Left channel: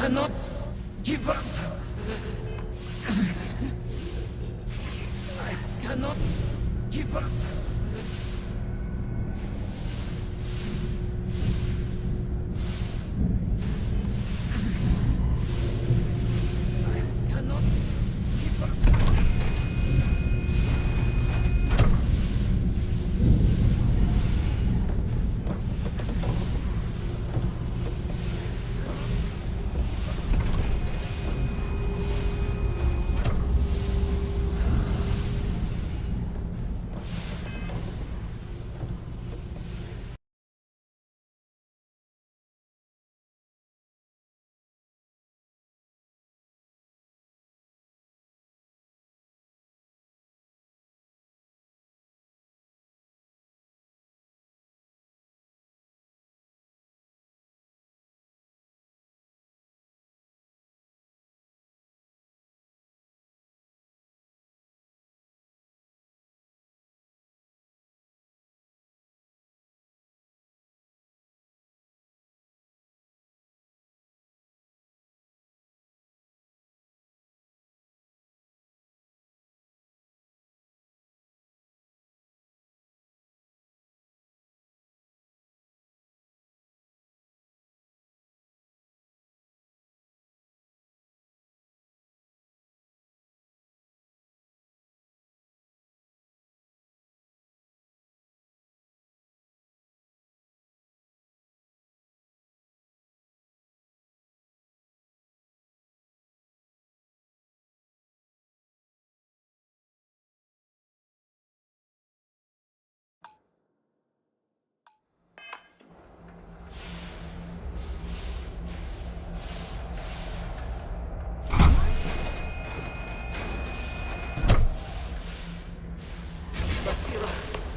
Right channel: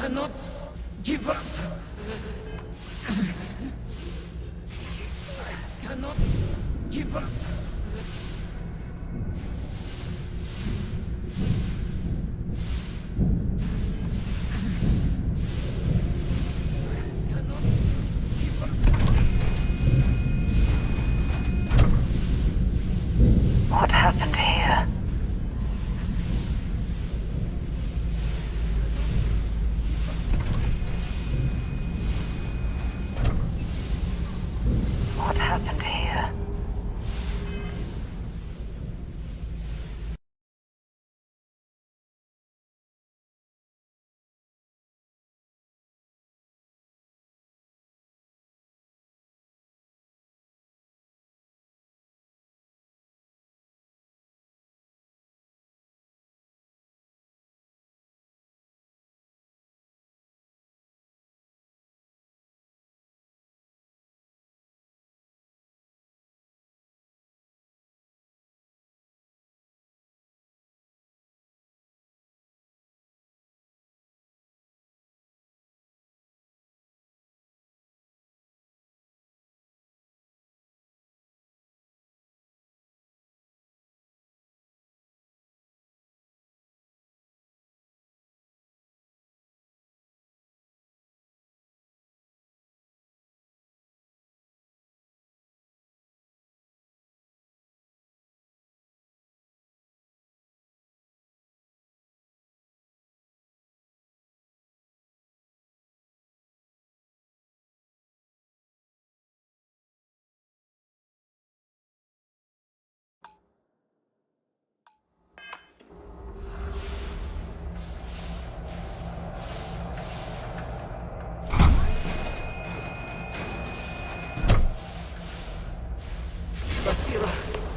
cannot give up. I cannot give up. I cannot give up. What happened here? What happened here?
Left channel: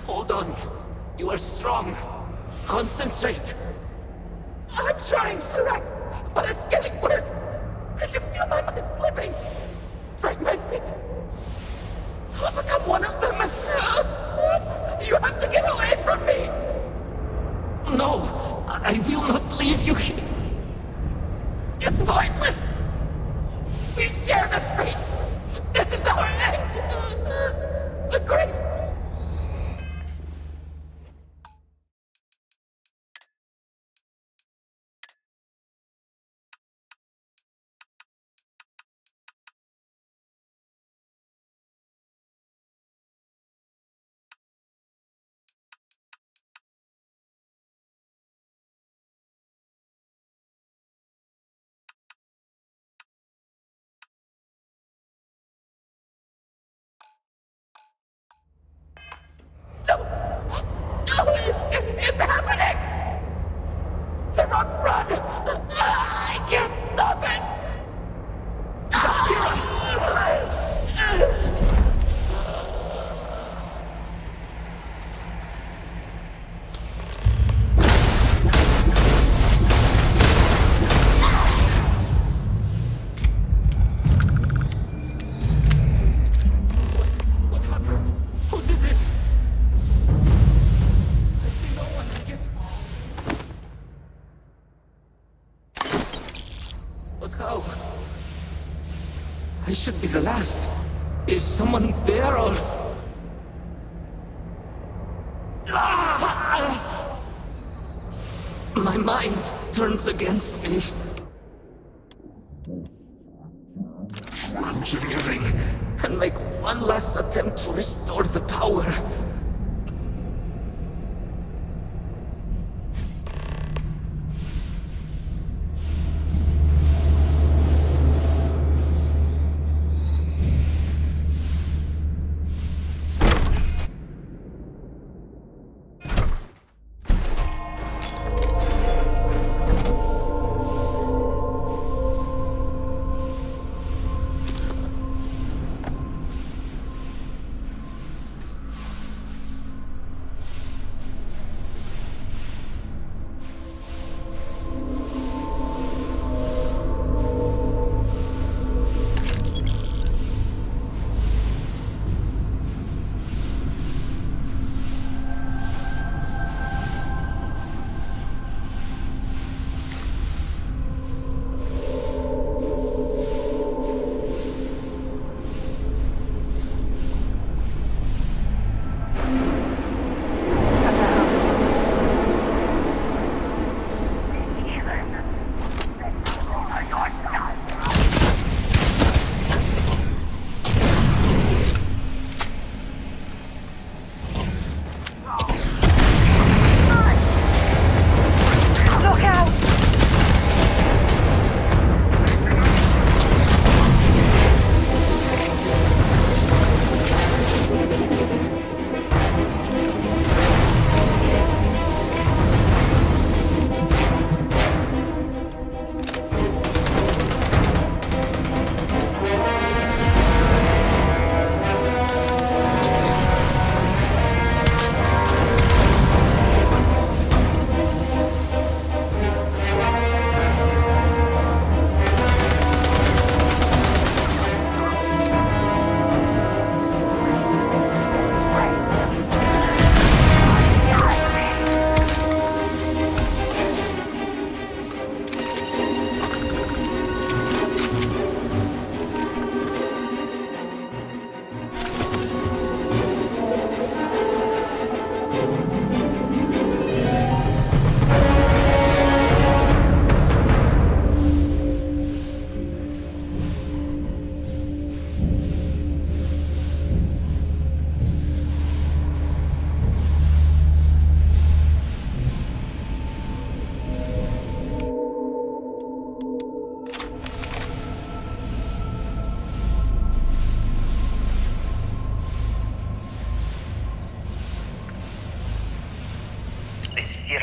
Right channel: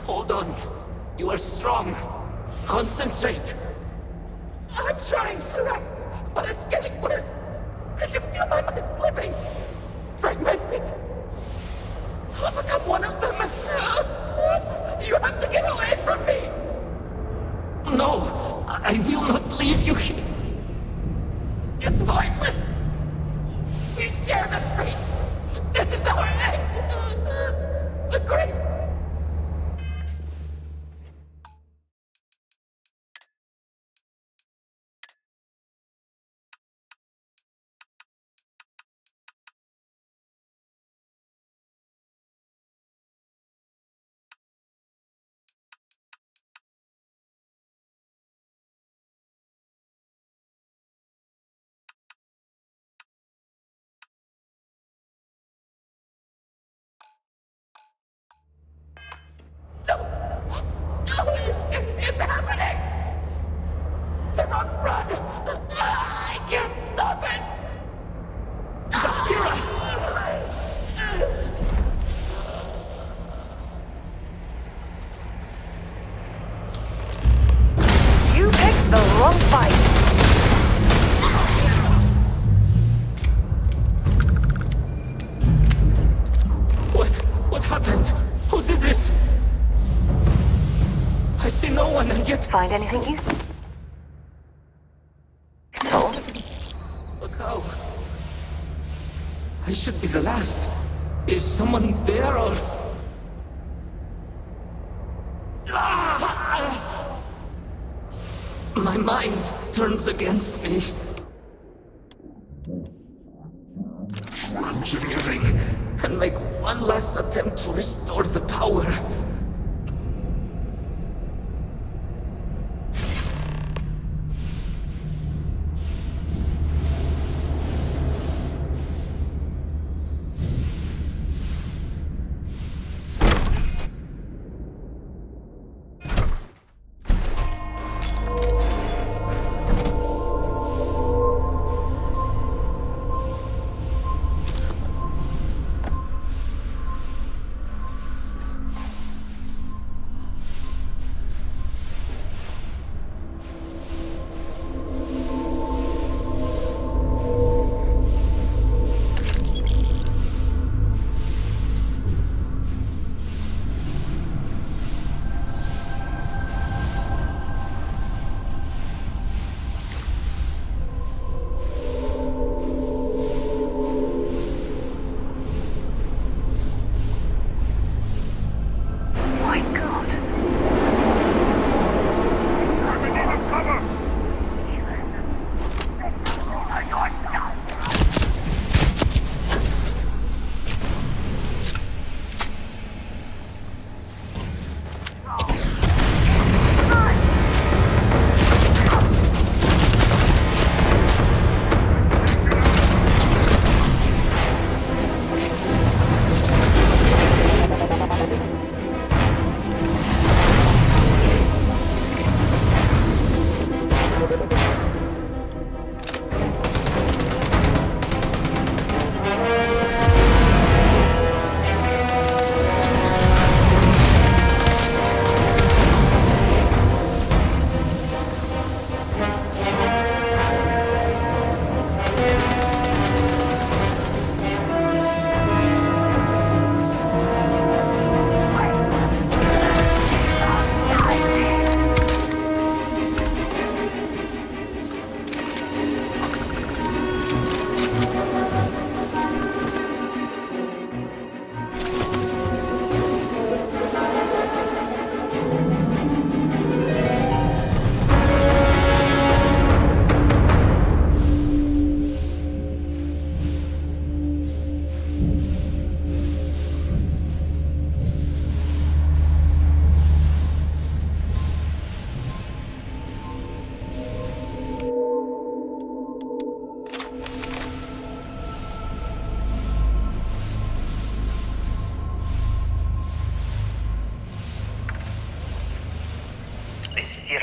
Hold on. You are strong. Concentrate. I'm trying, Surak, but it's getting worse. I can feel my mind slipping. Fragmenting. I'll become one of them. You have to get away from me. No, I will not leave you here. It's pointless. We share this fate. This is our end. The great... No! No! It's happening! Sarok, run! I can't stop it! You picked the wrong fight. What happened? Who did this? I see no one, and yet... Find anything useful? But how? I should be the last. Is someone there, or... Ah! My mind turns against me. Engineering, and make one last attempt to restore the power.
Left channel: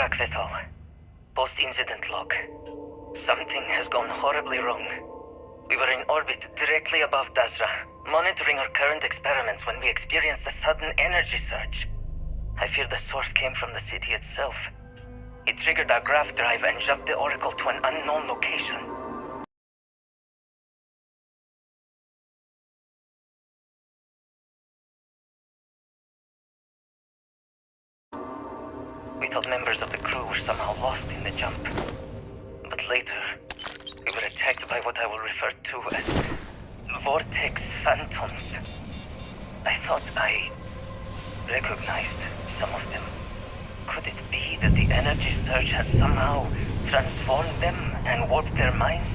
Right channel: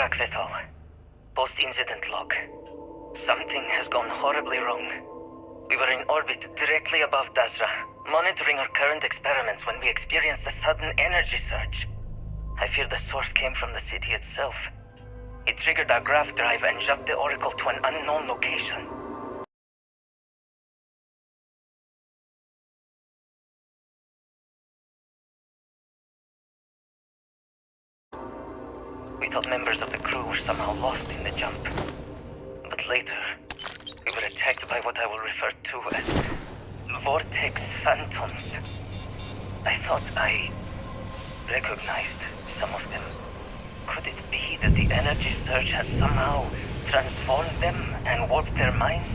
Sirak Vital. Post-incident log. Something has gone horribly wrong. We were in orbit directly above Dazra, monitoring our current experiments when we experienced a sudden energy surge. I fear the source came from the city itself. It triggered our grav drive and jumped the Oracle to an unknown location. We thought members of the crew were somehow lost in the jump. But later, we were attacked by what I will refer to as Vortex Phantoms. I thought I recognized some of them. Could it be that the energy surge has somehow transformed them and warped their minds?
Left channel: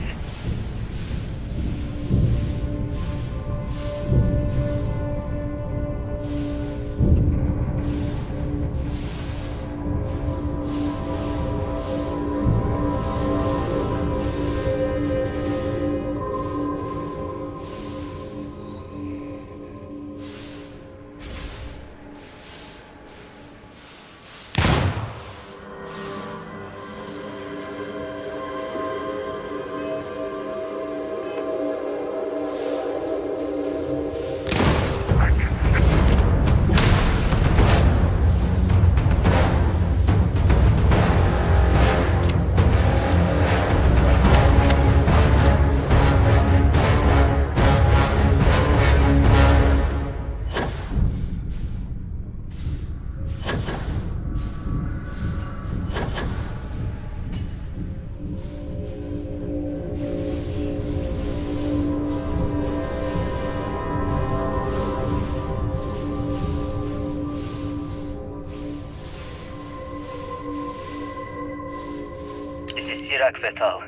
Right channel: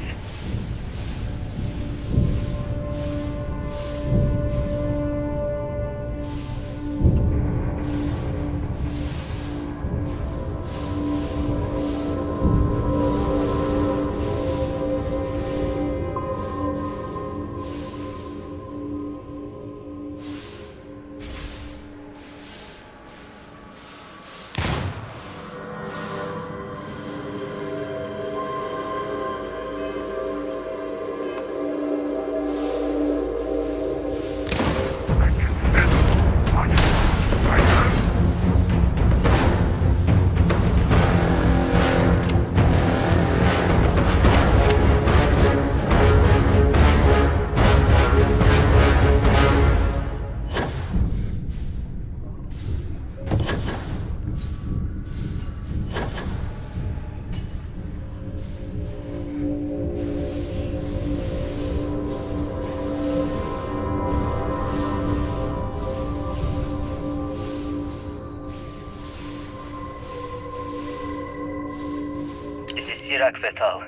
Sirak Vital.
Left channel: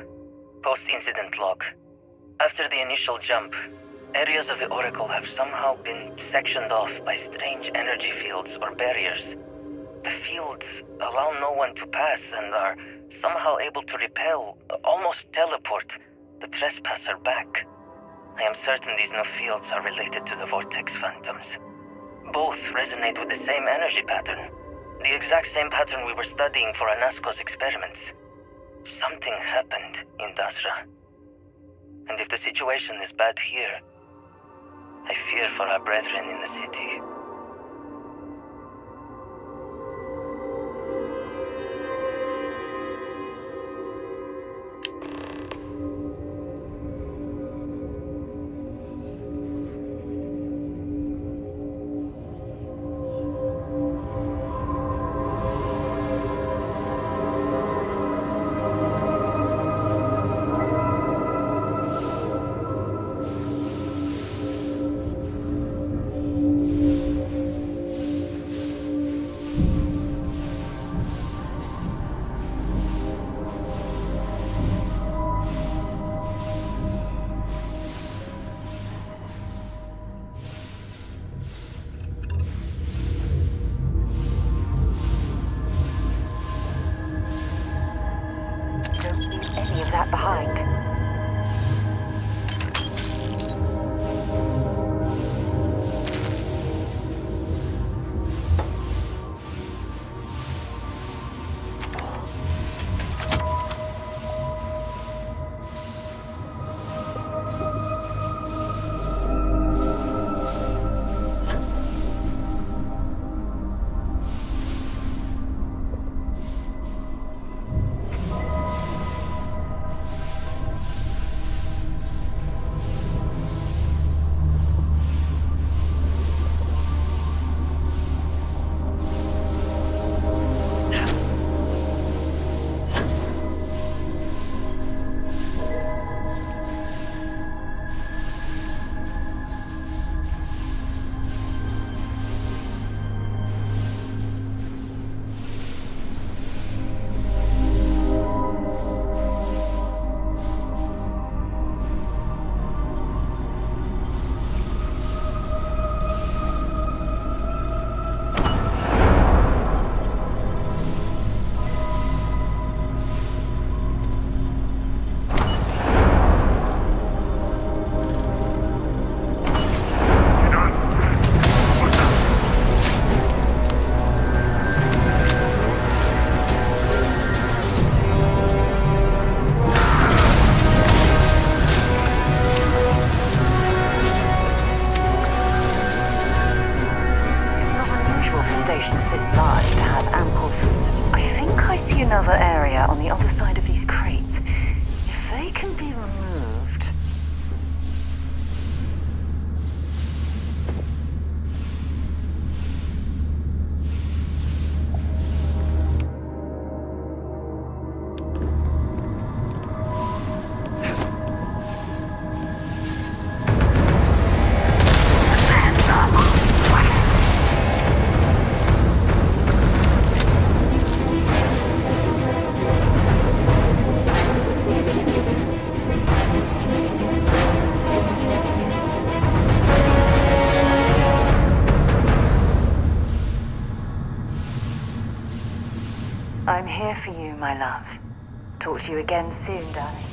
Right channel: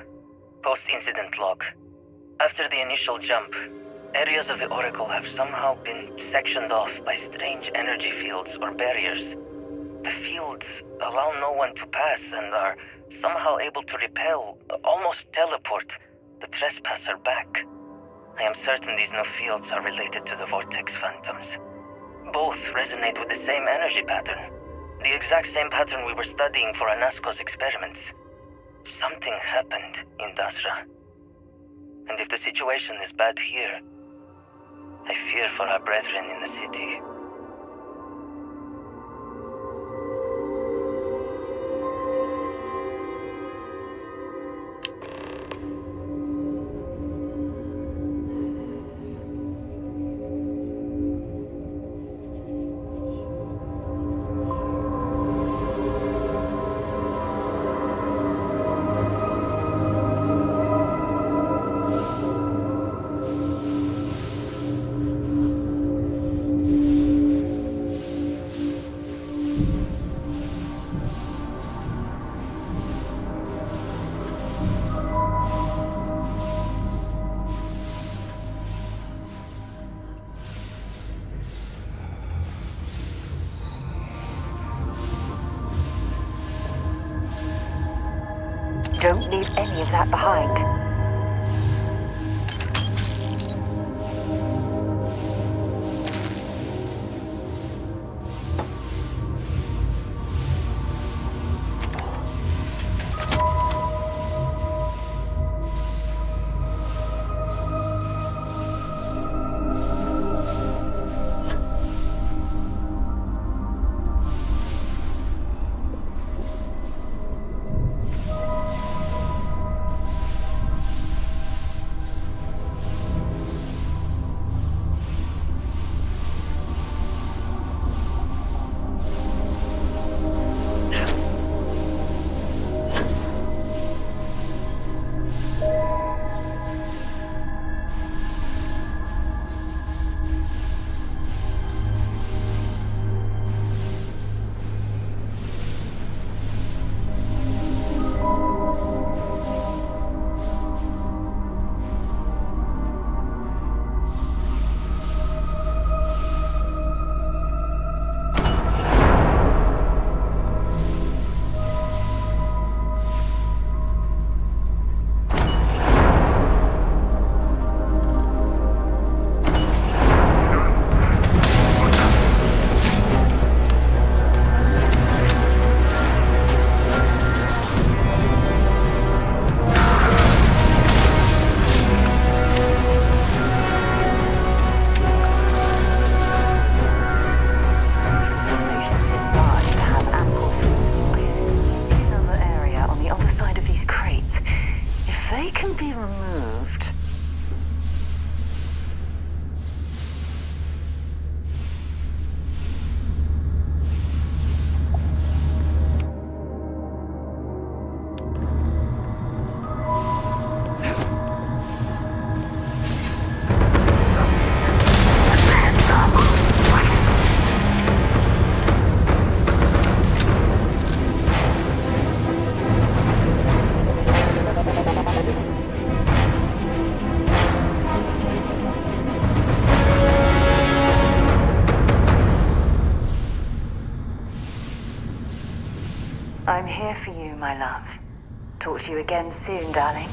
Post-incident log. After the initial jump, areas of the Oracle have somehow been sectioned off by strange energy fields or barriers. The fields allow no one to pass and are somehow able to repel, almost teleport, the trespasser back. I am certain these new fields are related to the Vortex Phantoms. Both resonate with the same energy pattern. The exact same pattern we were studying for Anasco's experiments. Something happened in Dazra. And if the situation is bad here, I fear for our brethren in the city. Don't leave any of that behind. I'm here for you, my love. Talk to you again soon, darling.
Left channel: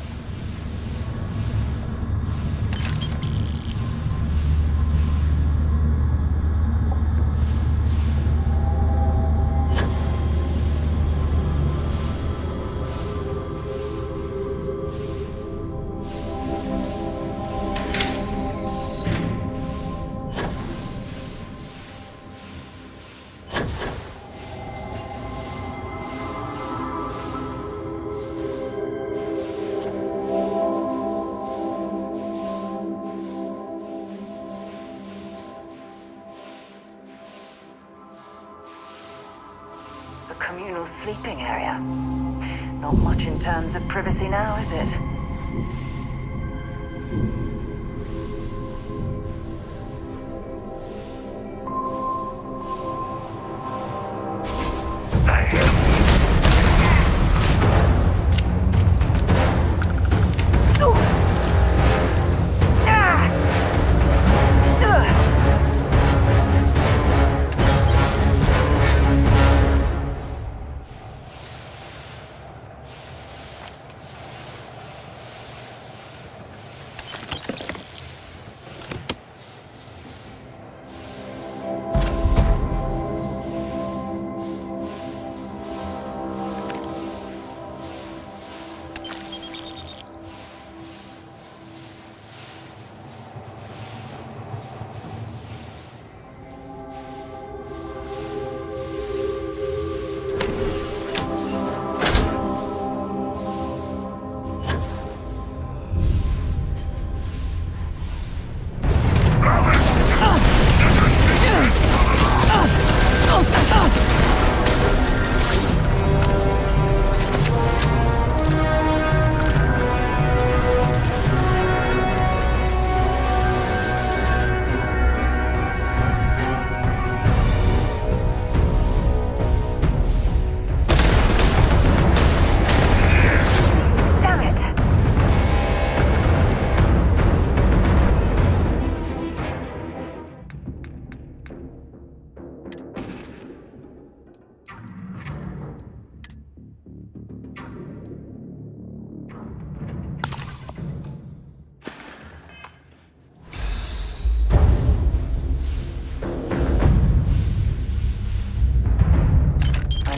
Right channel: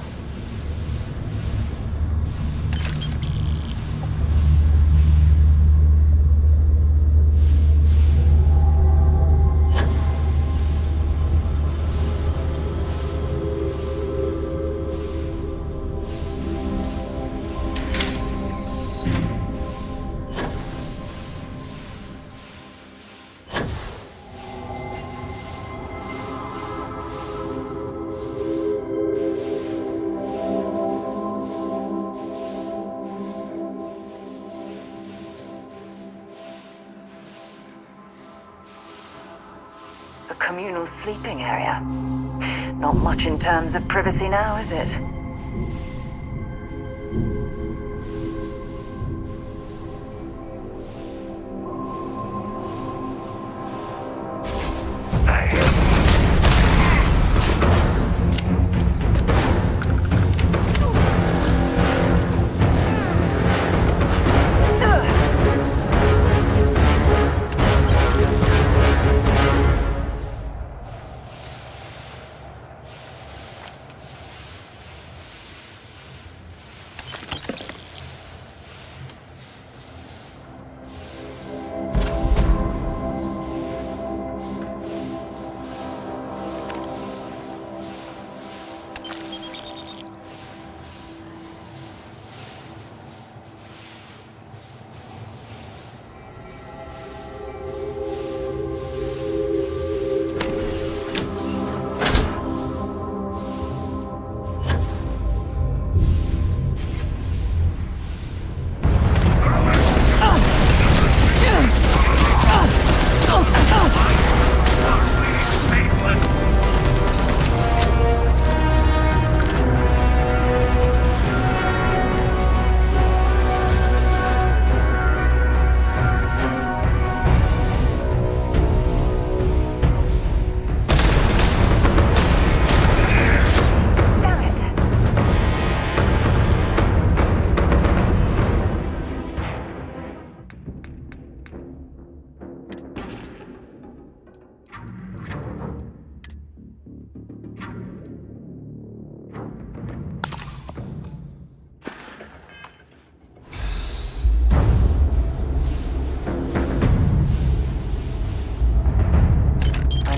A communal sleeping area. Not much in terms of privacy now, is it?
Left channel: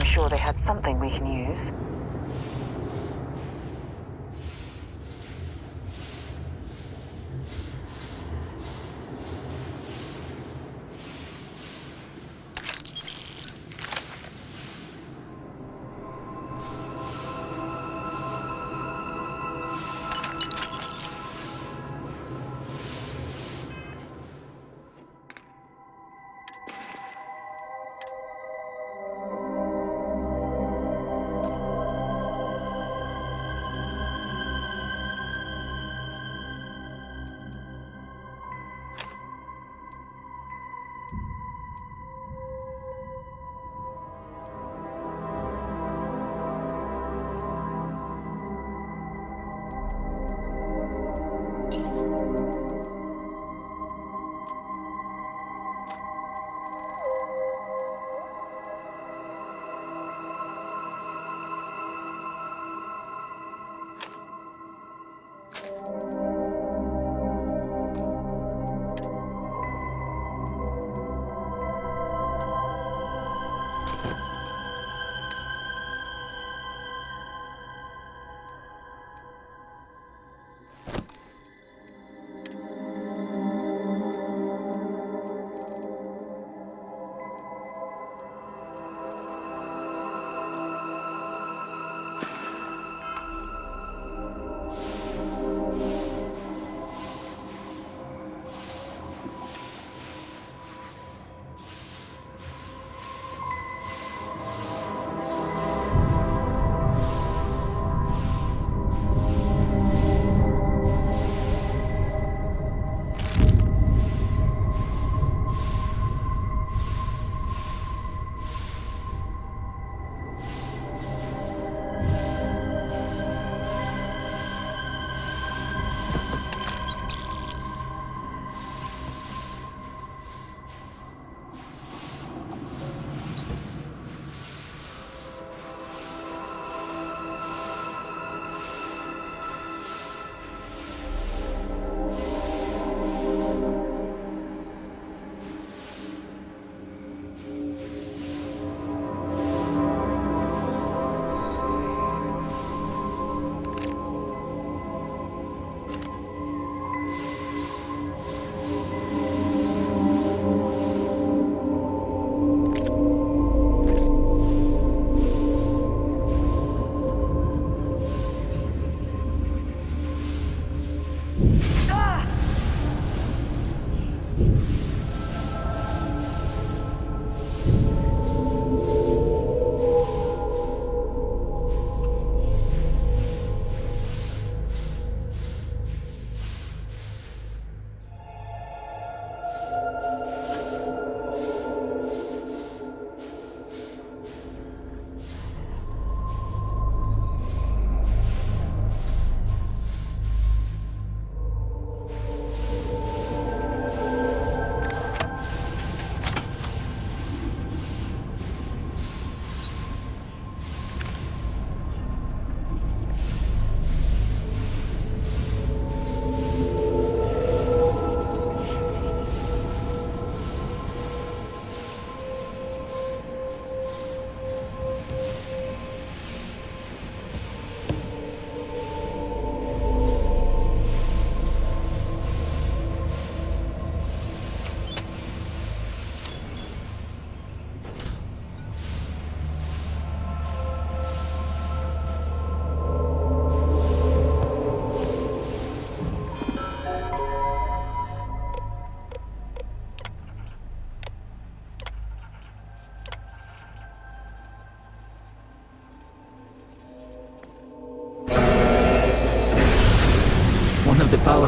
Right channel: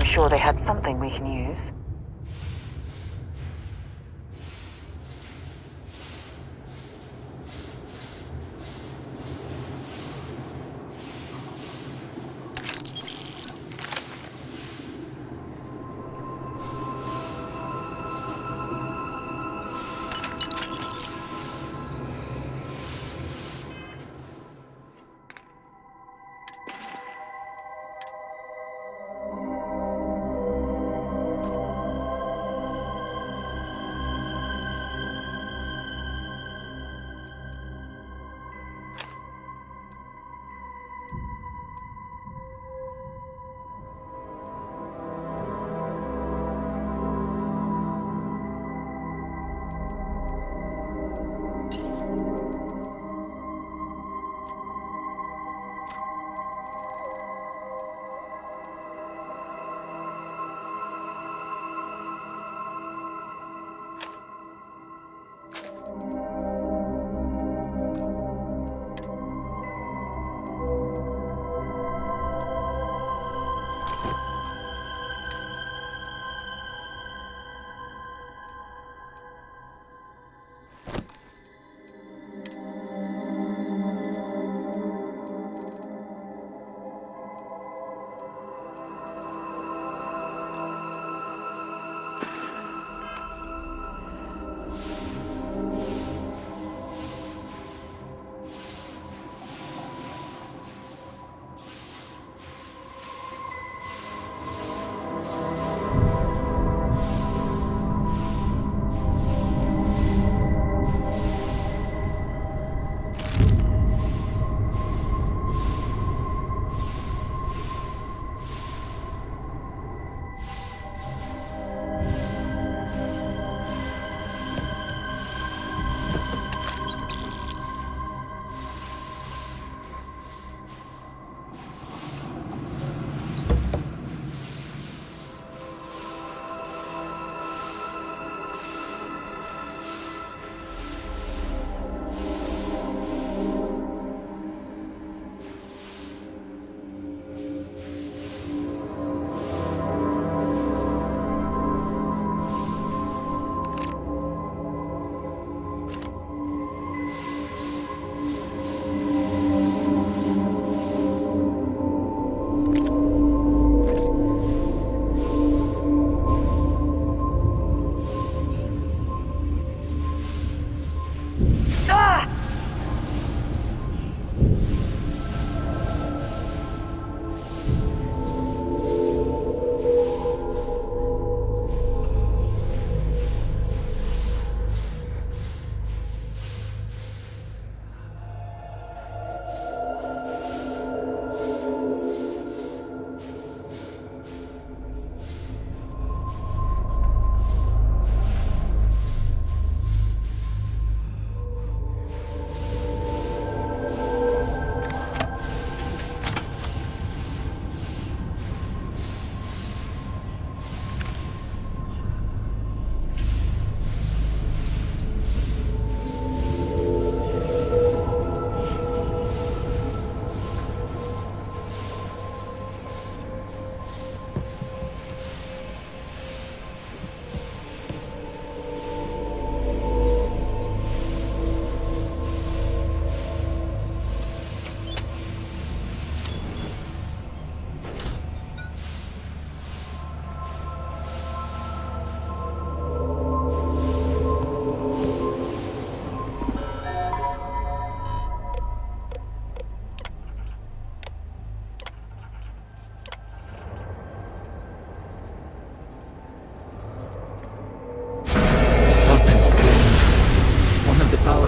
Sure they had something we can use.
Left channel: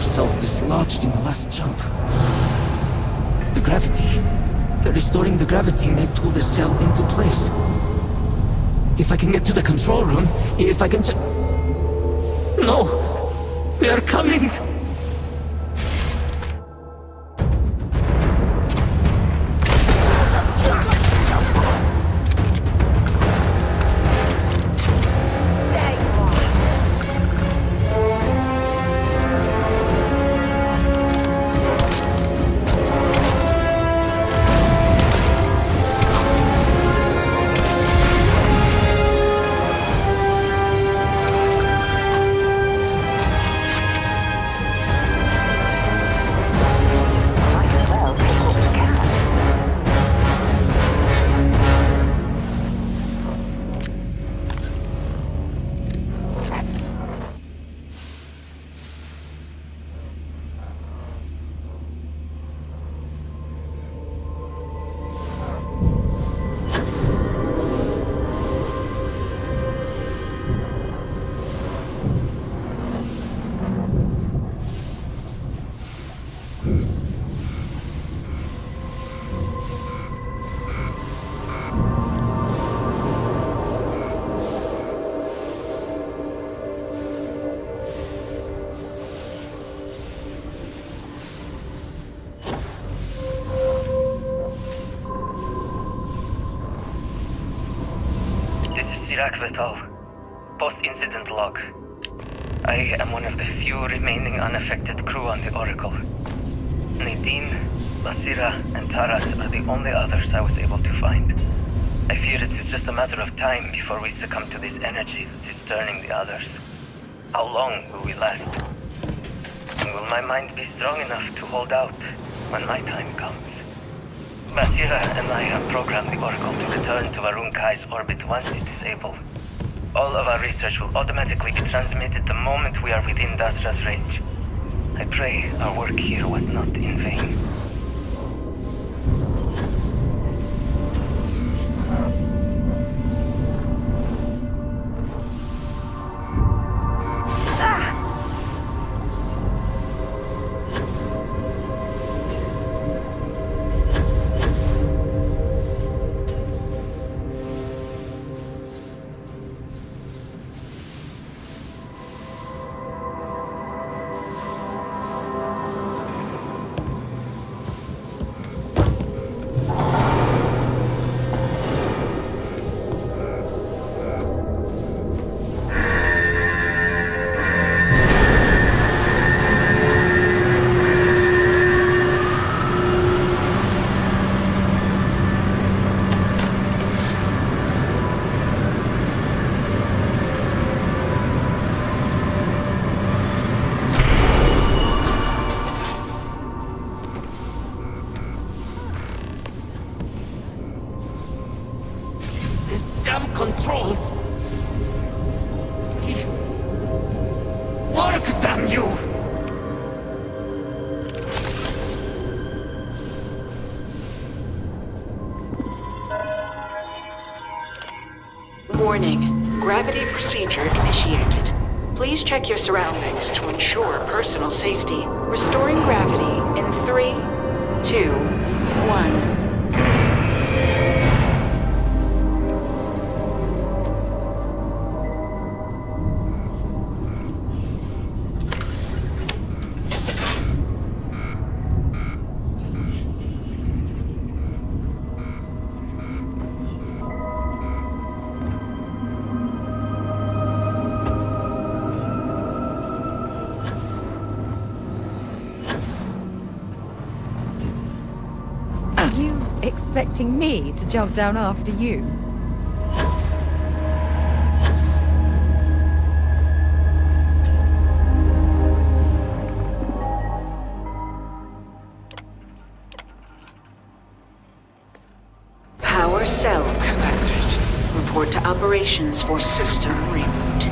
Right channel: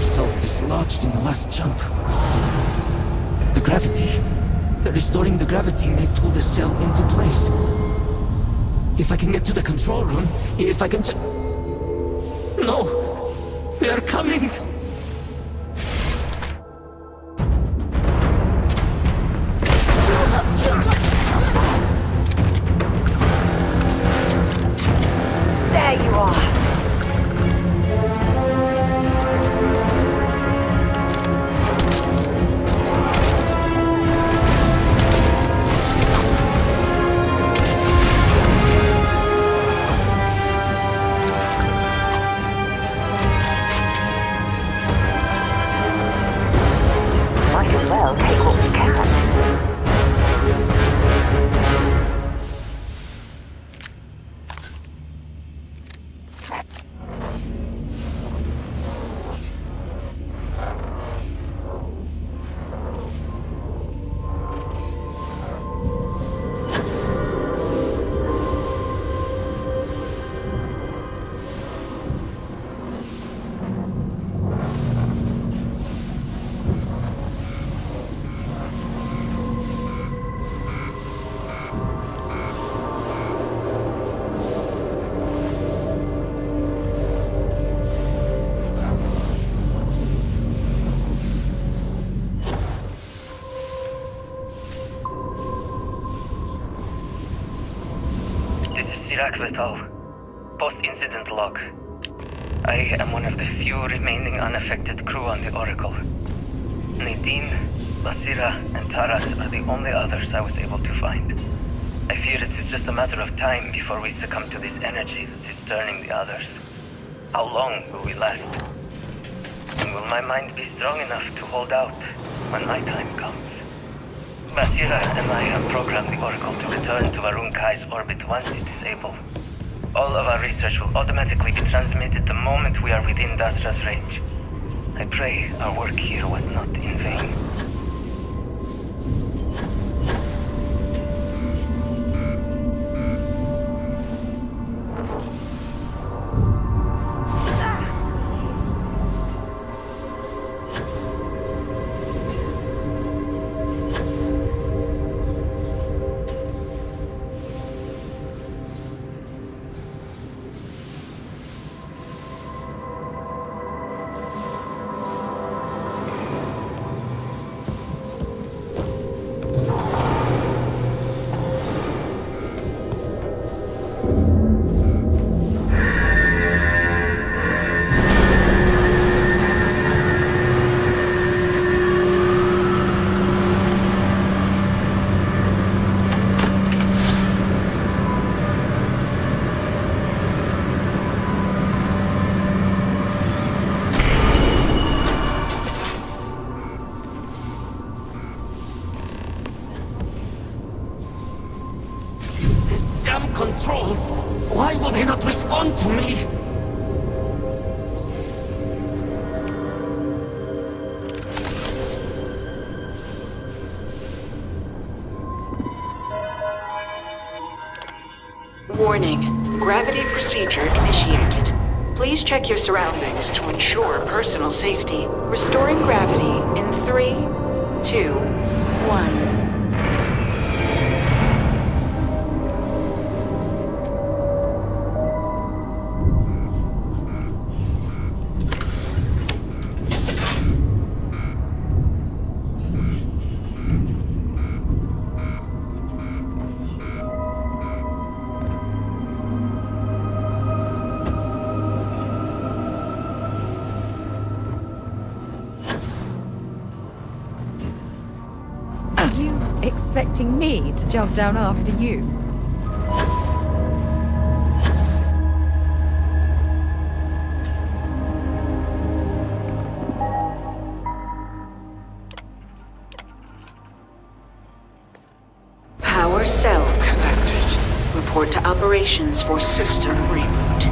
power cells dislodged in the last jump. The gravity. Restoring the gravity may pull the cell into place. If I can get to the control room, if I can No! They are coming! There you are. Might as well take what we can. This is Sirach Vital. Post-incident log. I am one of the few remaining unaffected crew on the Oracle. Nadine, Basira, and Taras are the only others I was able to find. I fear it is just a matter of time before we succumb to this energy that is turning the others. How long will we last? And will my mind be strong enough to hold out when my time comes? Basira and I have programmed the Oracle to return to Varun Kai's orbit once it is able. All of our research will automatically be transmitted the moment we are within Dasra's range. I pray our work here was not in vain. Damn controls! Why will they not respond to me? Work, damn you! Warning. Gravity procedure initiated. Please check your surroundings to ensure personal safety. Restoring gravity in 3, 2, 1. Expecting me to jump down after you? Power cell connected. Report to operations for system reboot.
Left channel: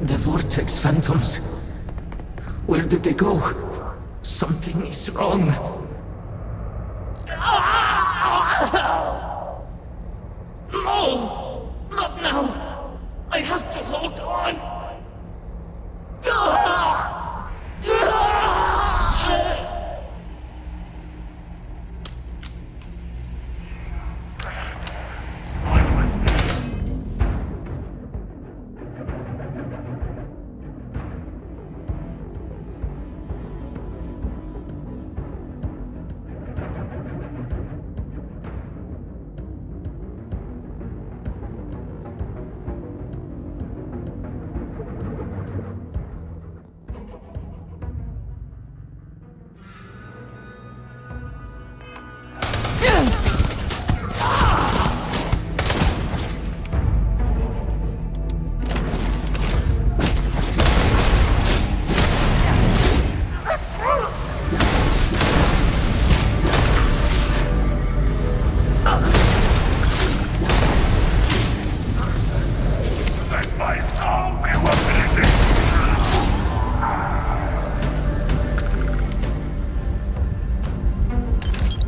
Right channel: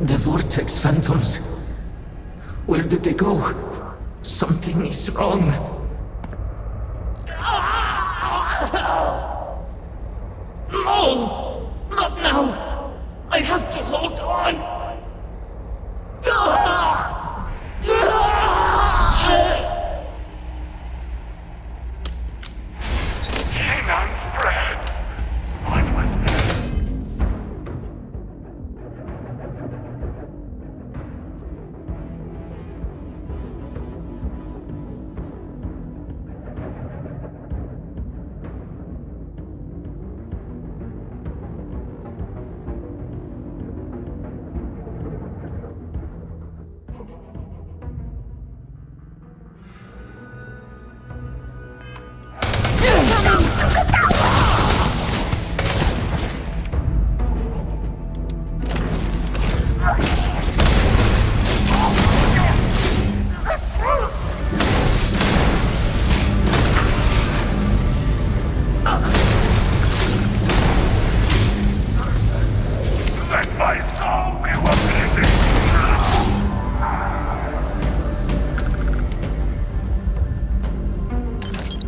The Vortex Phantoms. Where did they go? Something is wrong. No! Not now! I have to hold on!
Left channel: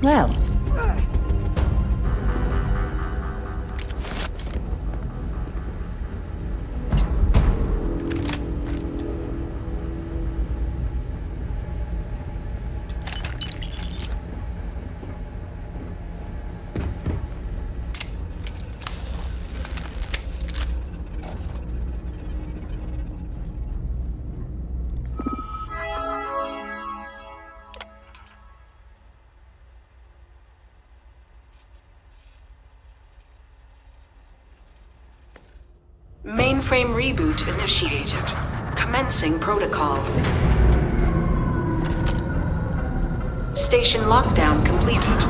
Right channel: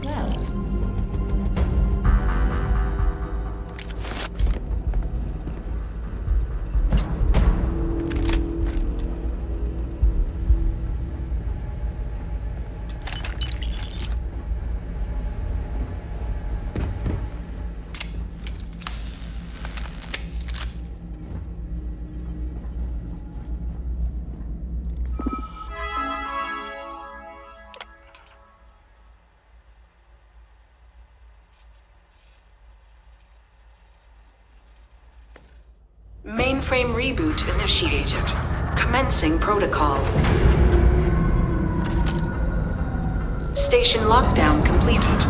Well, Mainframe reboot initiated. Commencing protocol. Station lockdown completed.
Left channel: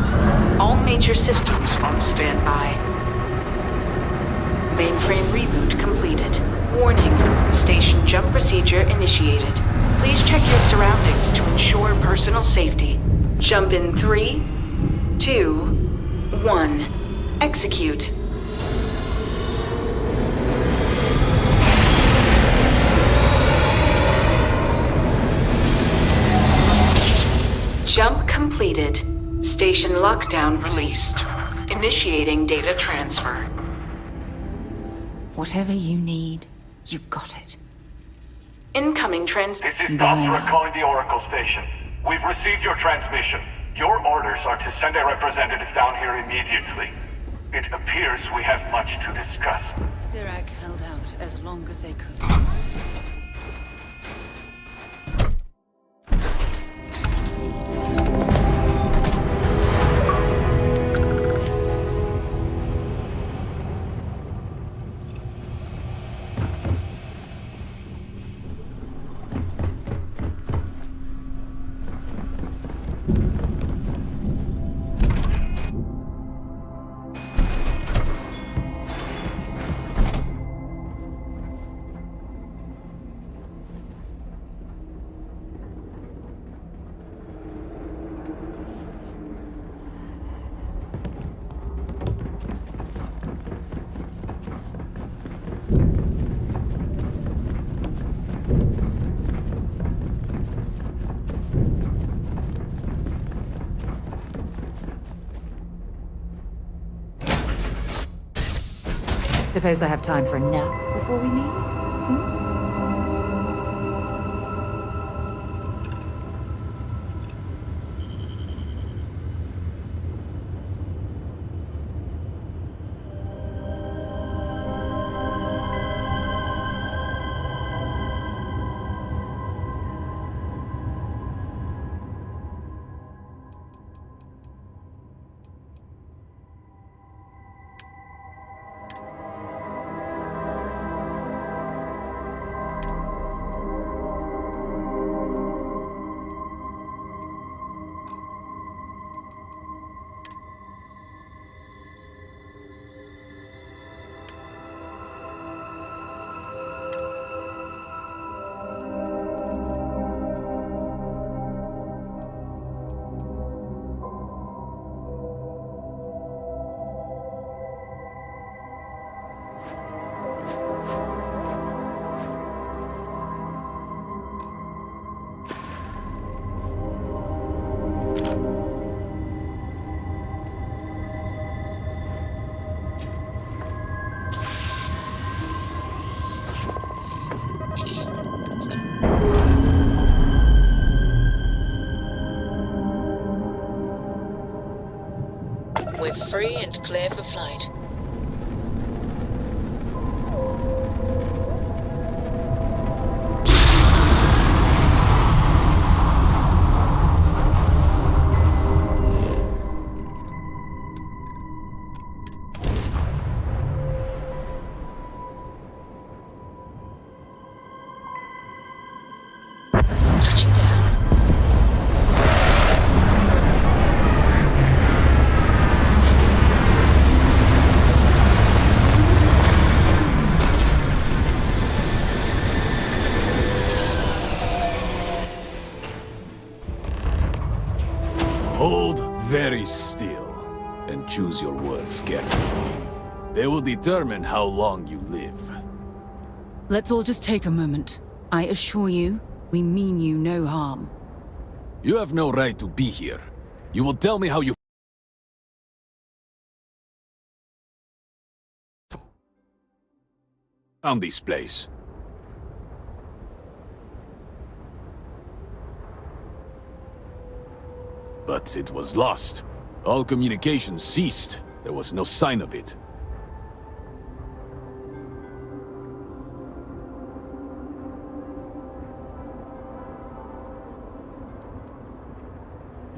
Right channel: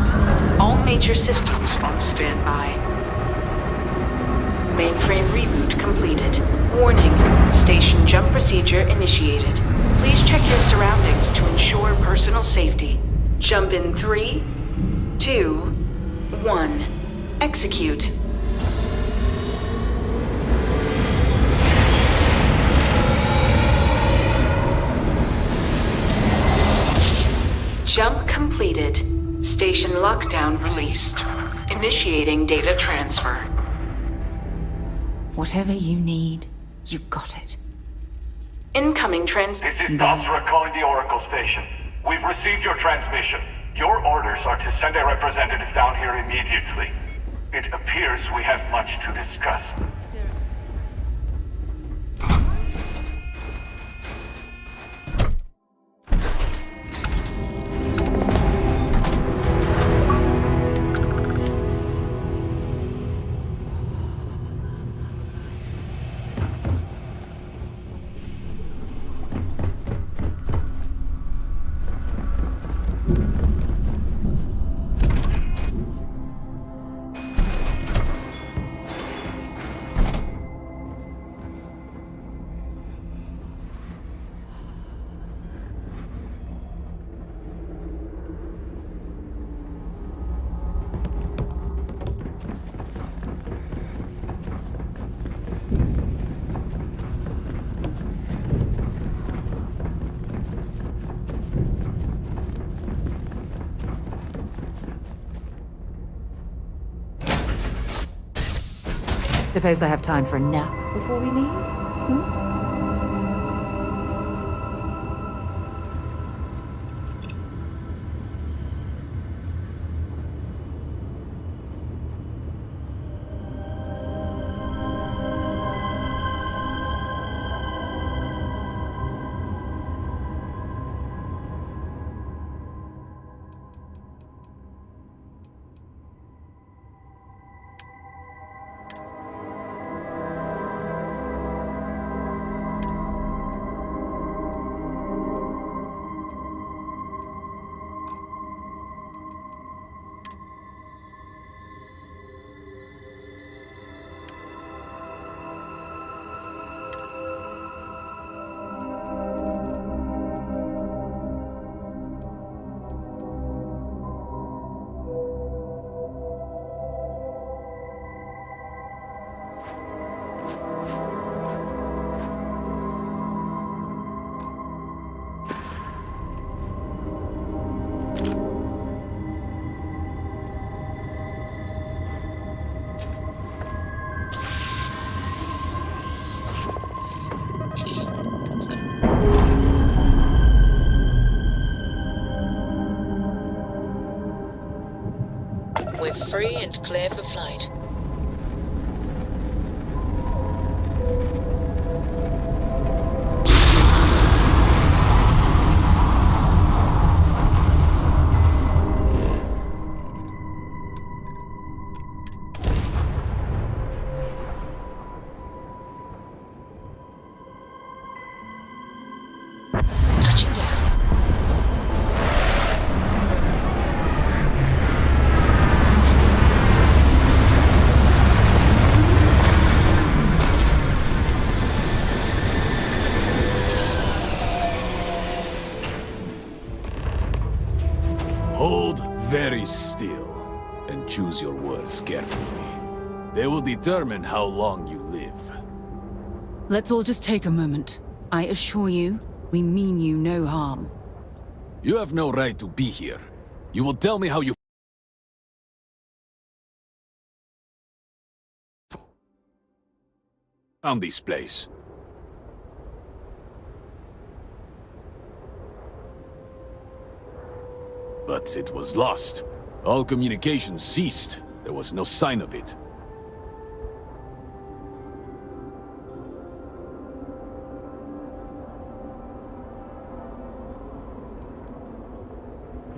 All major systems on standby. Mainframe reboot completed. Warning, station jump procedure initiated. Please check your surroundings to ensure personal safety. Jump in 3, 2, 1. Execute. Jump completed. Station lockdown released. Initiating data transfer. whatever you need, you got it. Incoming This is Dasra calling the Oracle station. We've received your transmission. Your orders are to send a representative down here immediately. It appears we have much to discuss. Sirach held out as long as they could. Suppose I have time for a nap before we leave? Hmm? We're free and clear for flight. Touching down. Hold very still and choose your words carefully. They will determine how long you live. Let's all just take a moment. I assure you, we mean you no harm. You have no right to be here. You will tell me how you found this place. But it was lost. All communication ceased. There was no sign of it.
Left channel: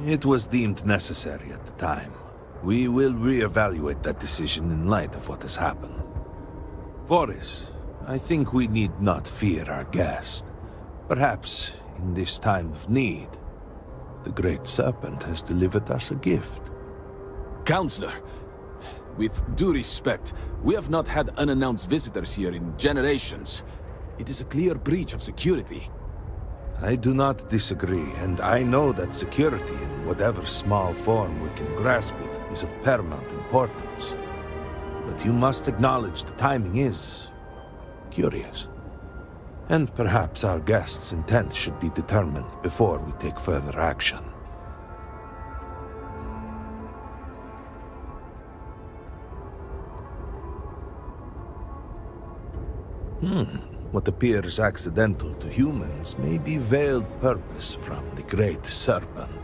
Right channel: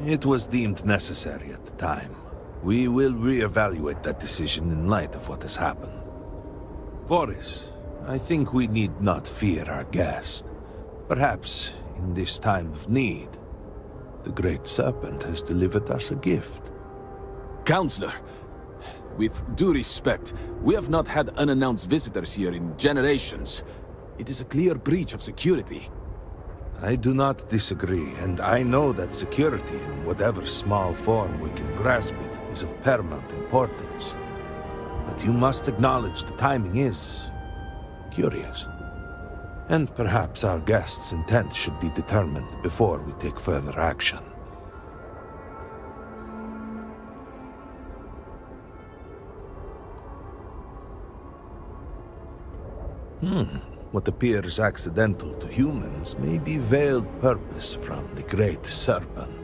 It was deemed necessary at the time. We will re-evaluate that decision in light of what has happened. Voris, I think we need not fear our guest. Perhaps, in this time of need, the Great Serpent has delivered us a gift. Counselor, with due respect, we have not had unannounced visitors here in generations. It is a clear breach of security. I do not disagree, and I know that security, in whatever small form we can grasp it, is of paramount importance. But you must acknowledge the timing is curious. And perhaps our guest's intent should be determined before we take further action. What appears accidental to humans may be veiled purpose from the Great Serpent.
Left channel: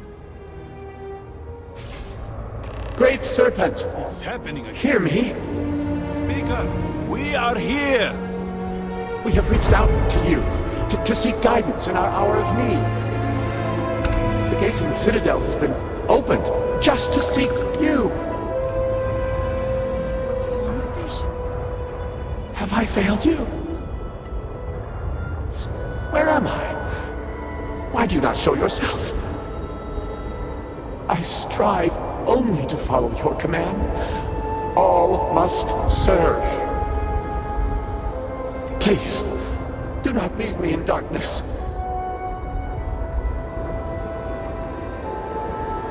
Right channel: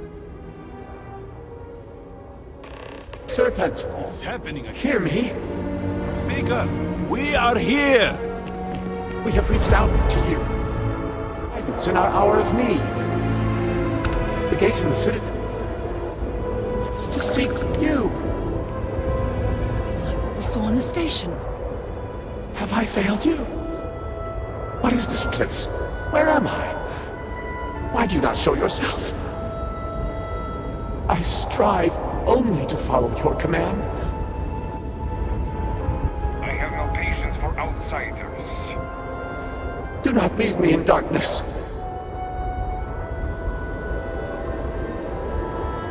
Great Serpent, It's happening again. hear me. Speaker, we are here! We have reached out to you to seek guidance in our hour of need. The gate in the Citadel has been opened just to seek you. It's like what we saw on the station. Have I failed you? What is this place? Where am I? Why do you not show yourself? I strive only to follow your command. All must serve. I have no patience for outsiders. Please, do not leave me in darkness.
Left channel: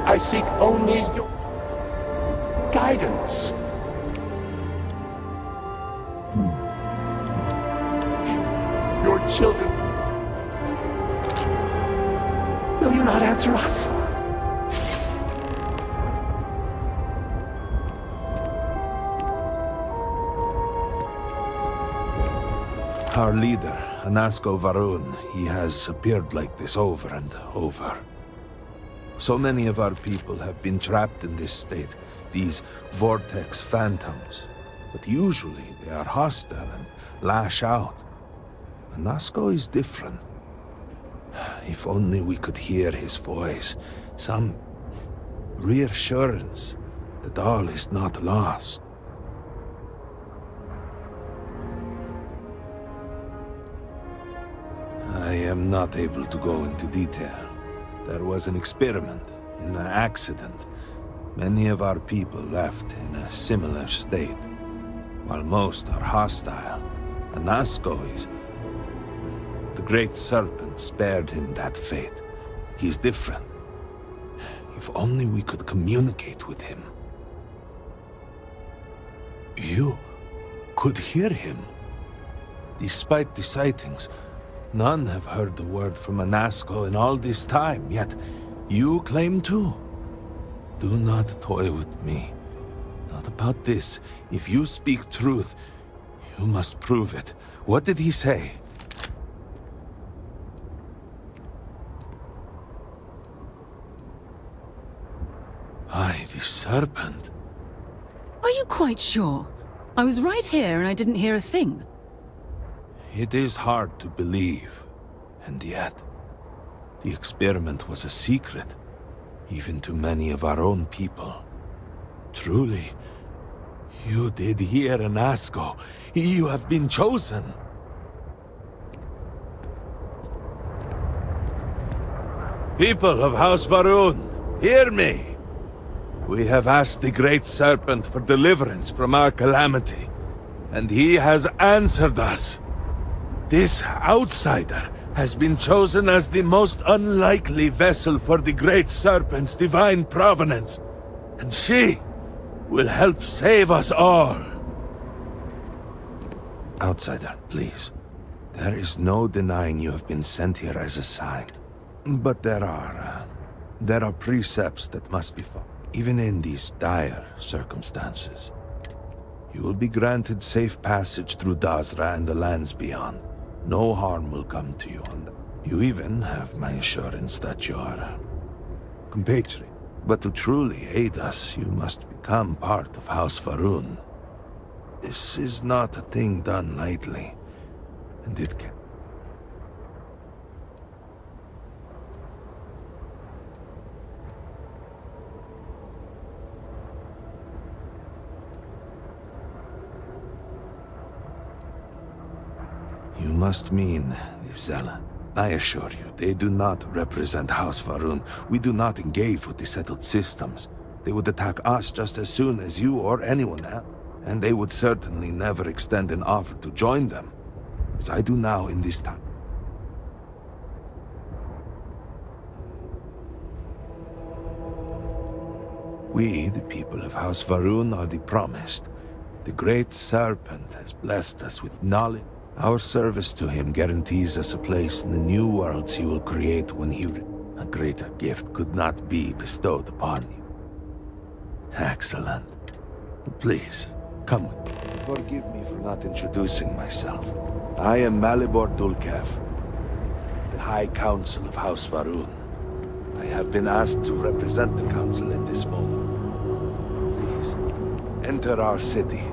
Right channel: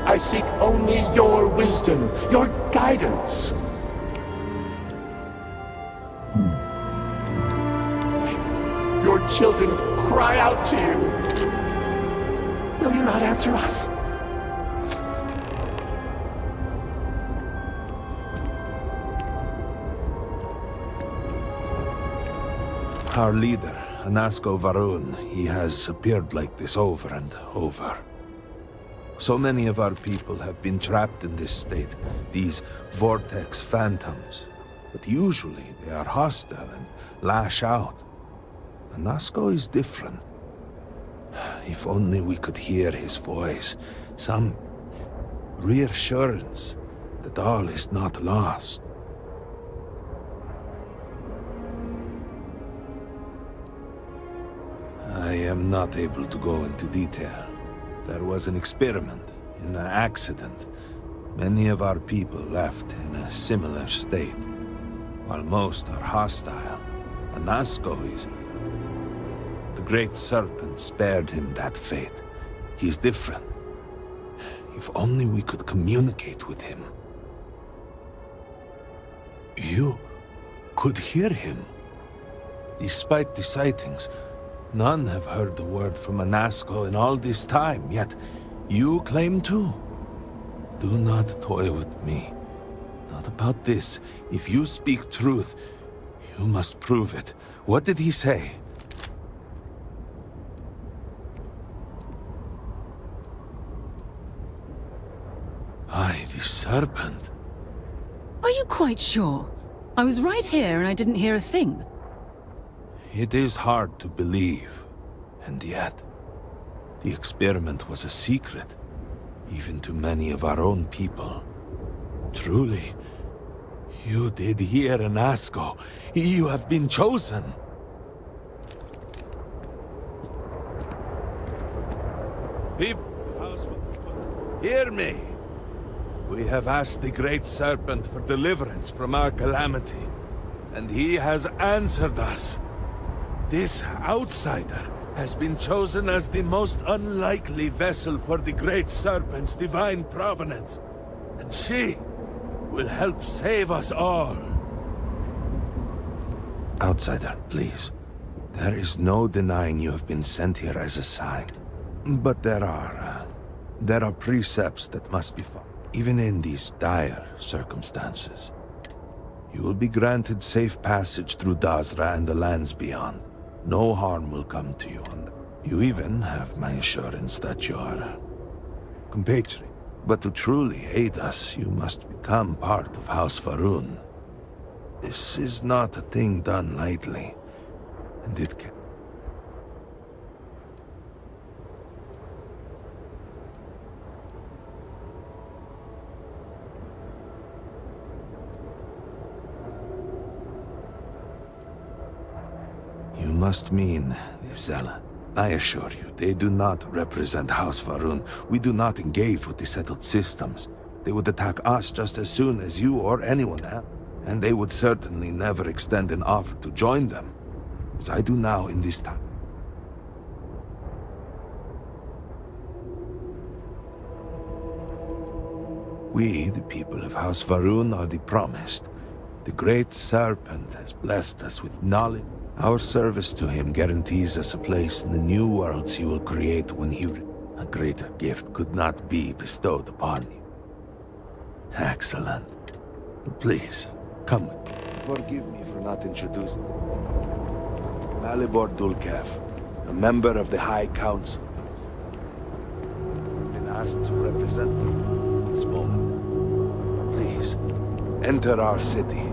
I seek only your wisdom, your guidance. Your children cry out to you. Will you not answer us? Our leader, Anasko Varun, he has appeared like this over and over. So many of our people have been trapped in this state, these vortex phantoms. But usually they are hostile and lash out. Anasko is different. If only we could hear his voice, some reassurance that all is not lost. I am not able to go into detail. There was an experiment, an accident. Many of our people left in a similar state. While most are hostile, Anasko is... The Great Serpent spared him that fate. He's different. If only we could communicate with him. You could hear him. Despite the sightings, none have heard the word from Anasko in all this time, yet you claim to. Do not toy with me. Not about this. If you speak truth, you must prove it. What did he say? The serpent. Are you quite sure? I was right here and I didn't hear a thing. It is hard to believe, and yet, the experiment was a secret, even to many of our own people. Truly, you did hear Anasco. You have been chosen. People of House Varun, hear me! We have asked the Great Serpent for deliverance from our calamity, and he has answered us. This outsider has been chosen as the most unlikely vessel for the Great Serpent's divine provenance, and she will help save us all. Outsider, please. There is no denying you have been sent here as a sign. But there are precepts that must be followed, even in these dire circumstances. You will be granted safe passage through Dazra and the lands beyond. No harm will come to you on that. You even have my assurance that you are a compatriot. But to truly aid us, you must become part of House Varun. This is not a thing done lightly, and it can... You must mean the Zealot. I assure you, they do not represent House Varun. We do not engage with the settled systems. They would attack us just as soon as you or anyone else. And they would certainly never extend an offer to join them, as I do now in this time. We, the people of House Varun, are the promised. The Great Serpent has blessed us with knowledge. Our service to him guarantees us a place in the new worlds he will create when he... A greater gift could not be bestowed upon you. Excellent. Please, come with me. Forgive me for not introducing myself. I am Malibor Dulkev, a member of the High Council of House Varun. I have been asked to represent the Council at this moment. Please, enter our city.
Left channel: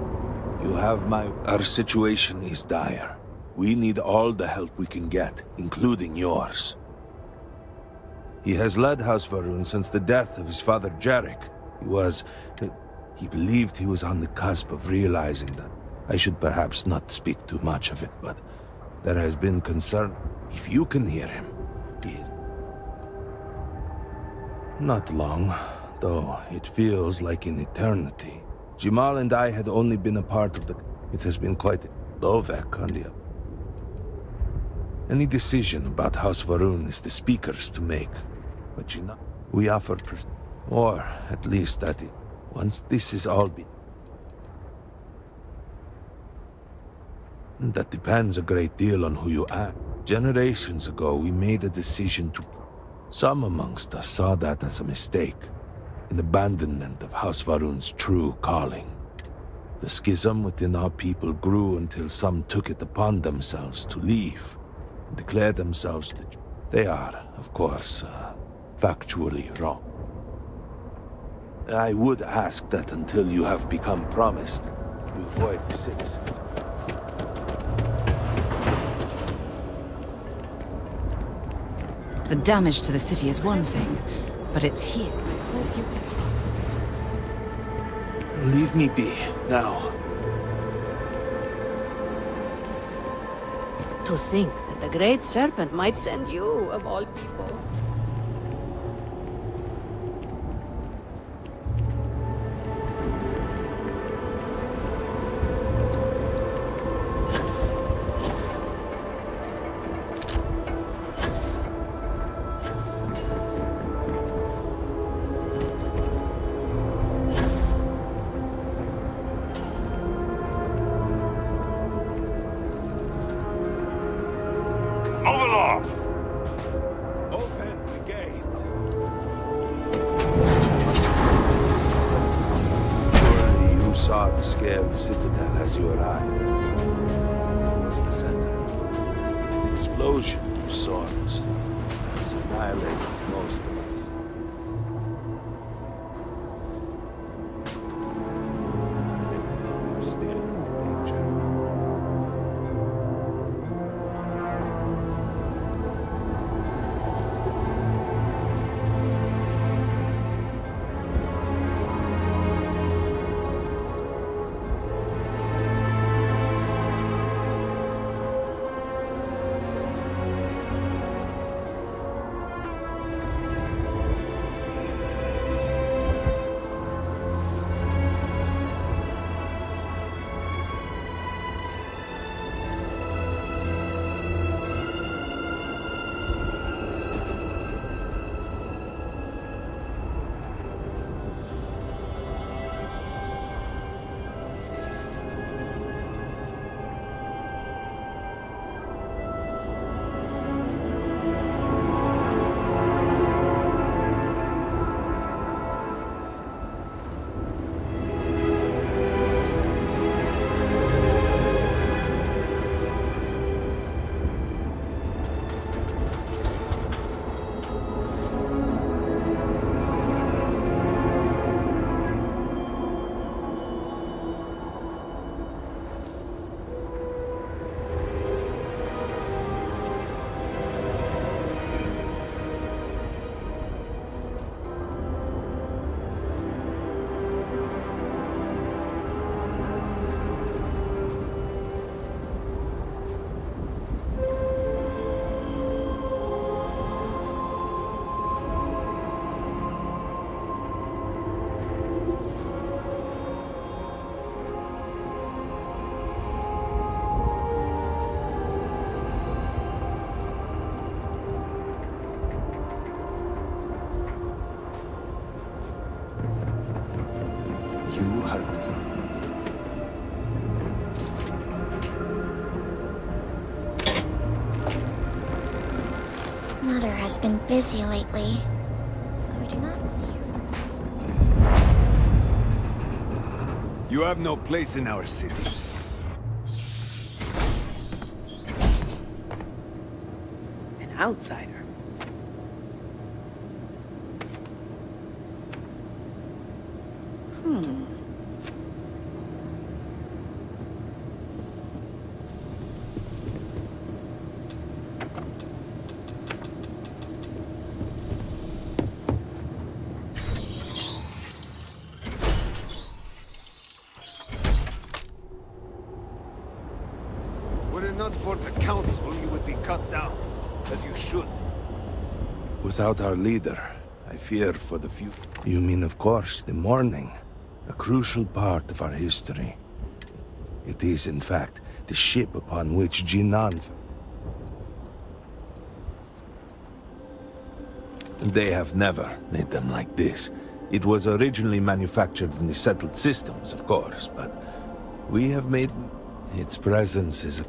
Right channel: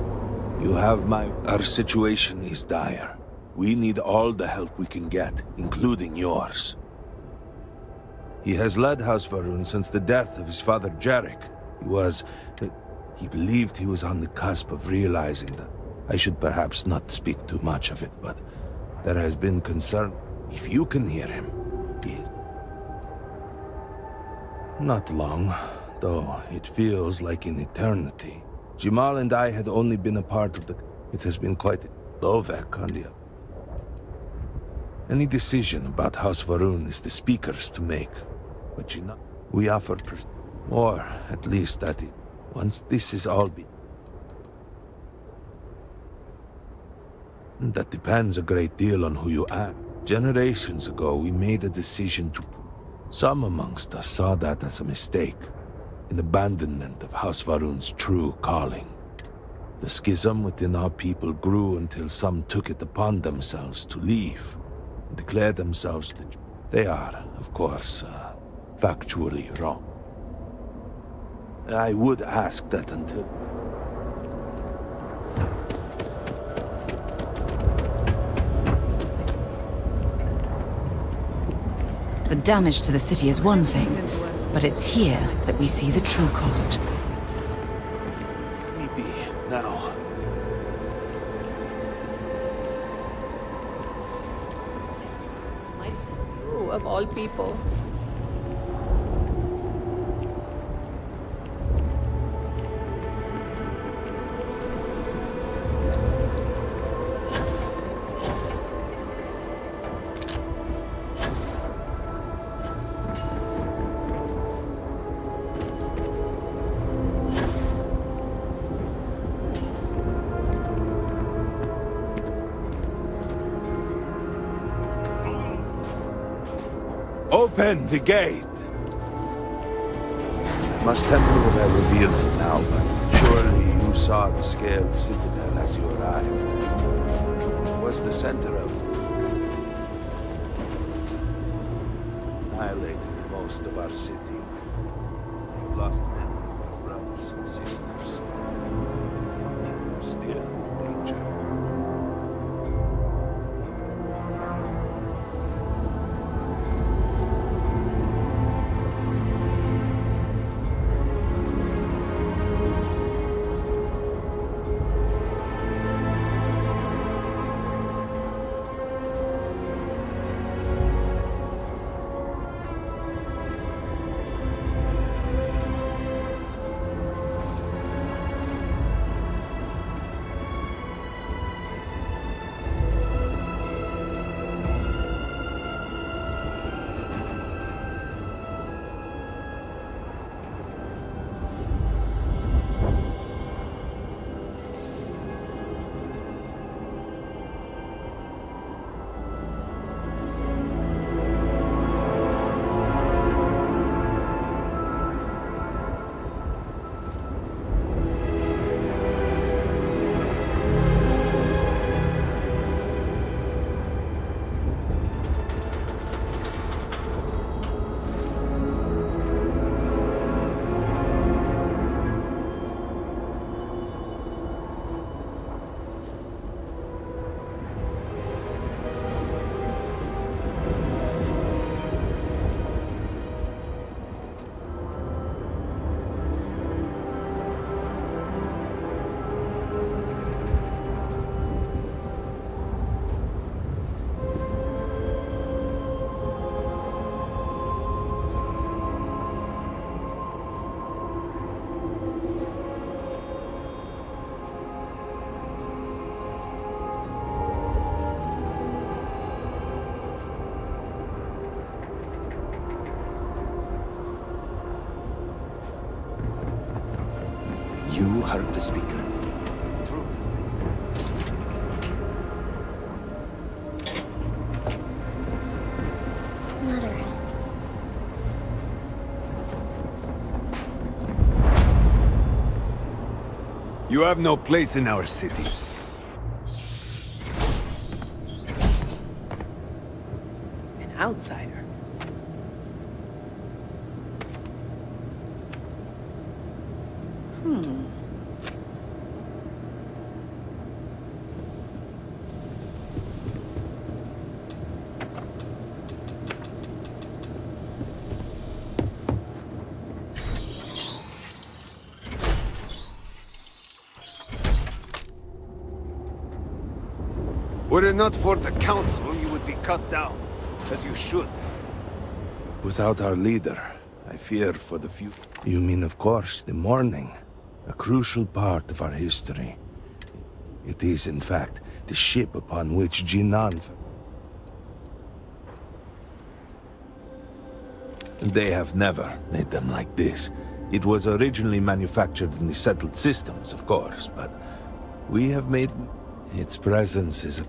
You have my... Our situation is dire. We need all the help we can get, including yours. He has led House Varun since the death of his father Jarek. He believed he was on the cusp of realizing that. I should perhaps not speak too much of it, but there has been concern. If you can hear him, he is... Not long, though it feels like an eternity. Jamal and I had only been a part of the... It has been quite... Lovek on the... Any decision about House Varun is the Speaker's to make. But you know, we offer... Or, at least that it... Once this is all be... That depends a great deal on who you act. Generations ago, we made a decision to... Some amongst us saw that as a mistake. An abandonment of House Varun's true calling. The schism within our people grew until some took it upon themselves to leave, and declare themselves the... They are, of course, factually wrong. I would ask that until you have become promised, you avoid the citizens. The damage to the city is one thing, but it's here that we see the true cost. Leave me be, now. To think that the Great Serpent might send you, of all people. Open the gate! I must have you revealed it now, but surely you saw the scaled citadel as you arrived. It was the center of an explosion of sorts that's annihilated most of our city. We've lost many brothers and sisters. real danger. You heard the speaker. Mother has been busy lately, so I do not see. You have no place in our city. An outsider. Were it not for the council, you would be cut down, as you should. Without our leader, I fear for the future. You mean, of course, the morning. A crucial part of our history. It is, in fact, the ship upon which Jinan... They have never made them like this. It was originally manufactured in the settled systems, of course, but we have made... Its presence is a...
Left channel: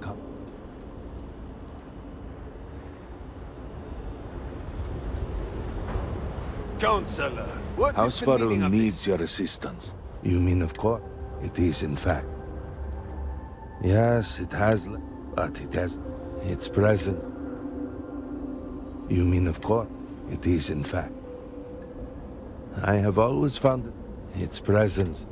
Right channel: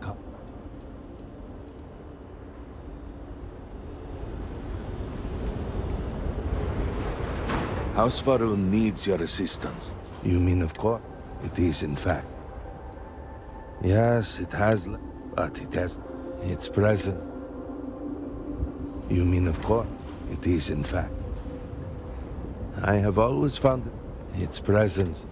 Counselor, what House is the meaning Faroon of needs your assistance. You mean, of course? It is, in fact. Yes, it has... But it has... Its presence... You mean, of course? It is, in fact. I have always found its presence...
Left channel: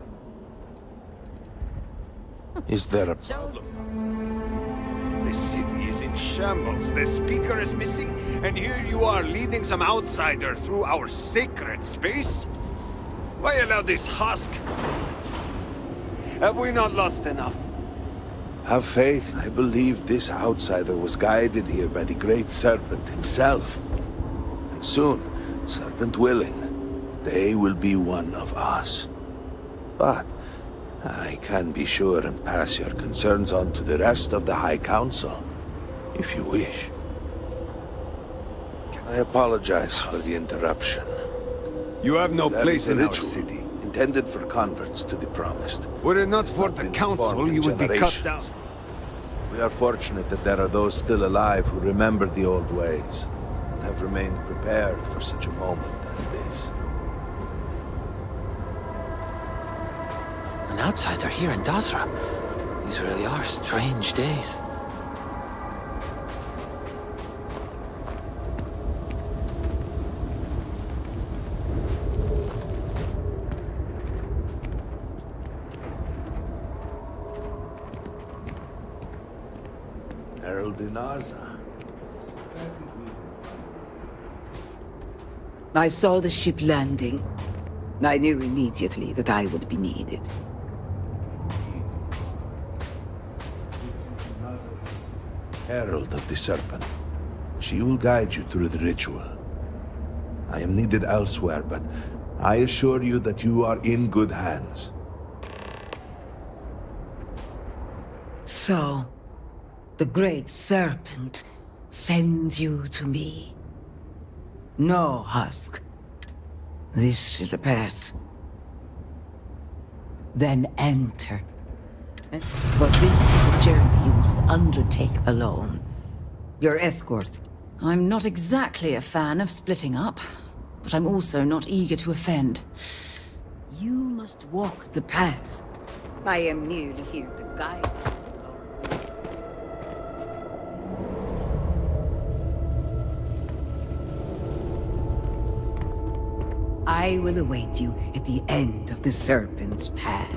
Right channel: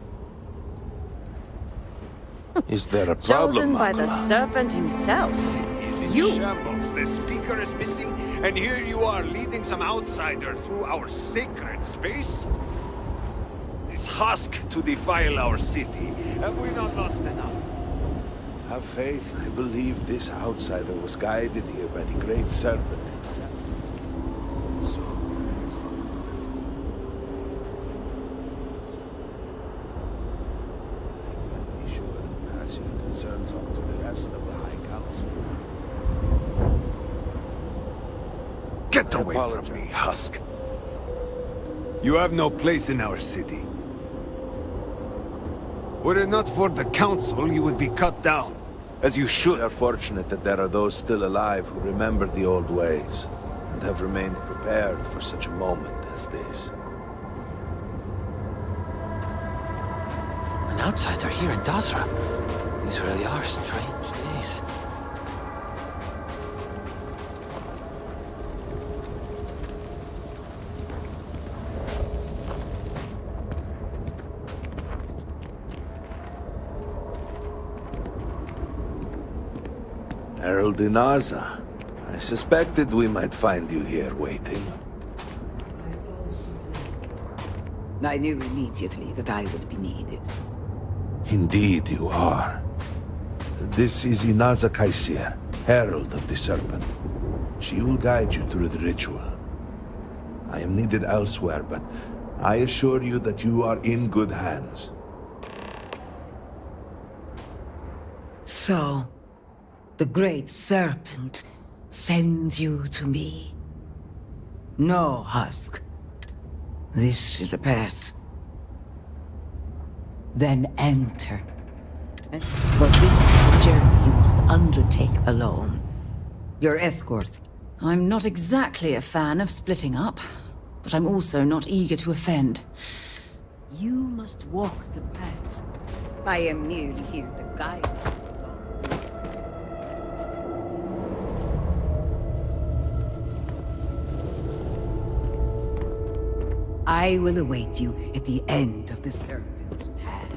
Is there a problem, Chosen by Marco? the serpent himself. The city is in shambles. The speaker is missing, and here you are leading some outsider through our sacred space? Why allow this husk to defile our city? Have we not lost enough? Have faith. I believe this outsider was guided here by the great serpent himself. And soon, serpent willing, they will be one of us. But I can be sure and pass your concerns on to the rest of the High Council, if you wish. I apologize for the interruption. You have no That place in our ritual city. Intended for converts to the Promised. Were it not for the council, you would be cut down, as you We should. are fortunate that there are those still alive who remember the old ways, and have remained prepared for such a moment as this. An outsider here in Dazra. These really are strange days. Herald Inaza. I suspected we might find you here waiting. I saw the ship landing. I knew immediately that I would be needed. Indeed you are. This is Inaza Kaisir, Herald of the Serpent. She will guide you through the ritual. I am needed elsewhere, but I assure you that you are in good hands. So, the Great Serpent sends you to me. No, Husk. This is a path. Then enter. But this is a journey you must undertake alone. Your escort. I'm not exactly a fan of splitting up, but I'm also not eager to offend. You must walk the path. I am merely here to guide you. I will await you at the end of the Serpent's path.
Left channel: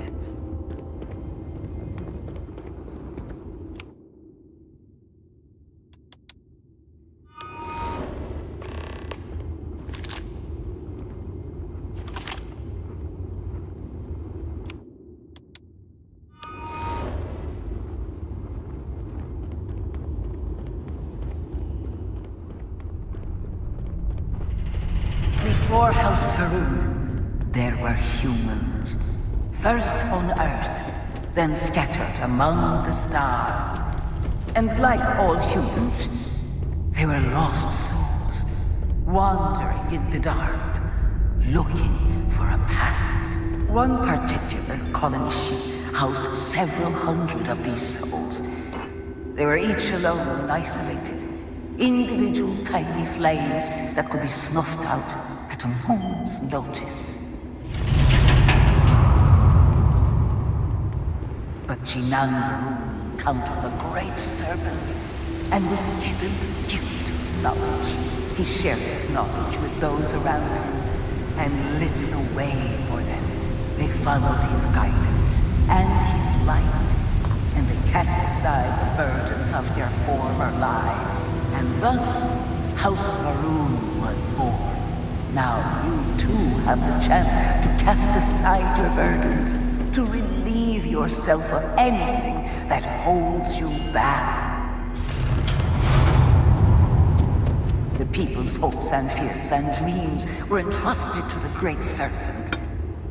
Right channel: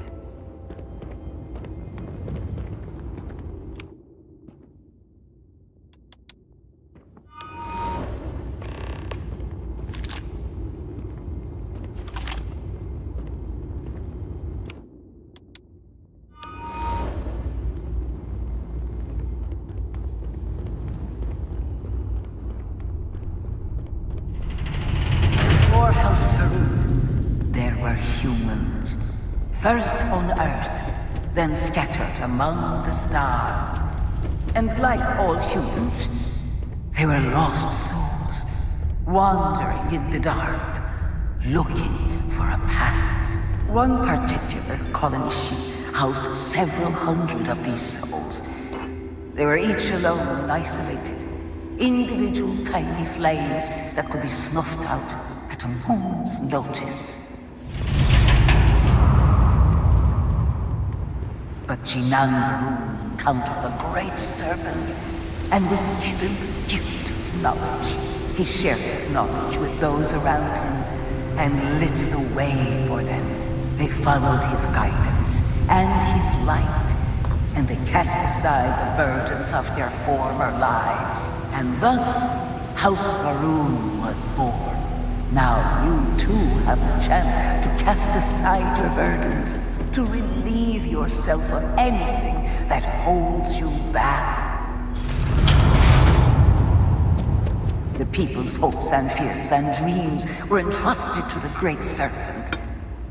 Before House Farouk, there were humans. First on Earth, then scattered among the stars. And like all humans, they were lost souls, wandering in the dark, looking for a path. One particular colony ship housed several hundred of these souls. They were each alone and isolated, individual tiny flames that could be snuffed out at a moment's notice. But Jinan Varun encountered the Great Serpent and was given the gift of knowledge. He shared his knowledge with those around him and lit the way for them. They followed his guidance and his light, and they cast aside the burdens of their former lives. And thus, House Varun was born. Now you too have the chance to cast aside your burdens, to relieve yourself of anything that holds you back. The people's hopes and fears and dreams were entrusted to the Great Serpent.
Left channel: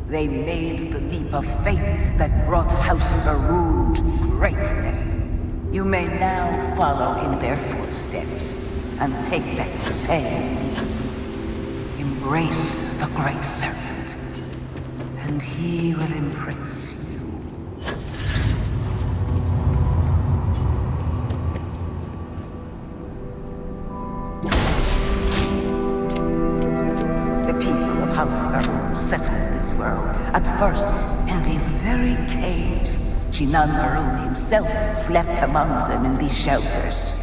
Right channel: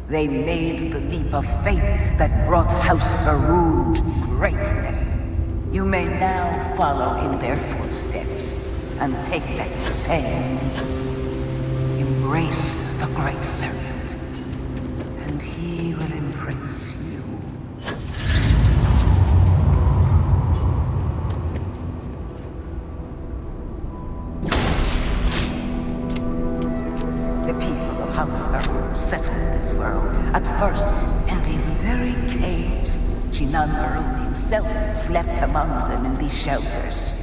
They made the leap of faith that brought House Varun to greatness. You may now follow in their footsteps and take that same leap. Embrace the Great Serpent, and he will embrace you. The people of House Varun settled this world, at first in these very caves. Jinan Varun himself slept among them in these shelters.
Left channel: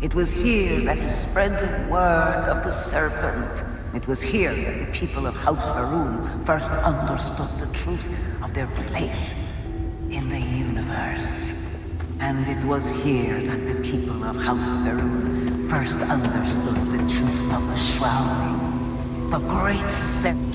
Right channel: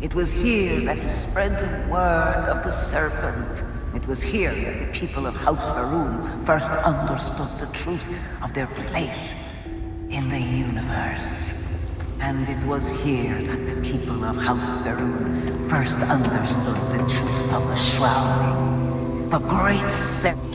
It was here that he spread the word of the Serpent. It was here that the people of House Varun first understood the truth of their place in the universe. And it was here that the people of House Varun first understood the truth of the shrouding. The Great Serpent.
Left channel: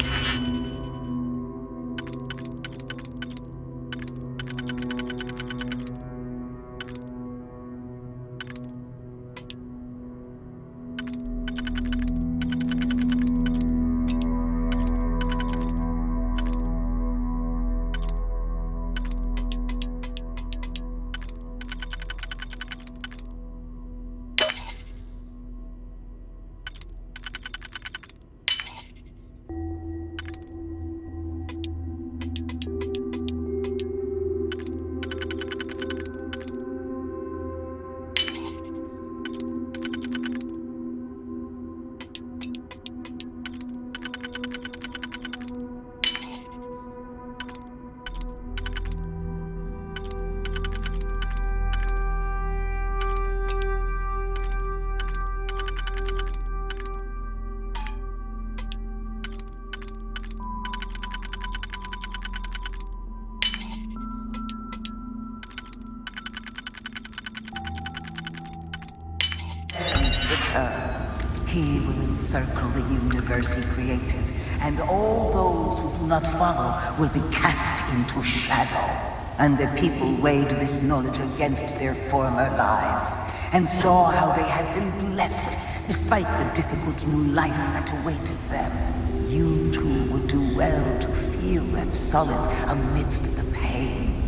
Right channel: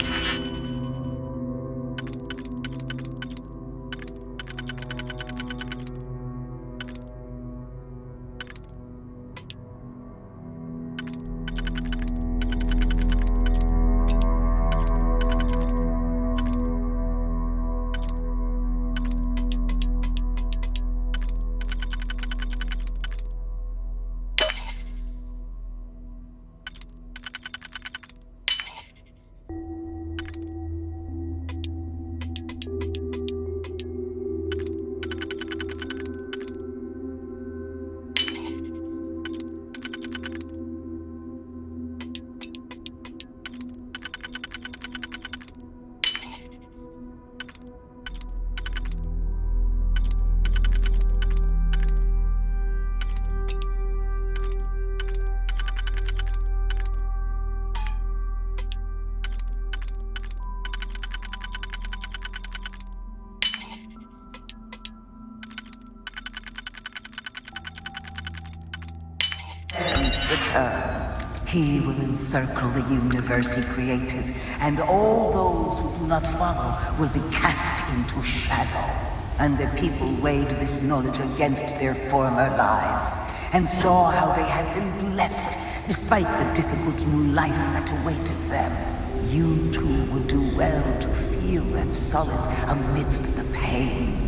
return. He will encircle the universe he created, and all those who do not follow will be cast into shadow. And the people weighed this knowledge against their former lives, and saw how they had been blessed despite the difficult new life that awaited them. You too would do well to feel that solace amidst the pain.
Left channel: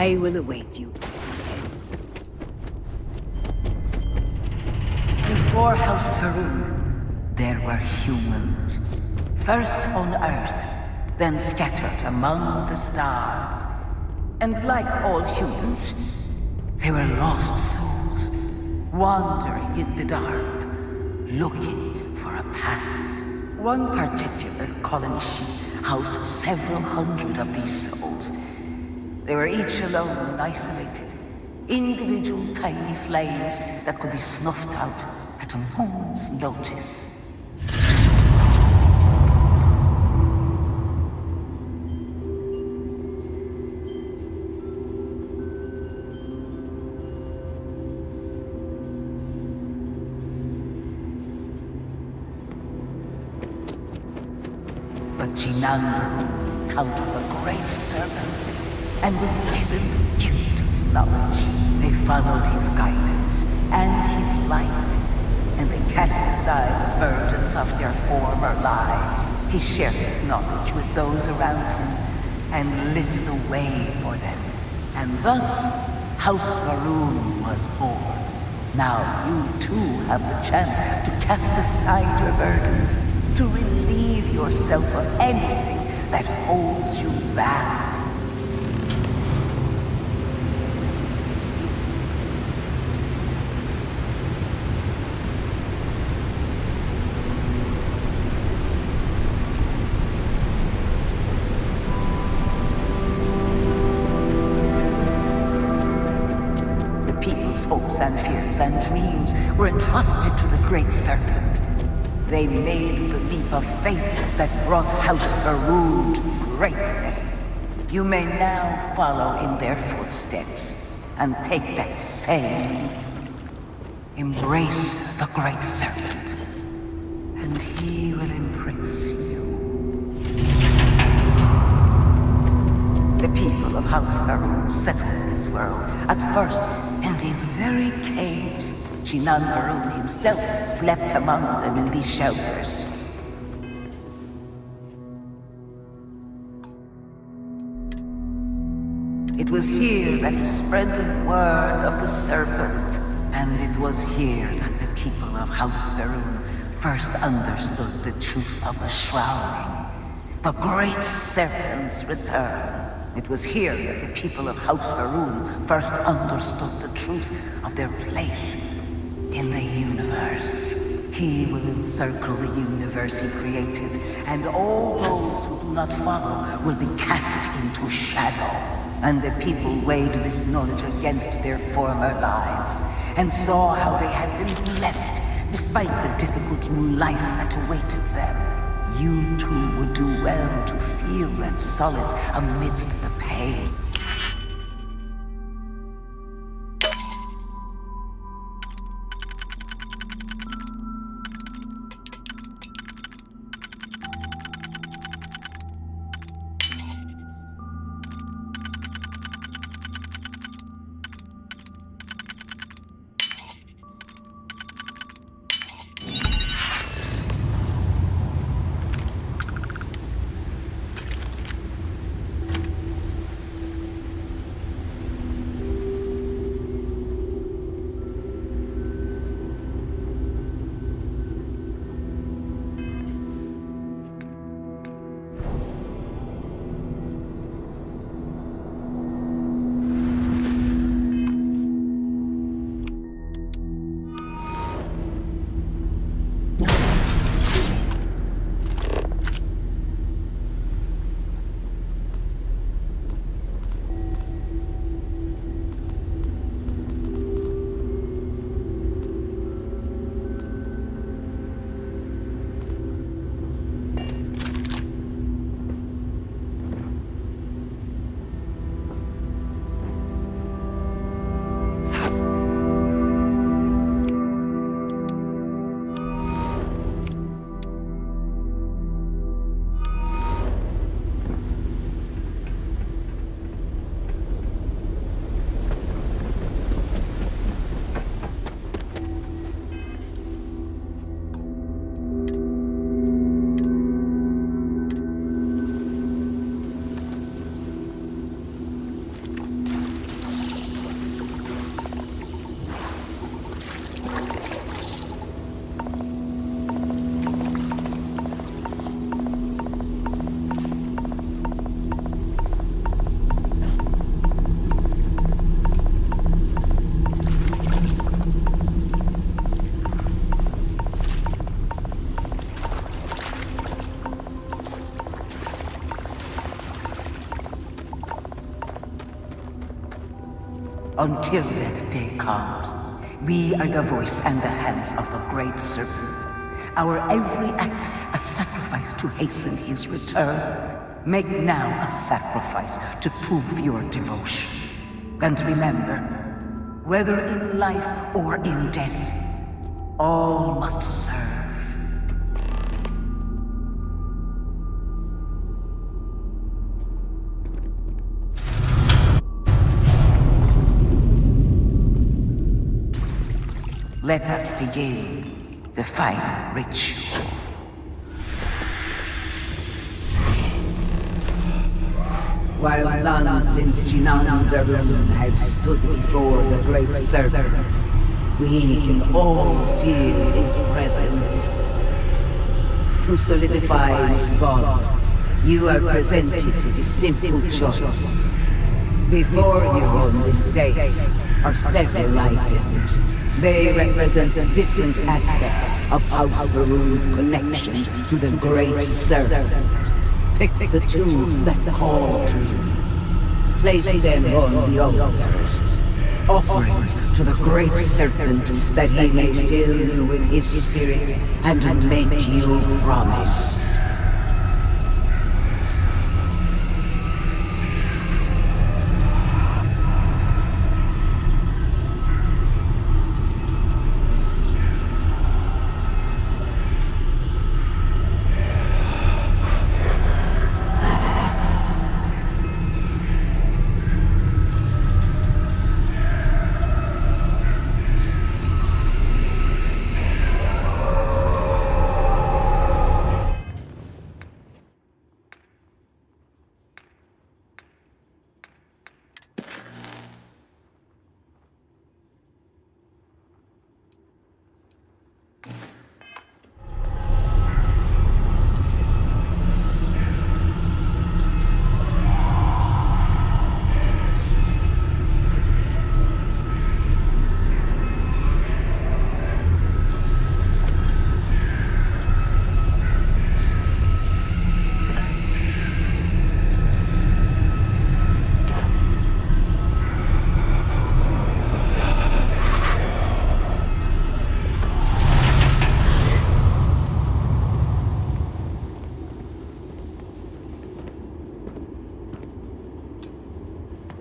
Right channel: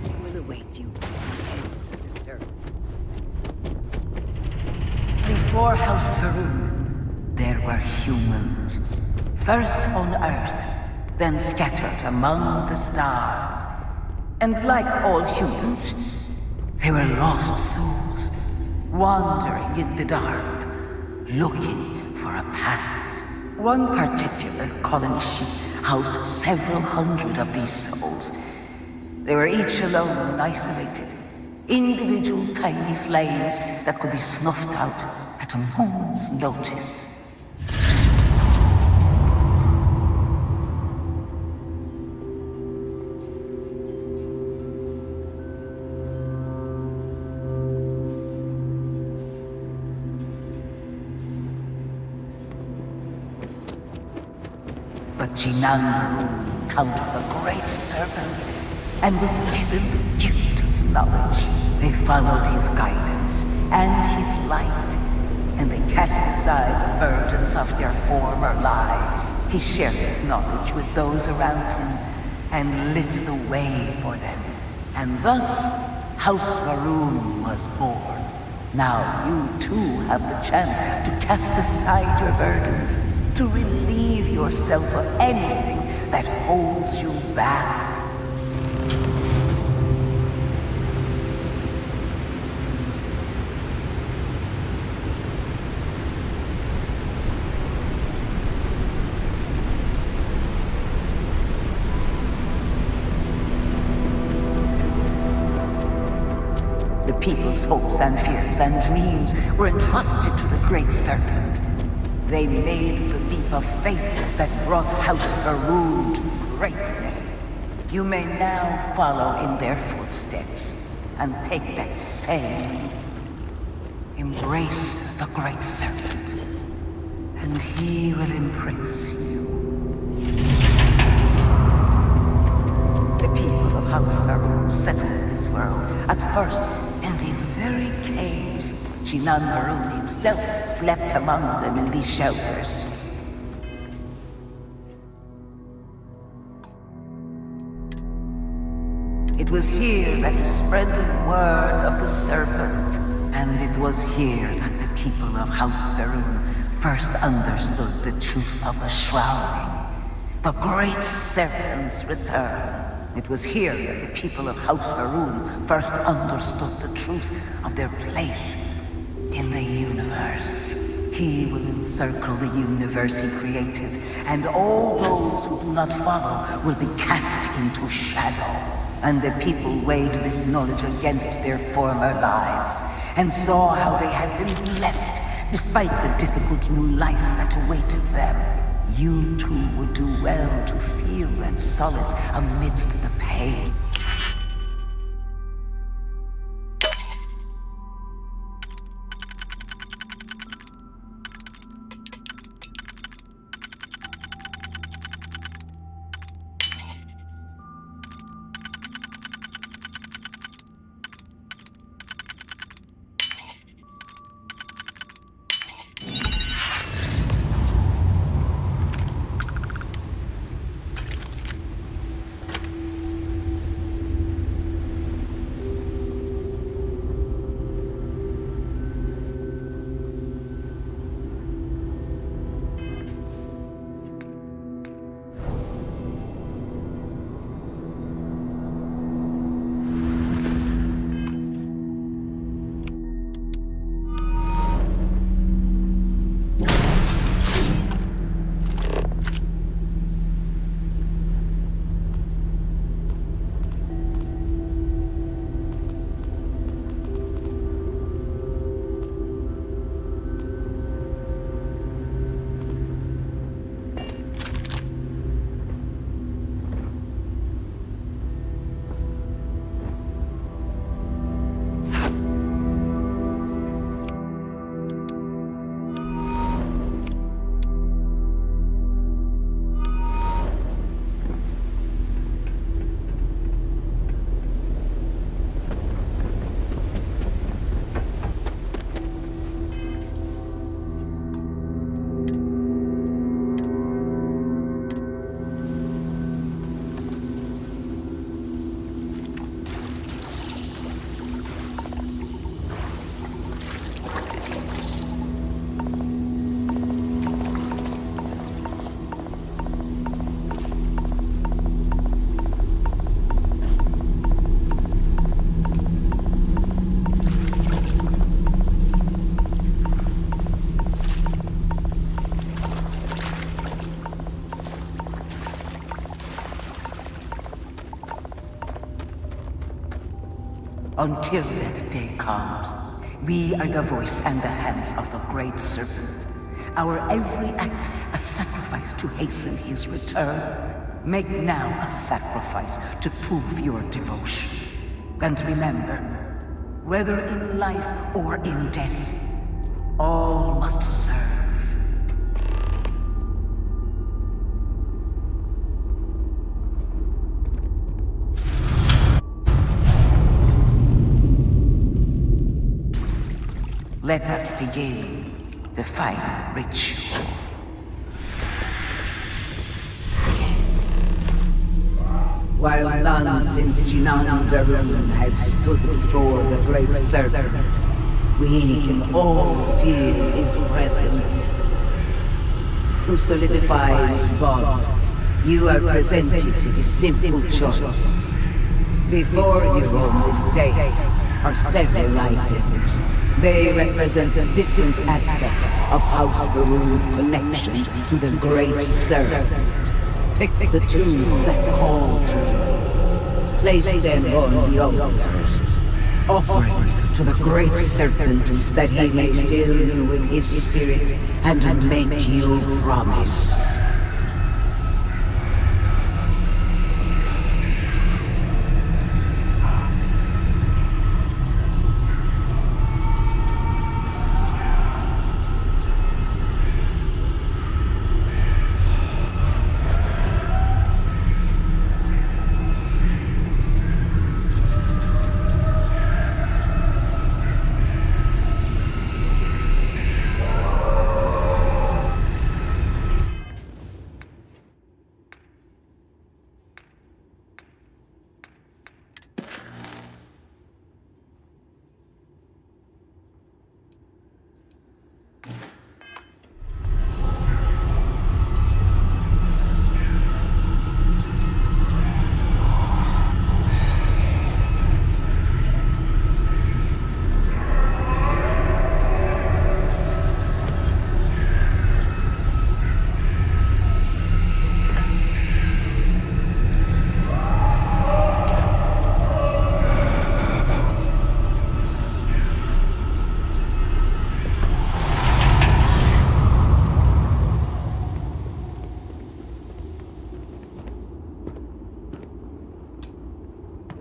I will await you at the end of the circle. Before House Faroon, there were humans. First on Earth, then scattered among the stars. And like all humans, they were lost souls, wandering in the dark, looking for a path. One particular colony ship housed several hundred of these souls. They were each alone and isolated, individual tiny flames that could be snuffed out at a moment's notice. But Jinandaru encountered the great serpent and was given the gift of knowledge. They followed his guidance and his light, and they cast aside the burdens of their former lives. He shared his knowledge with those around him and lit the way for them. And thus, House Faroon was born. Now you too have the chance to cast aside your burdens, to relieve yourself of anything that holds you back. The people's hopes and fears and dreams were entrusted to the great serpent. They made the leap of faith that brought House Faroon to greatness. You may now follow in their footsteps and take that same leap. Embrace the great serpent, and he will embrace you. The people of House Faroon settled this world, at first in these very caves. Shinan Faroon himself slept among them in these shelters. It was here that he spread the word of the serpent, and it was here that the people of House Faroon first understood the truth of the shrouding, the great serpent's return. It was here that the people of House Faroon first understood the truth of their place in the universe. He will encircle the universe he created, and all those who do not follow will be cast into shadow. And the people weighed this knowledge against their former lives, and saw how they had been blessed despite the difficult new life that awaited them. You too would do well to feel that solace amidst the pain. Until that day comes, we are the voice and the hands of the Great Serpent. Our every act a sacrifice to hasten his return. Make now a sacrifice to prove your devotion. And remember, whether in life or in death, all must serve. Let us begin the final ritual. While none since Jinan Varun have stood before the Great Serpent, we can all feel his presence. To solidify his bond, you are presented with a simple choice. Before you on this dais are several items. They represent different aspects of House Varun's connection to the Great Serpent. Pick the two that call to you. Place them on the altars. Offerings to the Great Serpent that he may fill you with his spirit and make you promise.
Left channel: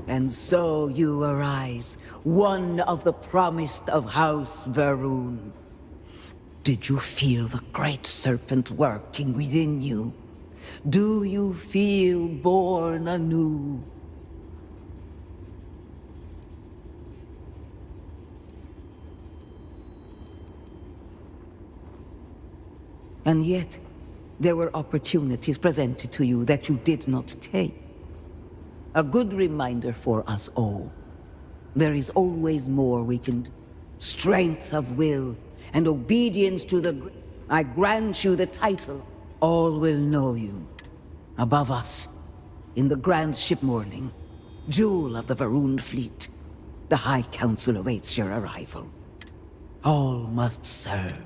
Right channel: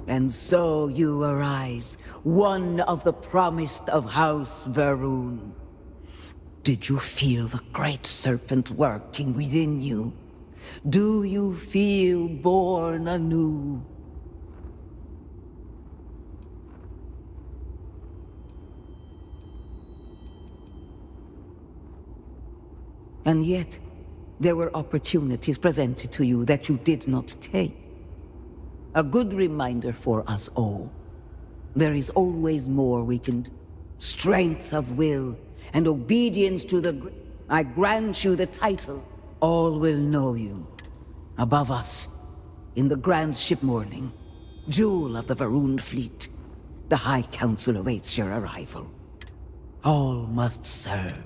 And so you arise, one of the promised of House Varun. Did you feel the Great Serpent working within you? Do you feel born anew? And yet, there were opportunities presented to you that you did not take. A good reminder for us all. There is always more we can do. Strength of will and obedience to the... I grant you the title. All will know you. Above us, in the grand ship morning, jewel of the Varun fleet, the High Council awaits your arrival. All must serve.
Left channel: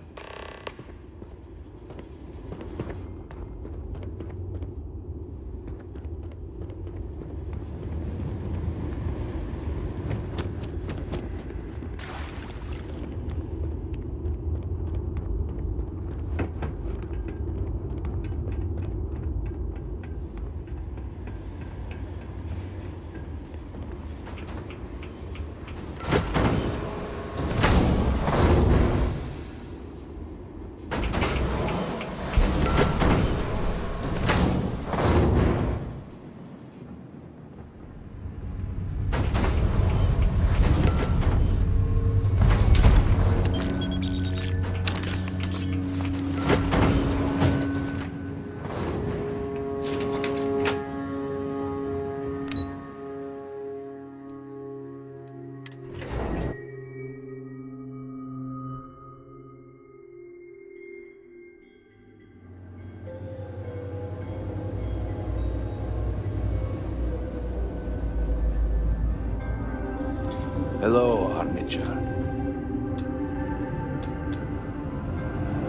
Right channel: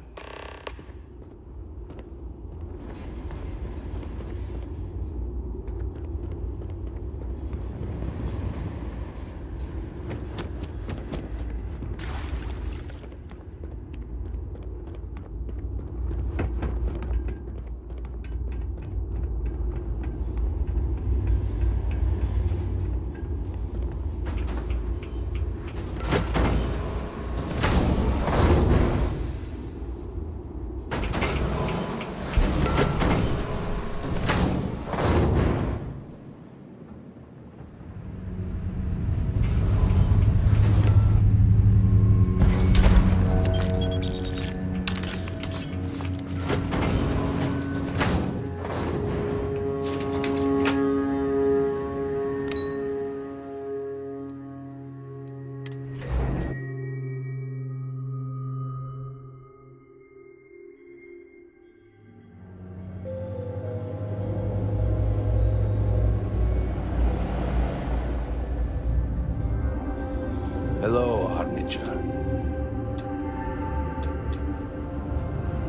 Hello, Armiger.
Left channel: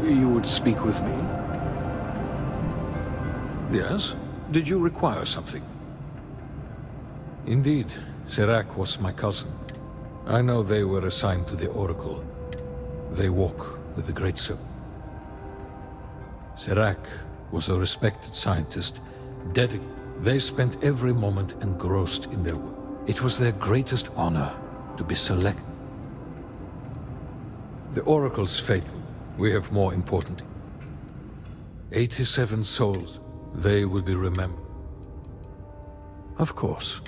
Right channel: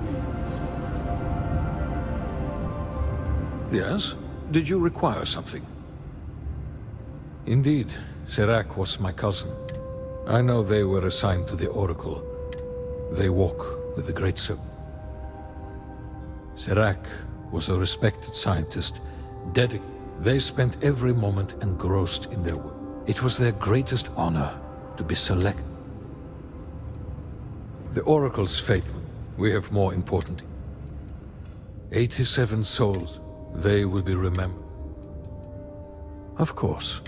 You would speak with me? Yes? Did you require something? Indeed, Serac was my cousin. I know they were assigned to the Oracle. They walk with the Great Serpent. Serac was a respected scientist, dedicated. They spent every moment engrossed in their work. It was their greatest honor to be selected. The Oracle's fate, we have more important. 87 souls, they will be remembered. Of course.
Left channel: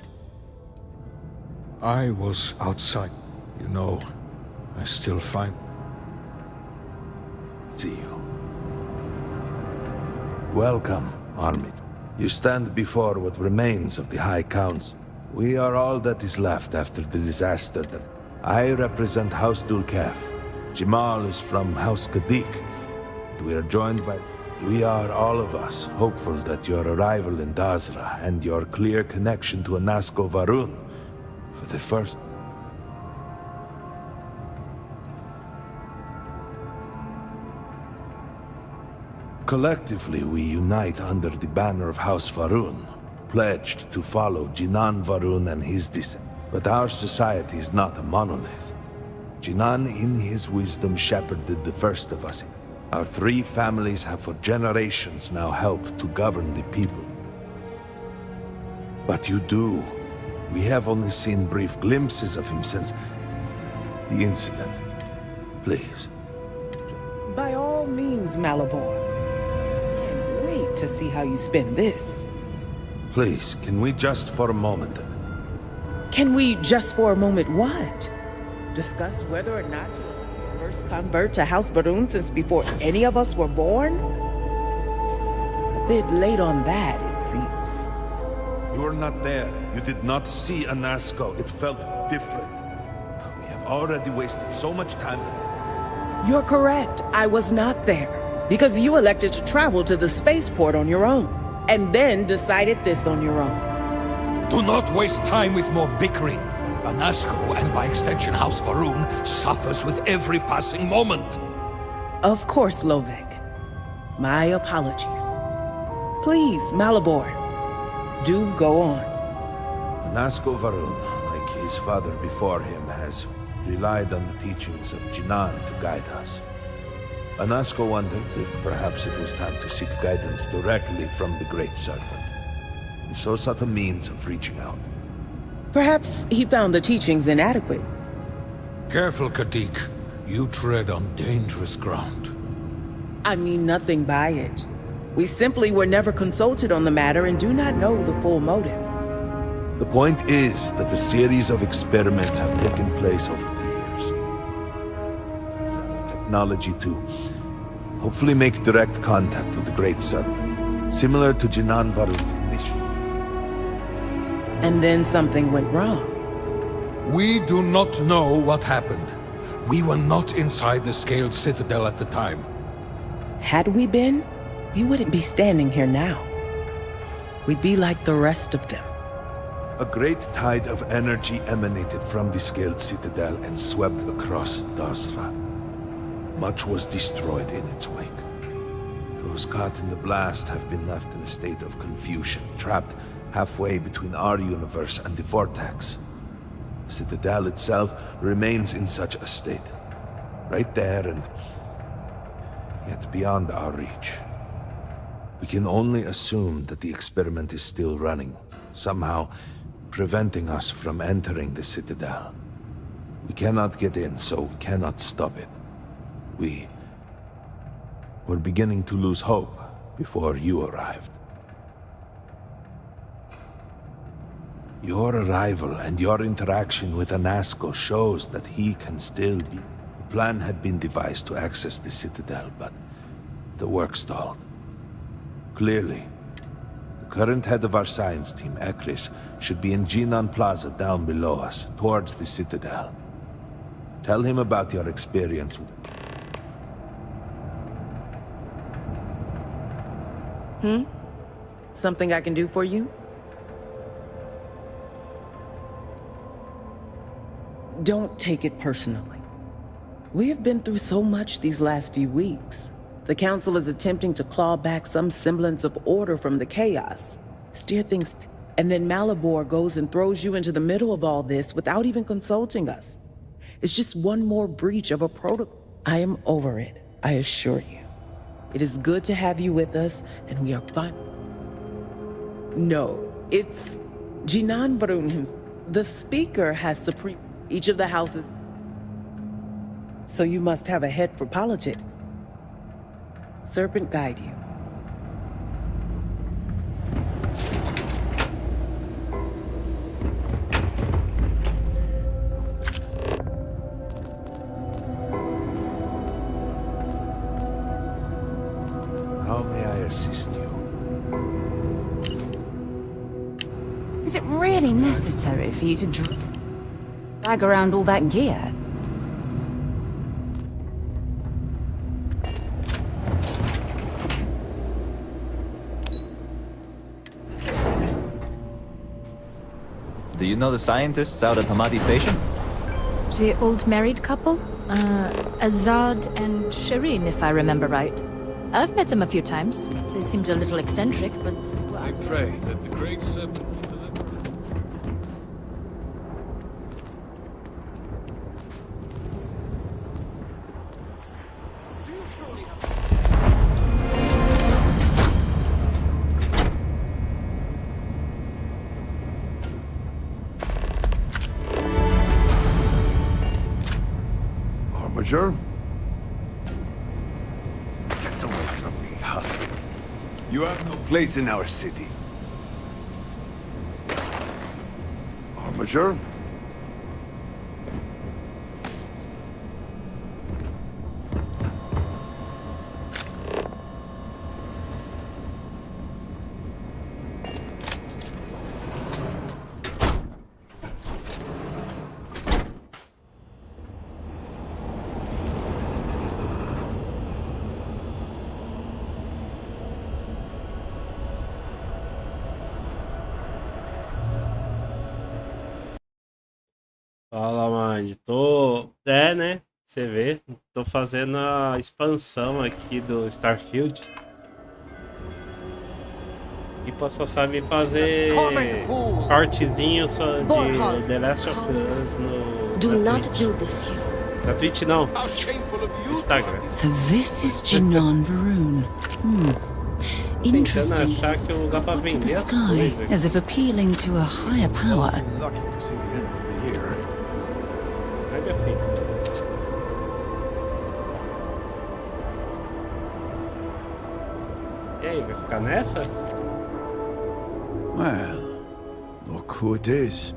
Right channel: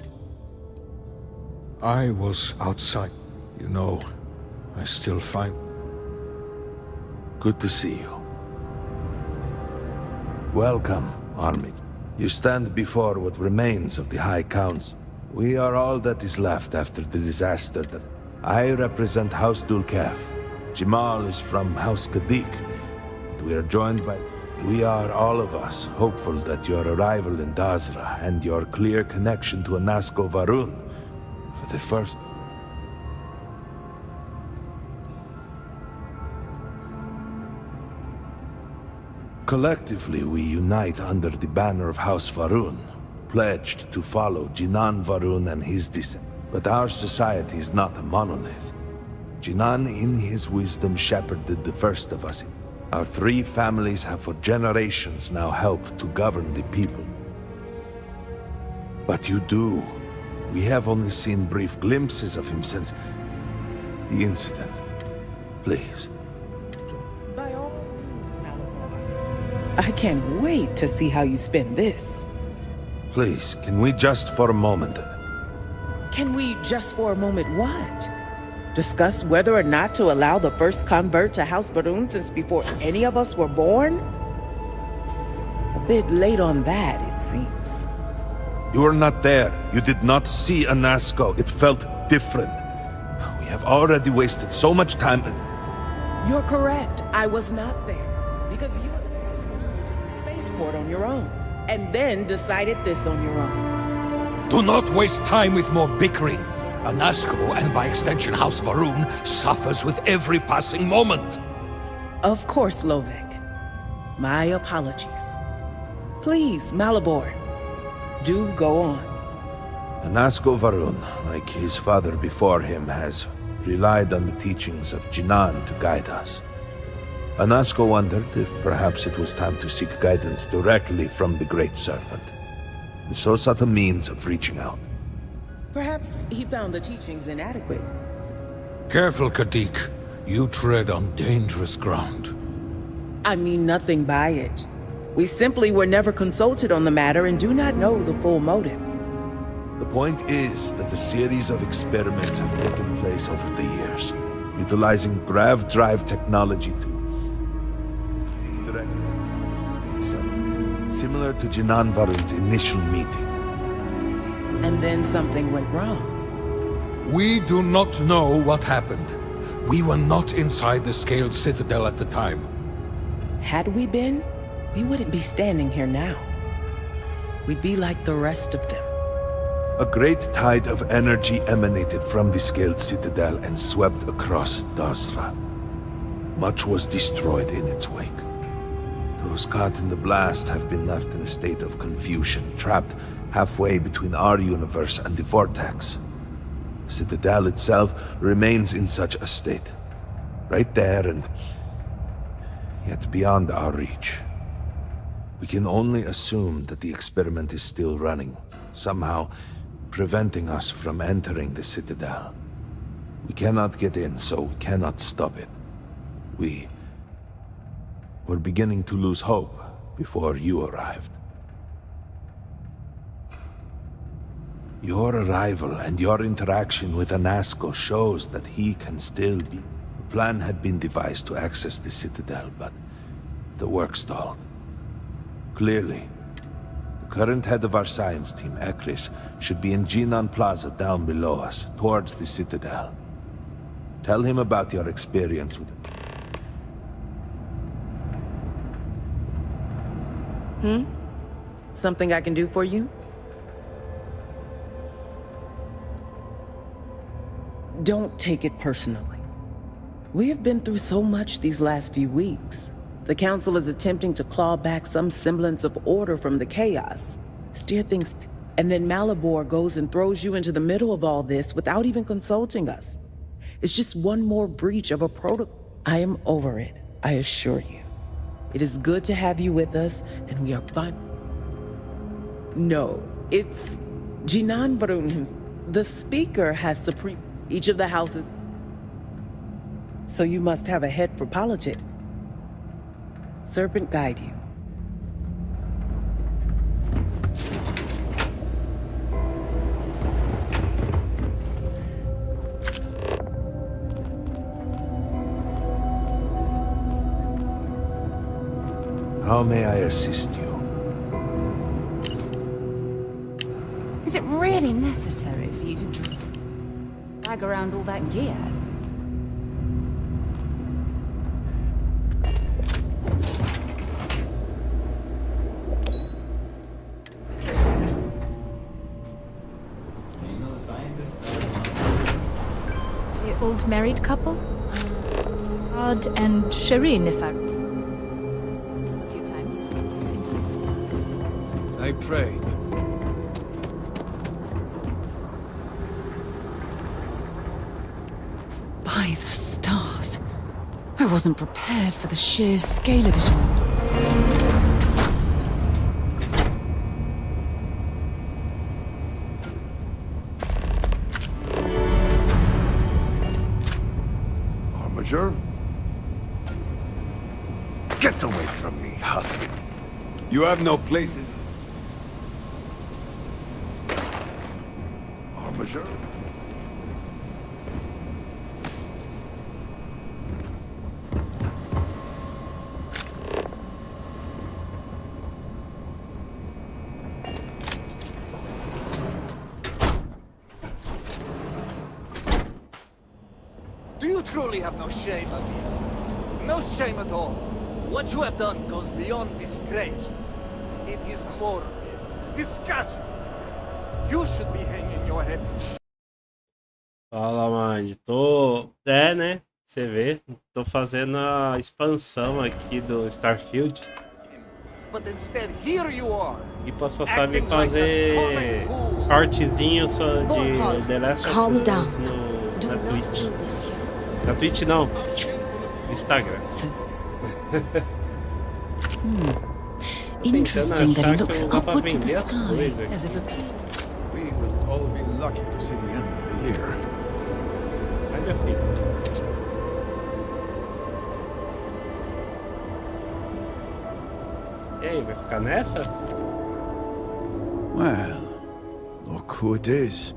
I was outside. You know, I still find... Good to see you. Welcome, Armid. You stand before what remains of the High Council. We are all that is left after the disaster that... I represent House Dulkef. Jamal is from House Kadik. And we are joined by... We are, all of us, hopeful that your arrival in Dazra and your clear connection to Anasko Varun for the first... Collectively, we unite under the banner of House Varun, pledged to follow Jinan Varun and his descent. But our society is not a monolith. Jinan, in his wisdom, shepherded the first of us. Our three families have for generations now helped to govern the people. But you do. We have only seen brief glimpses of him since the incident. Please. By all means, Malabor. I can't wait to see how you spend this. Please, can we just for a moment... Can we just for a moment what? Discuss whether or not to allow the first convert to House Varun since before any of us were born? A bit late on that, it seems. You were not there. You did not see Anasko. It felt different. We have already wasted so much time. You're correct. I was not there. Because you elected to travel to the spaceport on your own. And then decided this on your own. Do not waste time with more bickering. Anasko, and by extension House Varun, suffers with every passing moment. Of course, Lovek. My apologies. Please, Malabor, do go on. Anasko Varun, like his father before him, has relied on the teachings of Jinan to guide us. Anasko wondered if perhaps it was time to seek guidance directly from the Great Serpent. And so sought a means of reaching out. Perhaps he found the teachings inadequate. Careful, Kadik. You tread on dangerous ground. I mean nothing by it. We simply were never consulted on the matter and do not know the full motive. The point is that a series of experiments have taken place over the years, utilizing grav drive technology to hopefully make direct contact with the Great Serpent, similar to Jinan Varun's initial meeting. And then something went wrong. We do not know what happened. We were not inside the Scaled Citadel at the time. Had we been, we wouldn't be standing here now. We'd be like the rest of them. A great tide of energy emanated from the Scaled Citadel and swept across Dazra. Much was destroyed in its wake. Those caught in the blast have been left in a state of confusion, trapped halfway between our universe and the Vortex. The Citadel itself remains in such a state. Right there and yet beyond our reach. We can only assume that the experiment is still running, somehow preventing us from entering the Citadel. We cannot get in, so we cannot stop it. We're beginning to lose hope before you arrived. Your arrival and your interaction with Anasko shows that he can still be... The plan had been devised to access the Citadel, but the work stalled. Clearly, the current head of our science team, Ekris, should be in Jinan Plaza down below us, towards the Citadel. Tell him about your experience with him. Something I can do for you? Don't take it personally. We have been through so much these last few weeks. The Council is attempting to claw back some semblance of order from the chaos, steer things, and then Malabor goes and throws you into the middle of all this without even consulting us. is just one more breach of a protocol. I am over it, I assure you. It is good to have you with us, and we are fine. No, it's Jinan Varun himself. The speaker has supreme each of the houses. So you must have a head for politics. Serpent guide you. How may I assist you? Is it really necessary for you to drag around all that gear? Do you know the scientists out at Hamadi Station? The old married couple? Azad and Shireen, if I remember right. I've met them a few times. They seemed a little eccentric, but... I pray that the great serpent... By the stars. I wasn't prepared for the sheer scale of it. Armiger? Get away from me, husk. You have no place in our city. Armiger? Do you truly have no shame? No shame at all. What you have done goes beyond disgrace. It is horrible. Disgusting. You should be hanging your head in shame. Fala, Mind. Tô... É, né? Você vê. Tô fazendo a expansão aqui do Starfield. But instead, here you are. E posso saber fazer cortezinho só de The Last of Us na Twitch. Na Twitch não. Instagram. So this is Jinan Varun. Interesting that he looks upward to the sky, as if appealing to a higher power. Lucky to see the end of the year. Ai, minha filha. E aí, vai ficar nessa? Well, look who it is.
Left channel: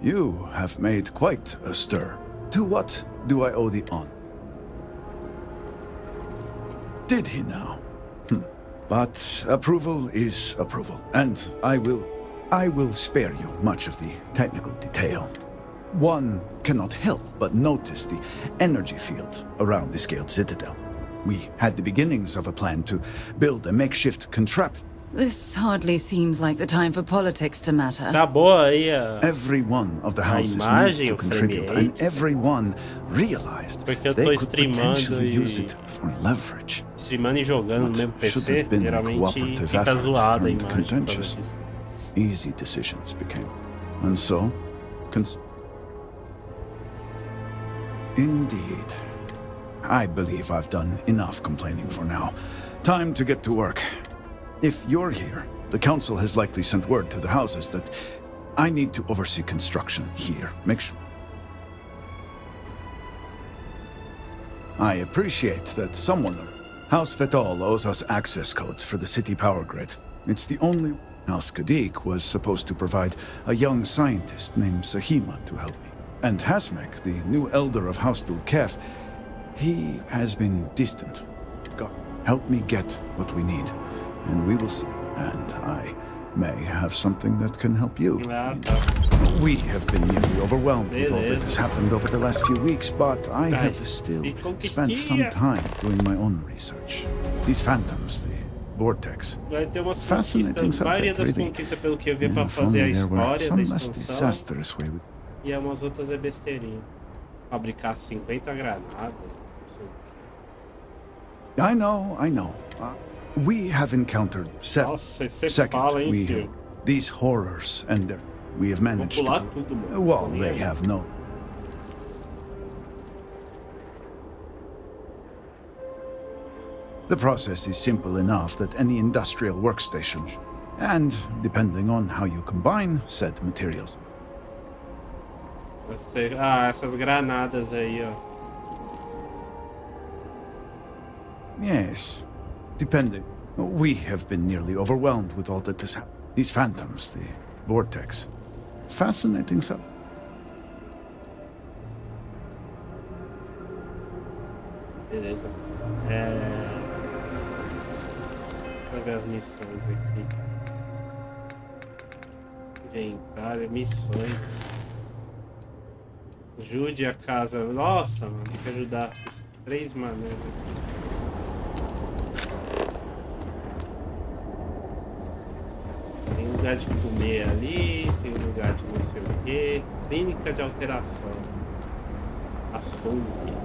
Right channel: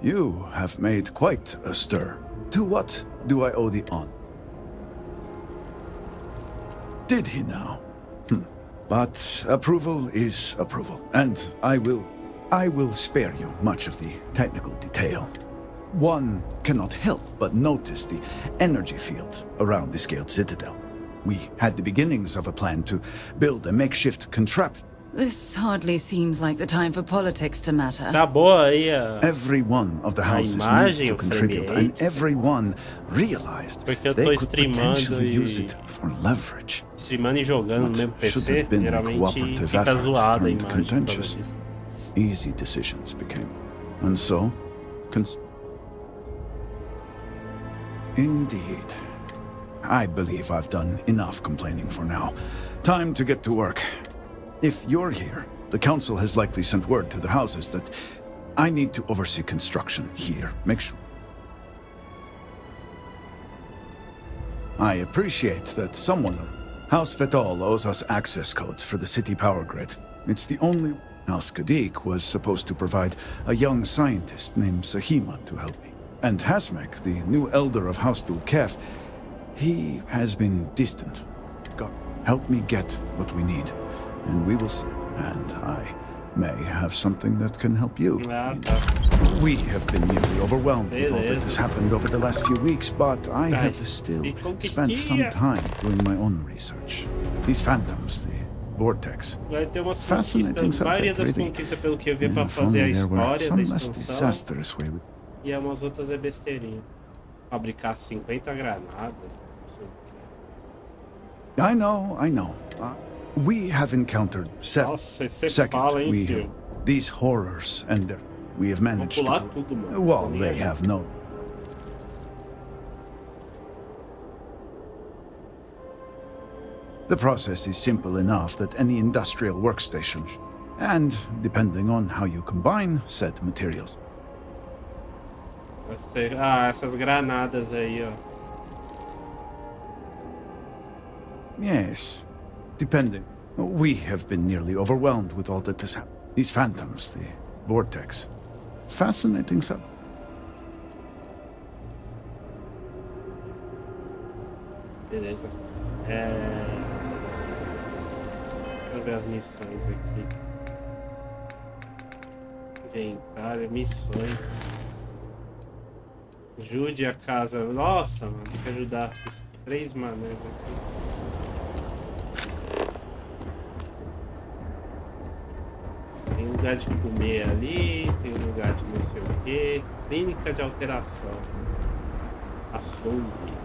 You have made quite a stir. To what do I owe the honor? Did he now? But approval is approval, and I will spare you much of the technical detail. One cannot help but notice the energy field around the scaled citadel. We had the beginnings of a plan to build a makeshift contraption. This hardly seems like the time for politics to matter. Acabou aí Every one of the houses needs to contribute, and everyone realized they could potentially use it for leverage. Streamando e jogando no mesmo PC, geralmente fica zoada a imagem por causa disso. Easy decisions became, and so, indeed. I believe I've done enough complaining for now. Time to get to work. If you're here, the council has likely sent word to the houses that I need to oversee construction here. Make sure. I appreciate that someone... House Fetal owes us access codes for the city power grid. It's the only... House Kadik was supposed to provide a young scientist named Sahima to help me. And Hasmek, the new elder of House Dulkef, he has been distant. God, help me get what we need, and we will see. And I may have something that can help you. We have been nearly overwhelmed with all that has happened over the last few weeks, but I have still spent some time doing my own research. These phantoms, the vortex. Vai ter umas Fascinating conquistas, maioria das really. conquistas pelo que eu vi pra If fazer a only there were história da some less expansão. disastrous way we... E umas outras é besteirinha. Fabricar 50 granadas. Não sei o quê. I know. We have encountered several. Second, we have these horrors, and we have managed to... Well, they have no... The process is simple enough that any industrial workstation, and depending on how you combine said materials. Ah, essas granadas aí, ó. Yes, depending. We have been nearly overwhelmed with all that has happened. These phantoms, the vortex. Fascinating stuff. Beleza. Deixa eu ver as missões aqui. Inventário, missões. Ajude a casa. Nossa, mano, tem que ajudar esses 3 maneiras aqui. Tem lugar de comer ali, tem lugar de não sei o que. Clínica de alteração. Açougue.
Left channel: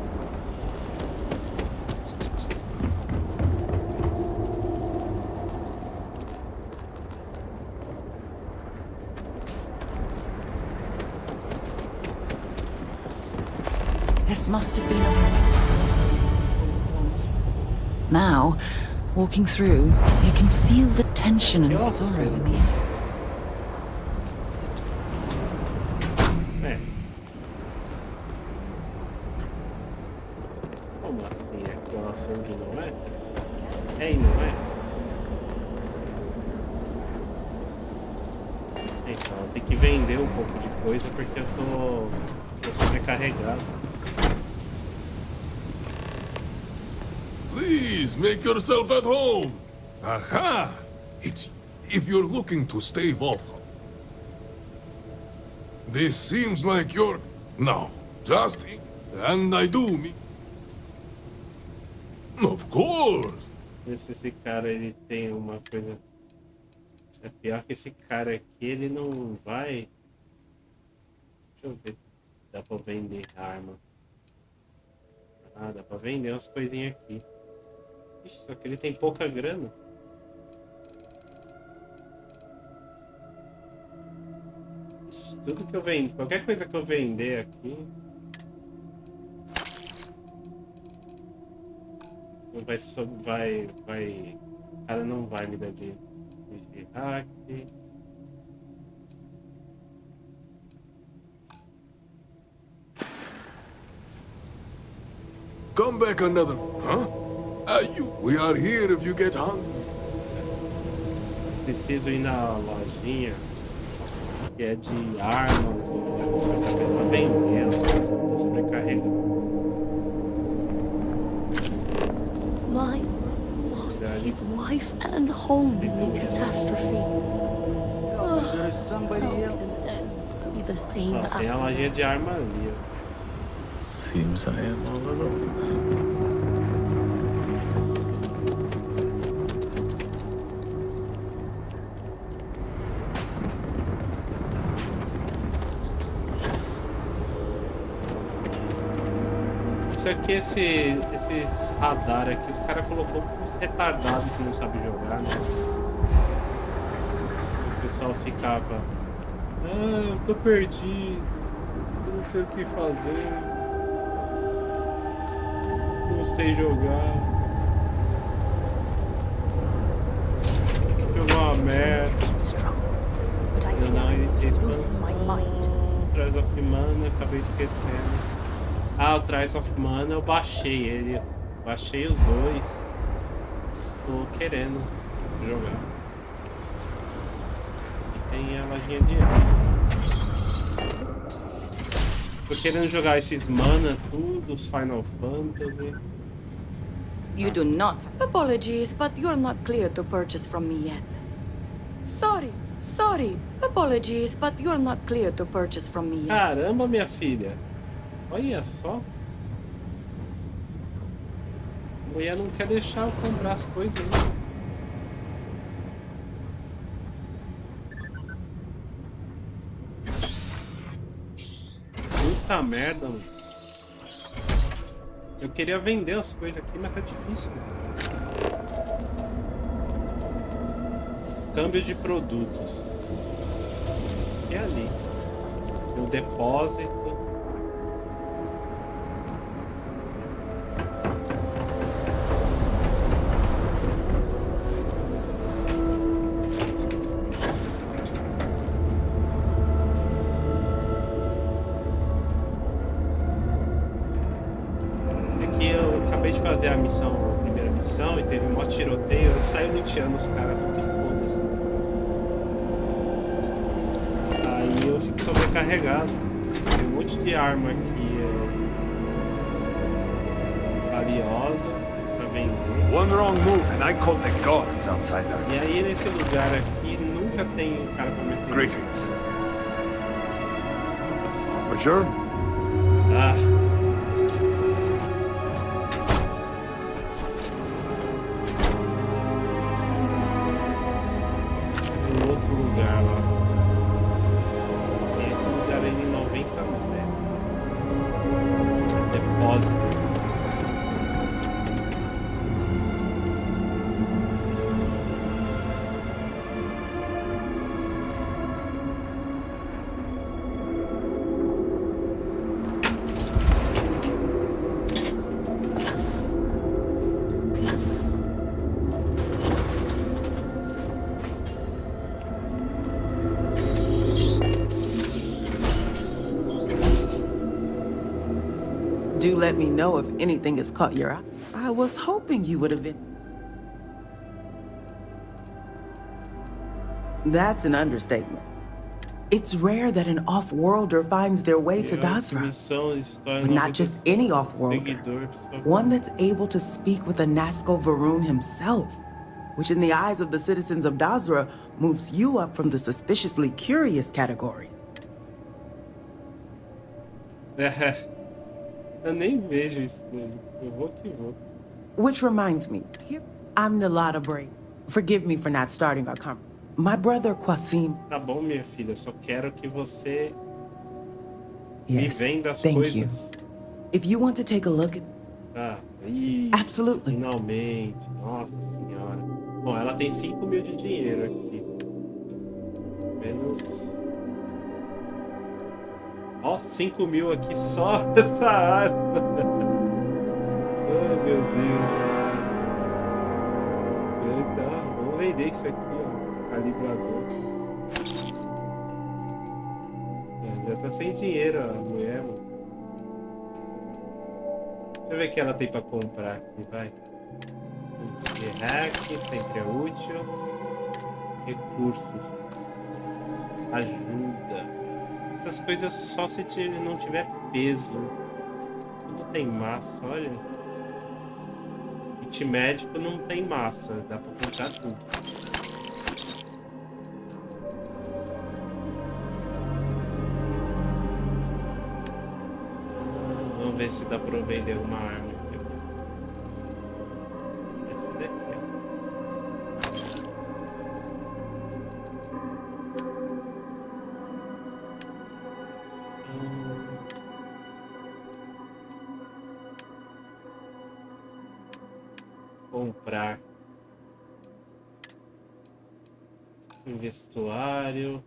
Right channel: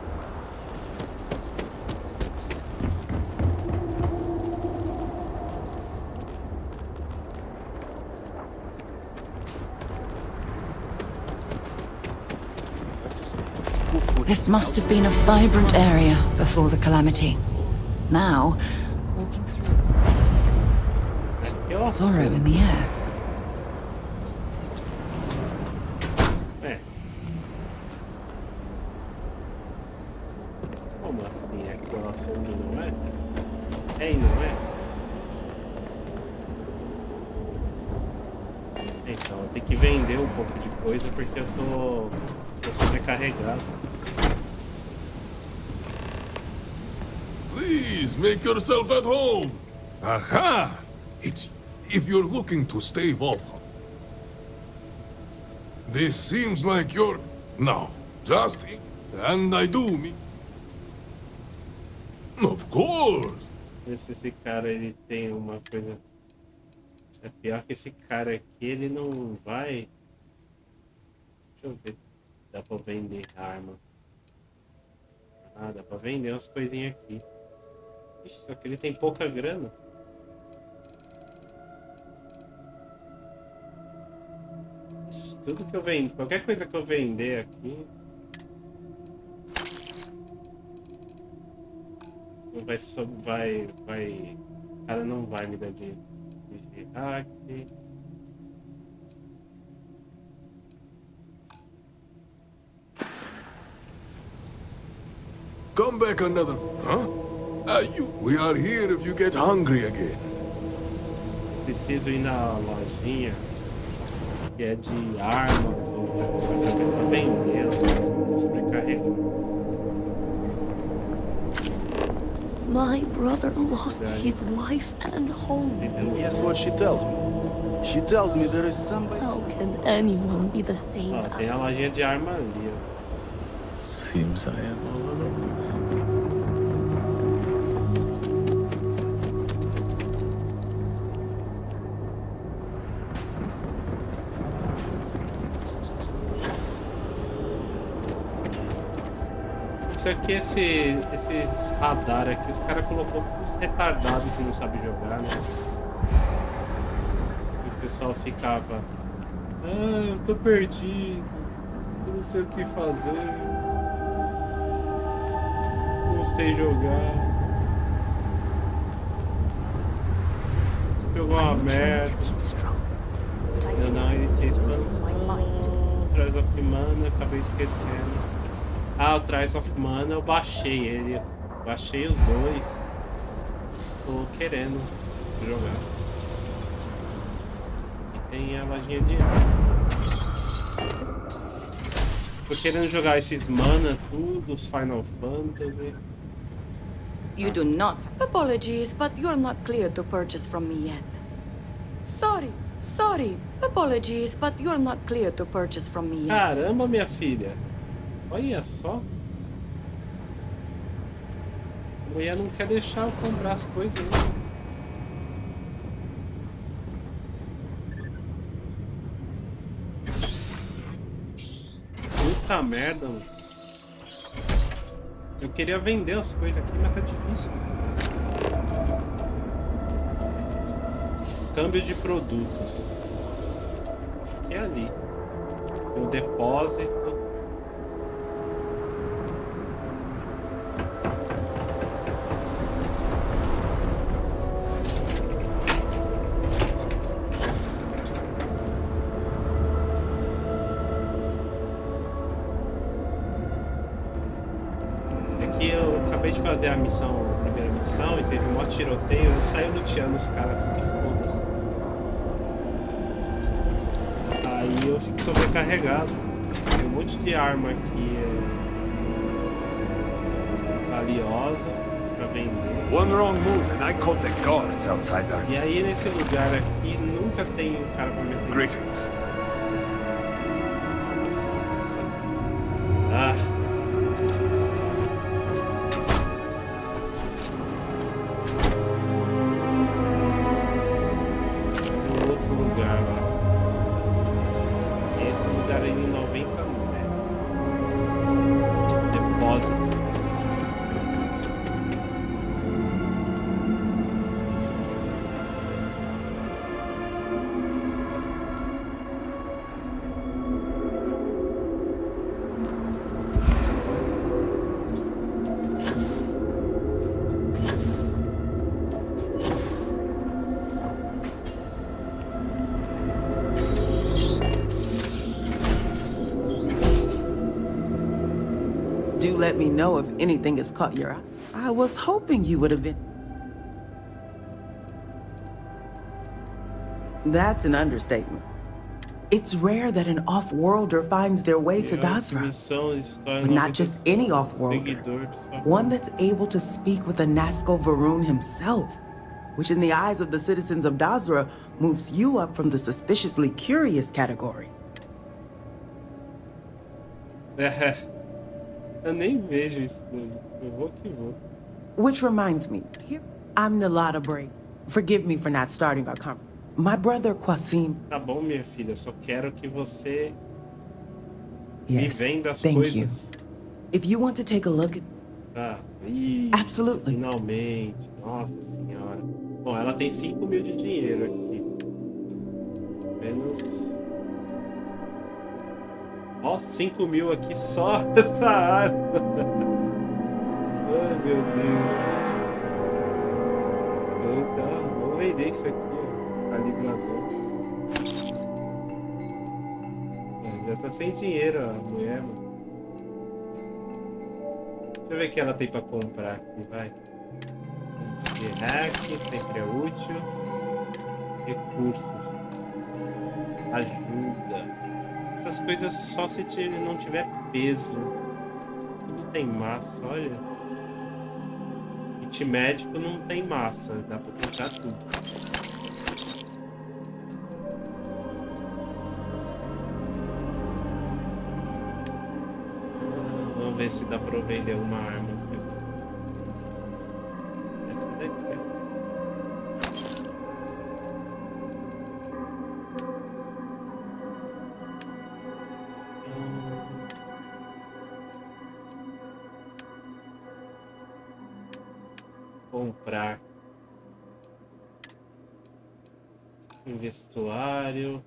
This must have been a vibrant area before the calamity. Now, walking through, you can feel the tension and sorrow in the air. Como assim? Aqui o açougue não é? É e não é? Então, eu tenho que vender um pouco de coisa porque eu tô sobrecarregado. Please make yourself at home. Aha! It's if you're looking to stave off. This seems like you're no, just and I do me. Of course. Esse cara ele tem uma coisa. É pior que esse cara aqui ele não vai. Deixa eu ver se dá pra vender arma. Ah, dá pra vender umas coisinhas aqui. Ixi, só que ele tem pouca grana. Ixi, tudo que eu vendo, qualquer coisa que eu vender aqui. Vai. O cara não vai me dar dinheiro. Hack. Come back another, huh? We are here if you get hungry again. Preciso ir na lojinha que é de armas ou pra vender as coisas. Tô sobrecarregado. My brother lost his wife and home. That's what she tells me. She tells me there is somebody else. How can anyone be the same Ó, tem a lojinha de arma ali, ó. Seems I am all alone. Isso aqui, esses radar aqui, os caras colocou os retardados que não sabem jogar, né? O pessoal ficava, eu tô perdido, eu não sei o que fazer, não sei jogar, jogou uma merda. Não, iniciei expansão, Trials of Mana, acabei esquecendo. Ah, o Trials of Mana eu baixei ele. Baixei os dois. Tô querendo jogar. E tem a lojinha de arma. Tô querendo jogar esses Mana, tudo, os Final Fantasy. You do not. Apologies, but you're not clear to purchase from me yet. Sorry. Apologies, but you're not clear to purchase from me yet. Caramba, minha filha. Olha só. A mulher não quer deixar eu comprar as coisas. Né? Puta merda, mano. Eu queria vender as coisas aqui, mas tá difícil. Câmbio de produtos. E ali. Tem o depósito. que eu acabei de fazer a missão, a primeira missão, e teve um maior tiroteio, eu saio luteando os caras, tudo e foda-se. Aí eu fico sobrecarregado. Tem um monte de arma aqui valiosa pra vender. One wrong move and I caught the guards, outsider. E aí nesse lugar aqui nunca tem um cara pra me atender. Greetings. Bonjour. Ah. Cadê o outro lugar lá? Tem esse lugar aí em 90 metros. Depósito. Do let me know if anything has caught your eye. I was hoping you would have been. That's an understatement. It's rare that an off-worlder finds their way to Dazra. But not just any off-worlder. One that's able to speak with a Nazca Varun himself, which in the eyes of the citizens of Dazra moves you up from the suspiciously curious category. Eu nem vejo isso nele. Eu vou que vou. Which reminds me, I'm Nalada Bray. Forgive me for not starting our conversation. My brother Qasim. Tá bom, minha filha. Só quero que você me Yes, venda as thank coisas. you. If you want to take a look at... Absolutely. Finalmente. Nossa senhora. Bom, ela tem 5.000 de dinheiro aqui. Menos... Ó, 5.000 aqui só essa arma. Ai, meu Deus. Então, vou vender isso aqui, ó. Calibrador. Já tá sem dinheiro a mulher, mano. Deixa eu ver o que ela tem pra comprar aqui, vai. De hack, sempre é útil. Recursos. Ajuda. Essas coisas só se não tiver peso. Tudo tem massa, olha. Kit médico não tem massa, dá pra comprar tudo. Vamos ver se dá pra vender alguma arma. Essa daqui, ó. Comprar um vestuário,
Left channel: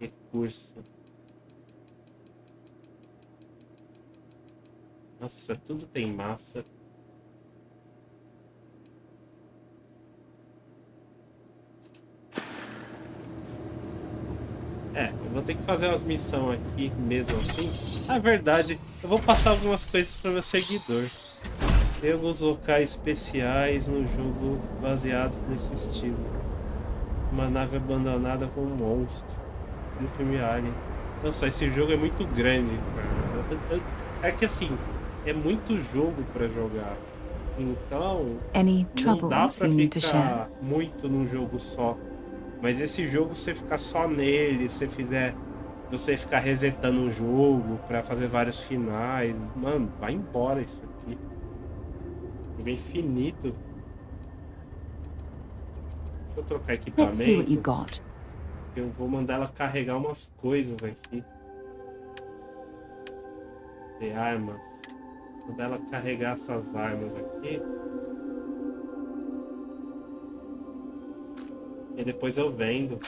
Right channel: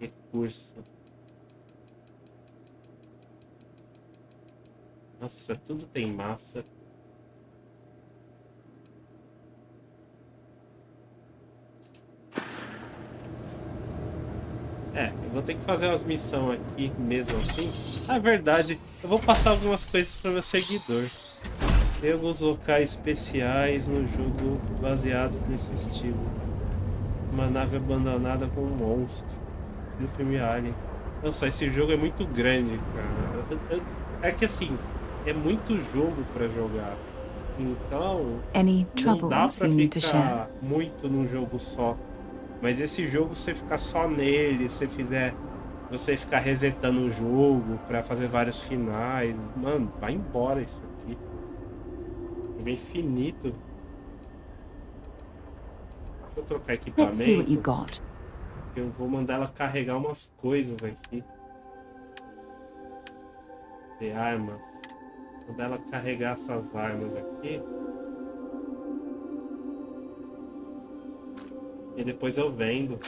recurso. Nossa, tudo tem massa. Eu vou ter que fazer umas missões aqui mesmo assim. Na verdade, eu vou passar algumas coisas para meu seguidor. Tem alguns locais especiais no jogo baseados nesse estilo. Uma nave abandonada com um monstro. Do filme Alien. Nossa, esse jogo é muito grande, cara. É que assim, é muito jogo para jogar. Então, não dá pra ficar muito num jogo só. Mas esse jogo, você ficar só nele, se você ficar resetando o jogo pra fazer vários finais, mano, vai embora isso aqui. É infinito. Deixa eu trocar equipamento. Eu vou mandar ela carregar umas coisas aqui. De armas. Vou mandar ela carregar essas armas aqui. E depois eu vendo.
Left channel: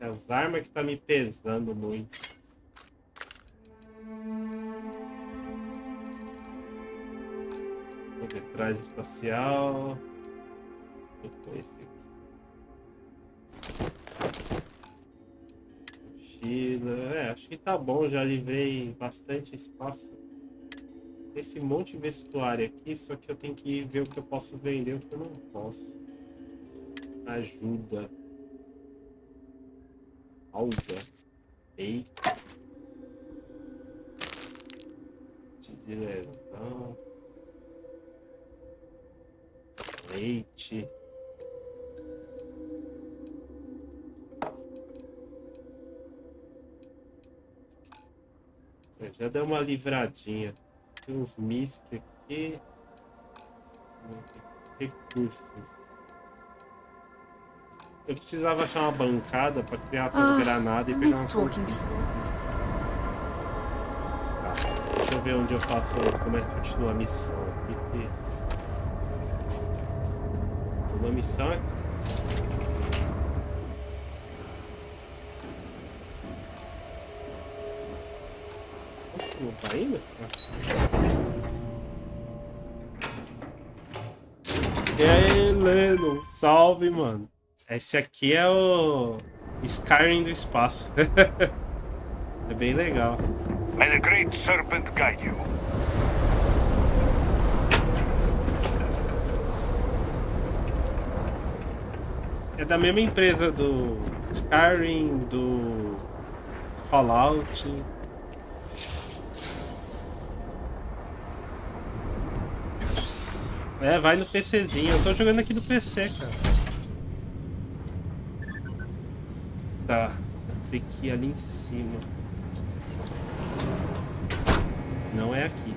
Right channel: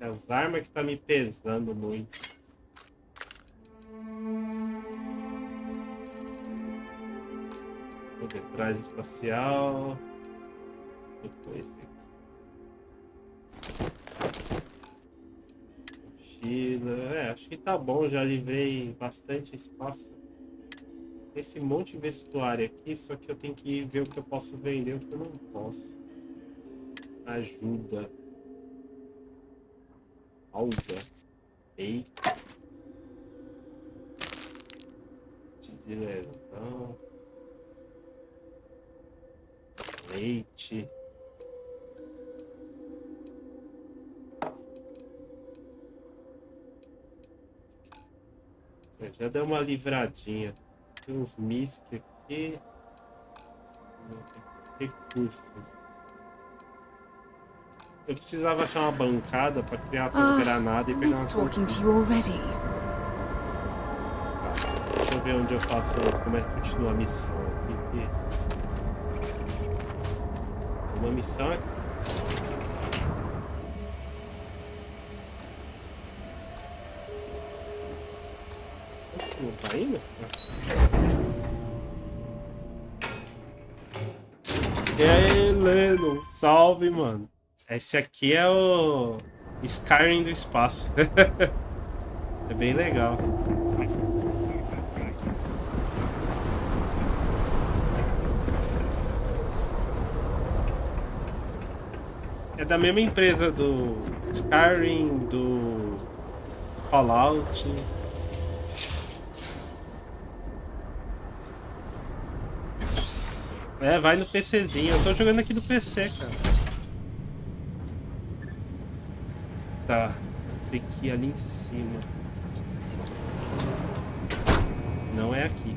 As armas que tá me pesando muito. Vou ver, traje espacial. Depois esse aqui. vida. Acho que tá bom, já livrei bastante espaço. Esse monte de vestuário aqui, só que eu tenho que ver o que eu posso vender e o que eu não posso. Ajuda. Alga. Eita. De lesão. Leite. Já deu uma livradinha. Tem uns MISC aqui. Recursos. Eu precisava achar uma bancada para criar essas granadas e pegar uma conquista. Tá, deixa eu ver onde eu faço, como é que continua a missão aqui. Uma missão aqui. Não tá indo? E aí, Lennon, salve, mano. Esse aqui é o Skyrim do espaço. É bem legal. May the Great Serpent guide you. É da mesma empresa do Skyrim, do Fallout. É, vai no PCzinho. Eu tô jogando aqui no PC, cara. Tá. Tem que ir ali em cima. Não é aqui.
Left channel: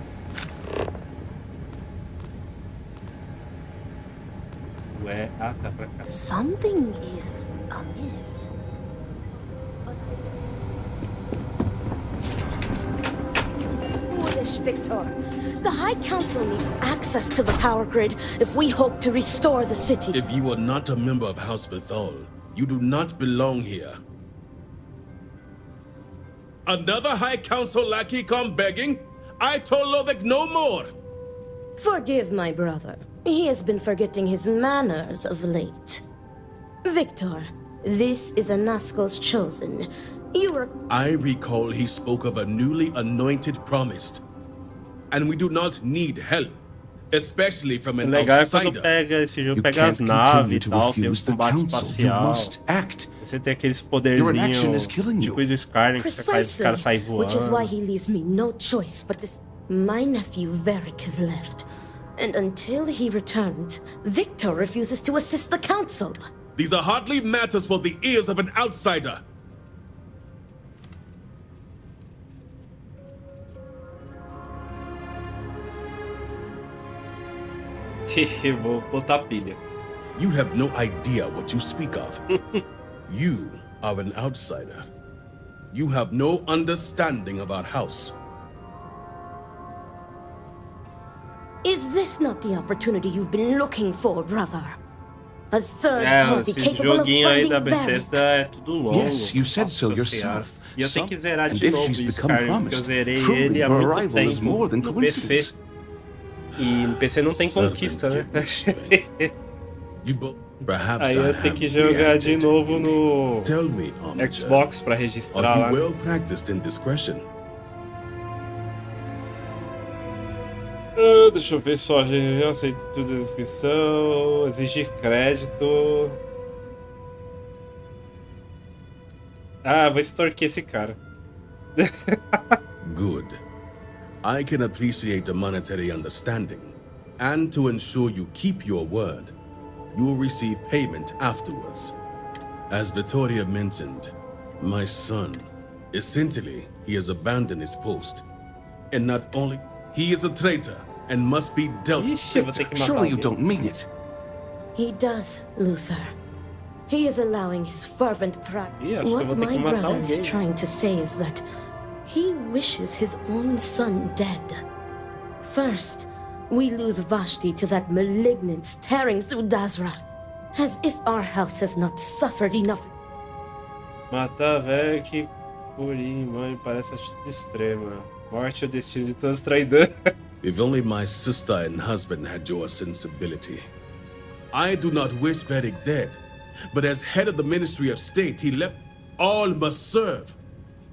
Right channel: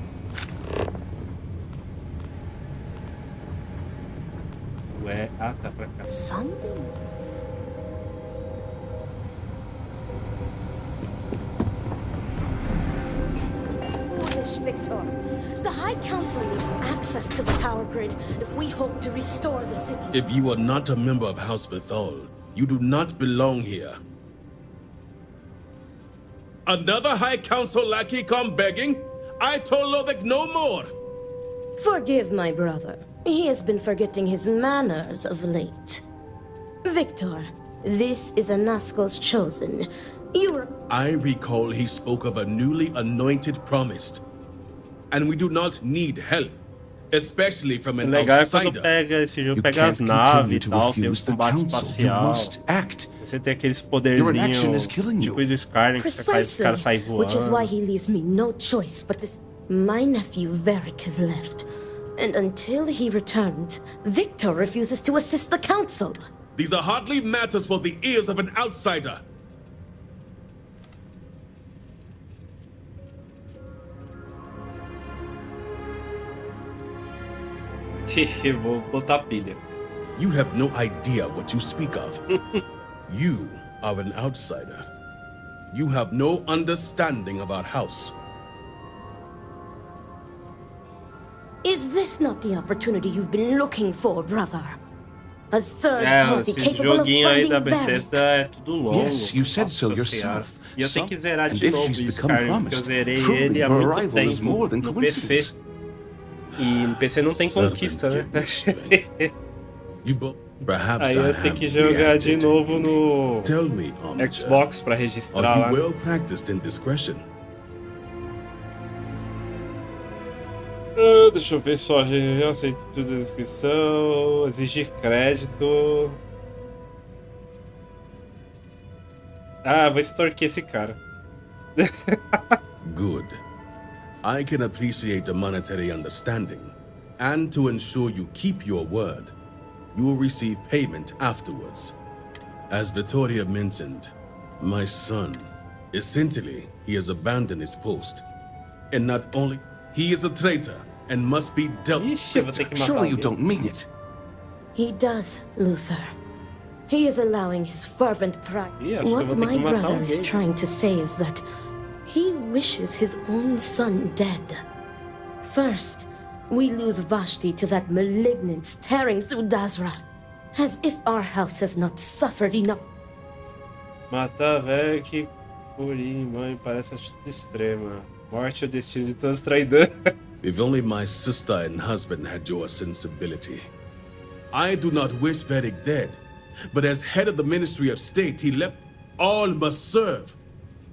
Ué, ah, tá pra cá. Something is amiss. Foolish Victor. The High Council needs access to the power grid if we hope to restore the city. If you are not a member of House Bethal, you do not belong here. Another High Council lackey come begging? I told Lothric no more! Forgive my brother. He has been forgetting his manners of late. Victor, this is Anasco's chosen. I recall he spoke of a newly anointed promised. And we do not need help, especially from an outsider. Pega esse jogo, pega as naves e tal, tem os combates espacial. Você tem aqueles poderzinhos tipo do Skyrim, que os caras saem voando. Which is why he leaves me no choice but this. My nephew Varric has left. And until he returns, Victor refuses to assist the council. These are hardly matters for the ears of an outsider. Vou botar pilha. You have no idea what you speak of. You are an outsider. You have no understanding of our house. Is this not the opportunity you've been looking for, brother? A third party capable of aí da finding Bethesda é tudo longo. Yes, you said so yourself. E eu tenho que zerar de novo o Skyrim, porque eu zerei ele há muito tempo no PC. E no PC não tem conquista, né? Aí eu tenho que jogar de novo no Xbox pra registrar lá. Deixa eu ver só, eu aceito tudo a descrição, exigir crédito. Ah, vou extorquir esse cara. Good. I can appreciate a monetary understanding, and to ensure you keep your word, you will receive payment afterwards. As Vittoria mentioned, my son, essentially, he has abandoned his post. And not only, he is a traitor and must be dealt with. Surely you don't mean it. He does, Luther. He is allowing his fervent pride. What my brother is trying to say is that he wishes his own son dead. First, we lose Vashti to that malignance tearing through Dazra. As if our house has not suffered enough. Matar velho que Curi, mãe, parece atitude extrema. Morte é o destino de todos os traidores. If only my sister and husband had your sensibility. I do not wish Varric dead, but as head of the Ministry of State, he left all must serve.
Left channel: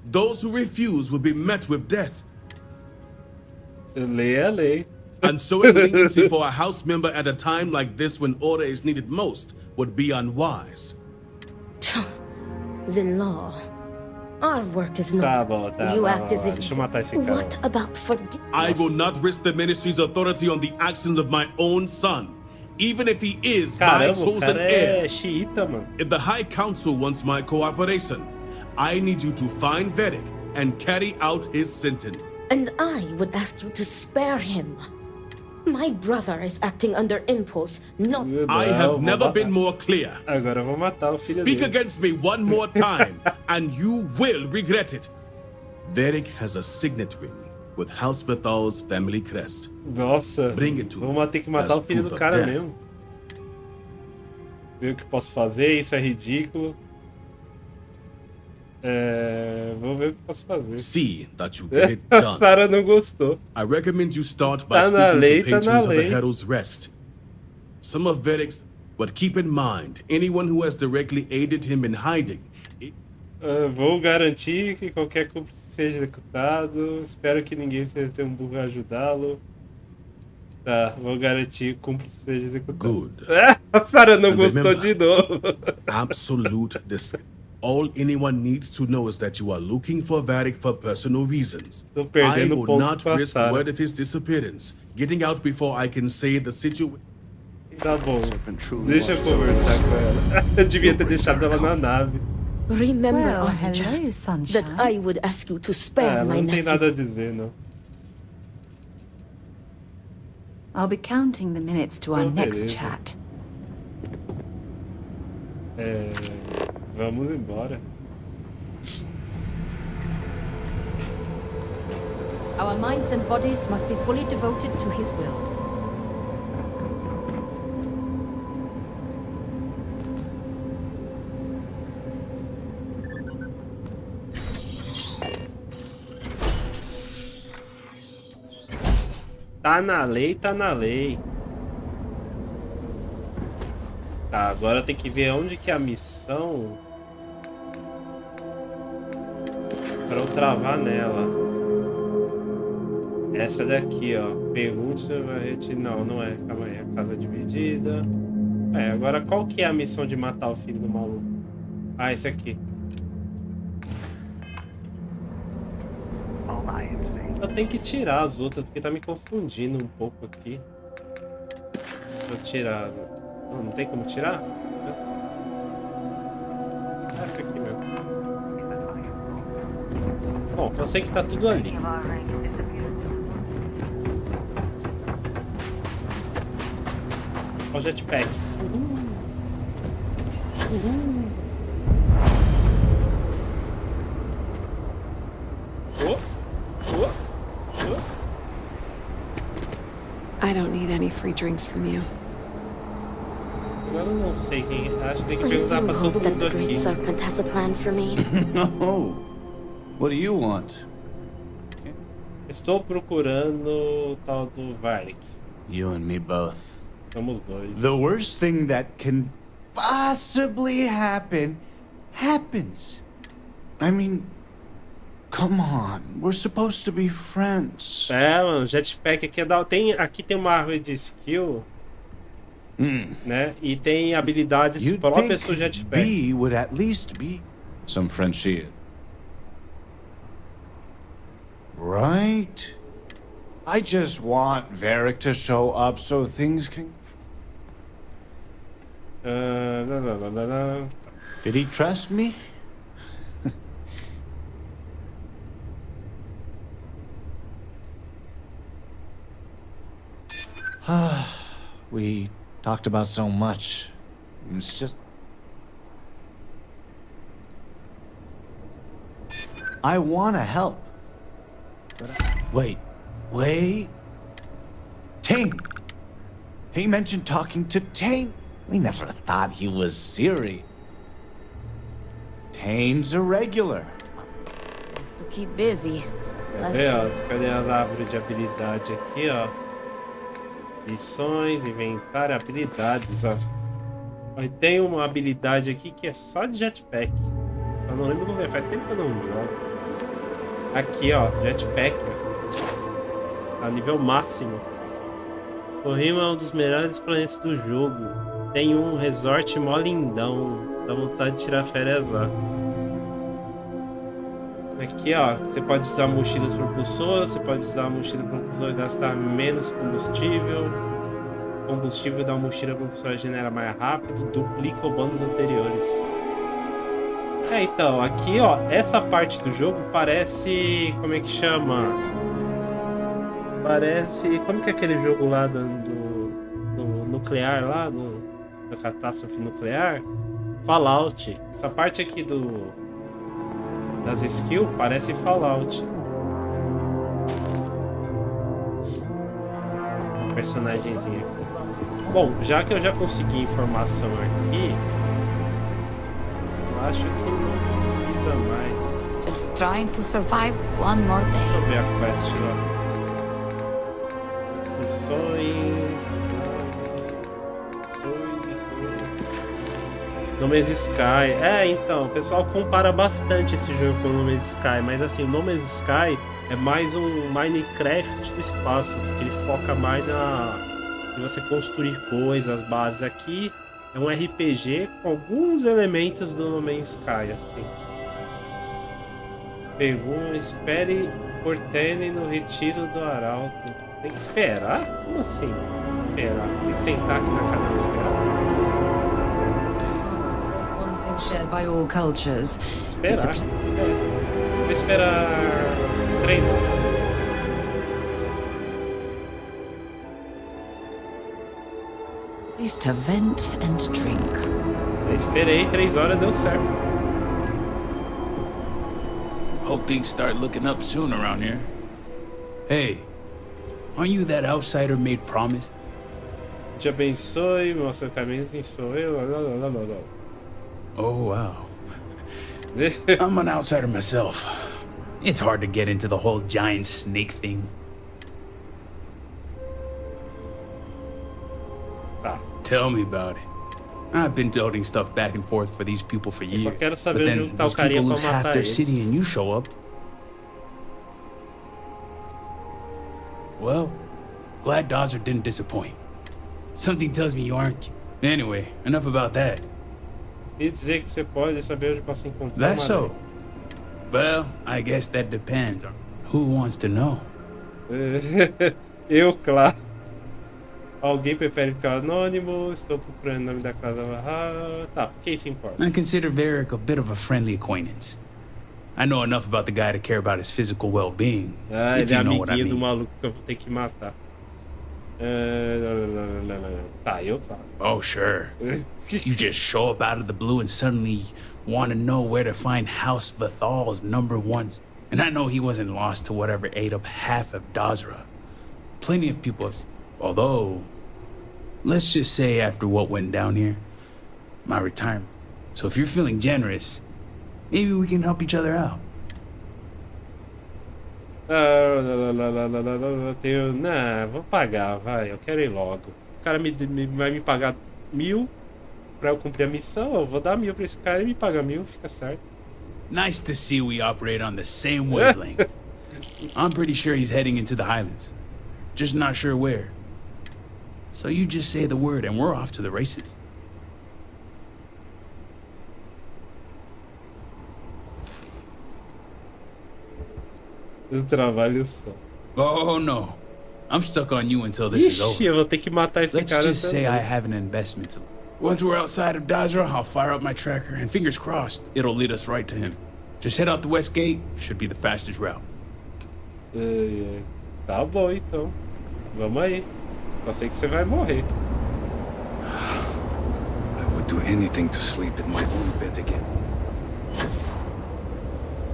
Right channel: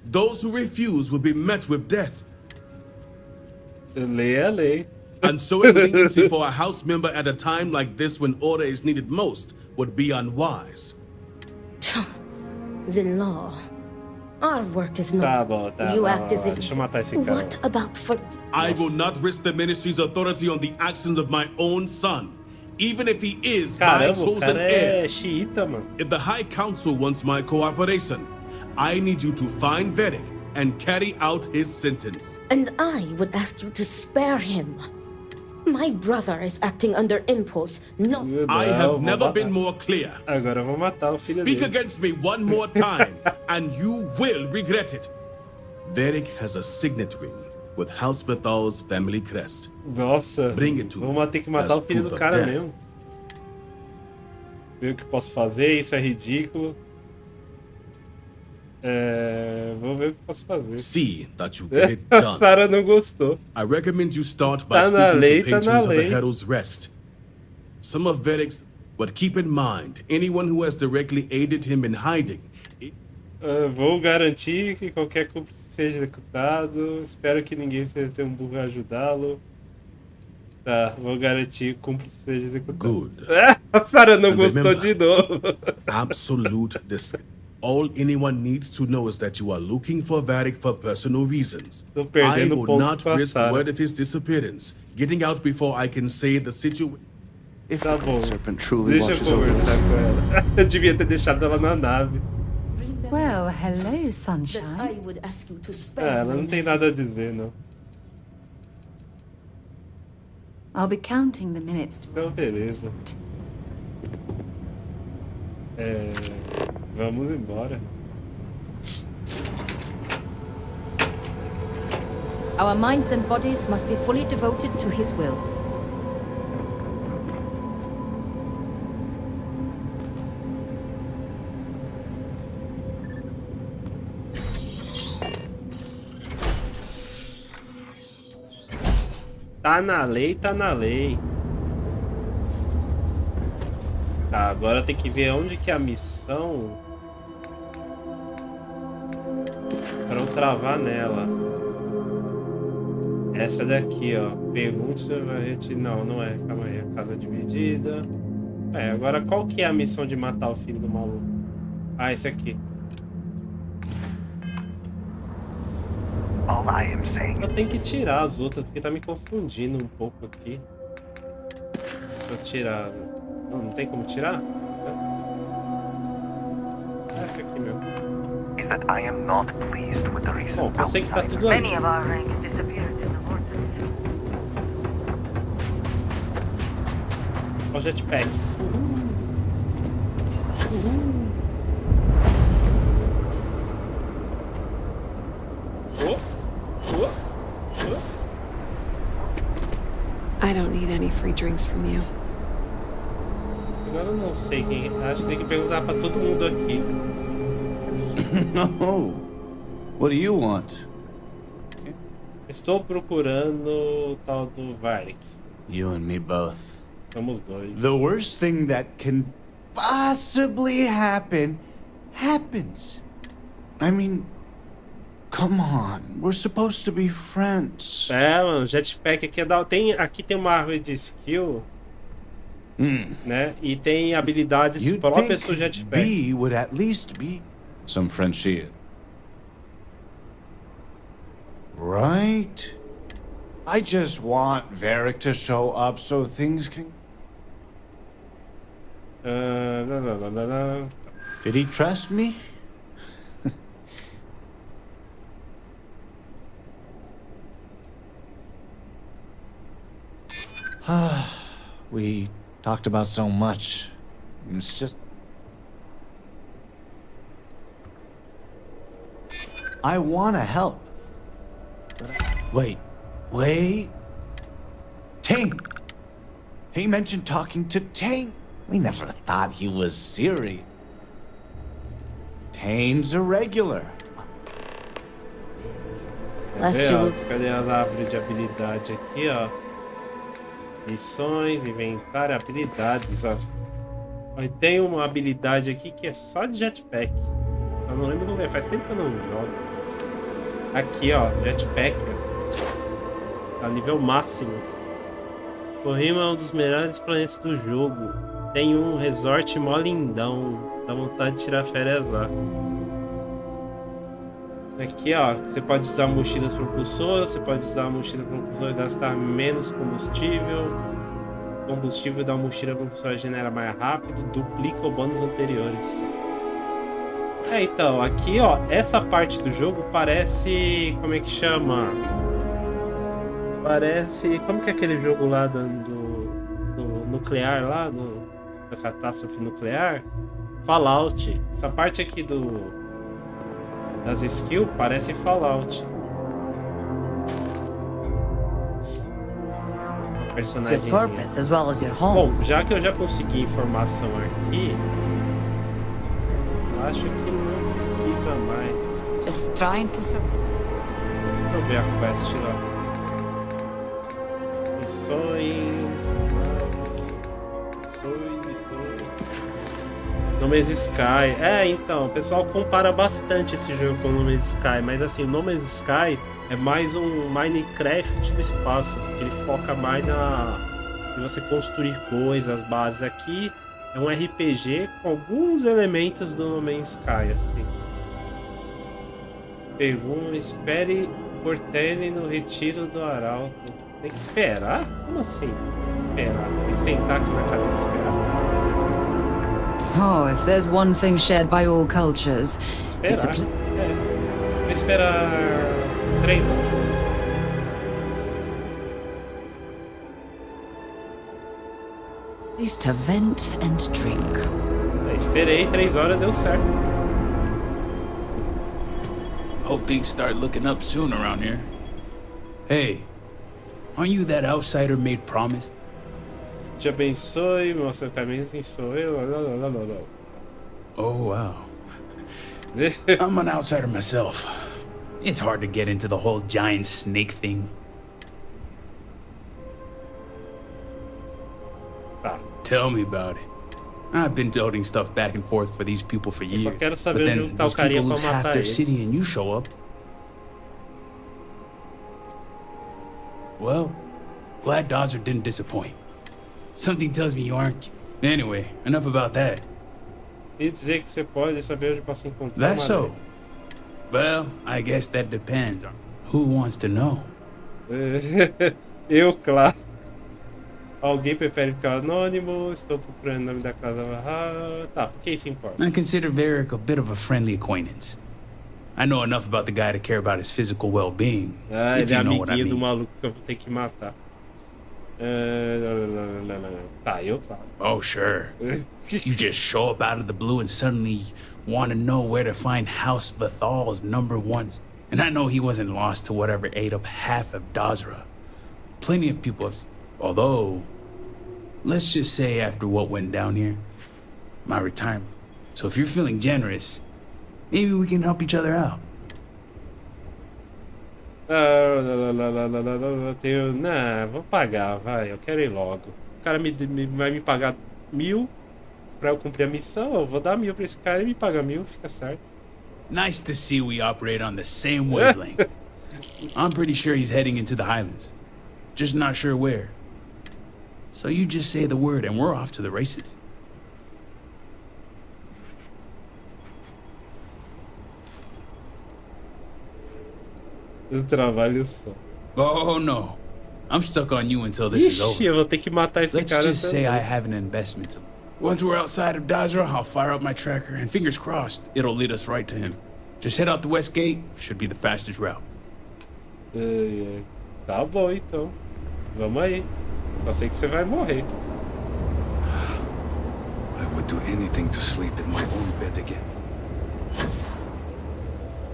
Those who refuse will be met with death. Lei a lei. And showing leniency for a house member at a time like this when order is needed most would be unwise. The law. Our work is not. Tá bom, tá You bom, act as if. Deixa eu matar esse cara. What about I will not risk the ministry's authority on the actions of my own son, even if he is my Caramba, o chosen cara heir. é xiita, mano. If the High Council wants my cooperation, I need you to find Vedic and carry out his sentence. And I would ask you to spare him. My brother is acting under impulse, not. I have never been more clear. Agora eu vou matar o filho Speak dele. against me one more time, and you will regret it. Vedic has a signet ring with House Vithal's family crest. Nossa, Bring it to vamos ter que matar as o filho proof do of cara death. mesmo. Ver o que posso fazer, isso é ridículo. Vou ver o que posso fazer. See that you get it done. Sarah não gostou. I recommend you start by Tá na speaking lei, to tá na patrons of the lei. Herald's Rest. Some of Vedic's, but keep in mind, anyone who has directly aided him in hiding. Vou garantir que qualquer cúmplice seja executado. Espero que ninguém tenha um burro a ajudá-lo. Tá, vou garantir que o cúmplice seja executado. Good. A Sarah não And gostou remember, de novo. Absolute all anyone needs to know is that you are looking for Vedic for personal reasons. Tô I perdendo will ponto not com a risk Sarah. word of his disappearance getting out before I can say the situation. Tá bom. Deixa eu conversar com ela. Eu devia ter deixado ela na nave. Remember, Well, Archer, hello, sunshine. that I would ask you to spare Ela my não tem nephew. nada a dizer, não. I'll be counting the minutes to our Oh, next beleza. chat. Vamos embora. Our minds and bodies must be fully devoted to his will. Tá na lei, tá na lei. Tá, agora tem que ver onde que é a missão pra eu travar nela. Essa daqui, ó. Pergunte se vai retirar. Não, não é. Calma aí. A casa dividida. Agora qual que é a missão de matar o filho do maluco? Ah, esse aqui. Eu tenho que tirar as outras porque tá me confundindo um pouco aqui. Deixa eu tirar. Não tem como tirar? Essa aqui mesmo. Bom, eu sei que tá tudo ali. Olha o jetpack. I don't need any free drinks from you. Agora eu não sei quem. Acho que tem que perguntar pra todo mundo aqui. Great Serpent has a plan for me. Oh, what do you want? Estou procurando o tal do Varric. You and me both. Somos dois. The worst thing that can possibly happen happens. I mean, come on, we're supposed to be friends. Mano, jetpack aqui é da... aqui tem uma árvore de skill, né? E tem habilidades You'd próprias do think jetpack. B would at least be some friendship. Right? I just want Varric to show up so things can... Did he trust me? We talked about so much. It's just... I want to help. But Wait. Tane! He mentioned talking to Tane. We never thought he was serious. Tane's a regular. Just to keep busy. Quer ver, ó? Cadê as árvores de habilidade aqui, ó? Missões, inventário, habilidades, ó. Aí tem uma habilidade aqui que é só de jetpack. Eu não lembro como é, faz tempo que eu não jogo. Aqui, ó, jetpack, ó. Tá nível máximo. Corrima é um dos melhores planetas do jogo. Tem um resort mó lindão. Dá vontade de tirar férias lá. Aqui, ó, você pode usar mochilas propulsoras, você pode usar a mochila propulsora e gastar menos combustível. O combustível da mochila propulsora genera mais rápido, duplica os bônus anteriores. Então, aqui, ó, essa parte do jogo parece... Como é que chama? Parece... Como que é aquele jogo lá do nuclear lá, da catástrofe nuclear? Fallout. Essa parte aqui das skills parece Fallout. Uma personagemzinha. Bom, já que eu já consegui informação aqui, eu acho que não precisa mais. Just trying to survive one more day. Deixa eu ver a quest lá. Missões. No Man's Sky. Então, o pessoal compara bastante esse jogo com o No Man's Sky, mas assim, o No Man's Sky é mais um Minecraft do espaço, porque ele foca mais em você construir coisas, bases. Aqui é um RPG com alguns elementos do No Man's Sky, assim. Pergunta, espere por Tene no retiro do Arauto. Tem que esperar? Como assim? Esperar. Tem que sentar aqui na cadeira e esperar? Oh, if there's one thing shared by all cultures, it's Esperar. Vou esperar 3 horas. place to vent and drink. Esperei 3 horas, deu certo. Hope things start looking up soon around here. Hey, aren't you that outsider made promised? Te abençoe, mostra o caminho, quem sou eu. Oh, wow. I'm an outsider myself. It's hard to get into the whole giant snake thing. Tell me about it. I've been toting stuff back and forth for these people for years. Só quero saber but onde then tá o these carinha people pra lose half matar their ele. city and you show up. Well, glad Dodger didn't disappoint. Something tells me you aren't. Anyway, enough about that. E dizer que você pode saber onde posso encontrar That's so. Well, I guess that depends on who wants to know. Eu, claro. Alguém prefere ficar anônimo? Estou procurando o nome da casa. Tá, por que isso importa? I consider Varric a bit of a friendly acquaintance. I know enough about the guy to care about his physical well-being, if Ele é you know what I amiguinho do mean. maluco que eu vou ter que matar. Tá, eu, claro. Oh, sure. You just show up out of the blue and suddenly want to know where to find House Vathal's #1. And I know he wasn't lost to whatever ate up half of Dazra. Plenty of people have... Although, let's just say after what went down here, my retirement. So if you're feeling generous, maybe we can help each other out. Não, vou pagar, vai. Eu quero ir logo. O cara vai me pagar 1.000 pra eu cumprir a missão. Eu vou dar 1.000 pra esse cara e me paga 1.000, fica certo. Nice to see we operate on the same wavelength. I'm pretty sure he's heading into the Highlands. Just not sure where. So you just say the word and we're off to the races. Eu trabalho só. Oh no. I'm stuck on you until this is over. Ixi, eu vou ter que matar esse Let's cara just say também. I have an investment to... Once we're outside of Dazra, I'll fire up my tracker and fingers crossed, it'll lead us right to him. Just head out the west gate, should be the fastest route. Tá bom, então. Vamos aí. Só sei que você vai morrer. I would do anything to sleep in my own bed again.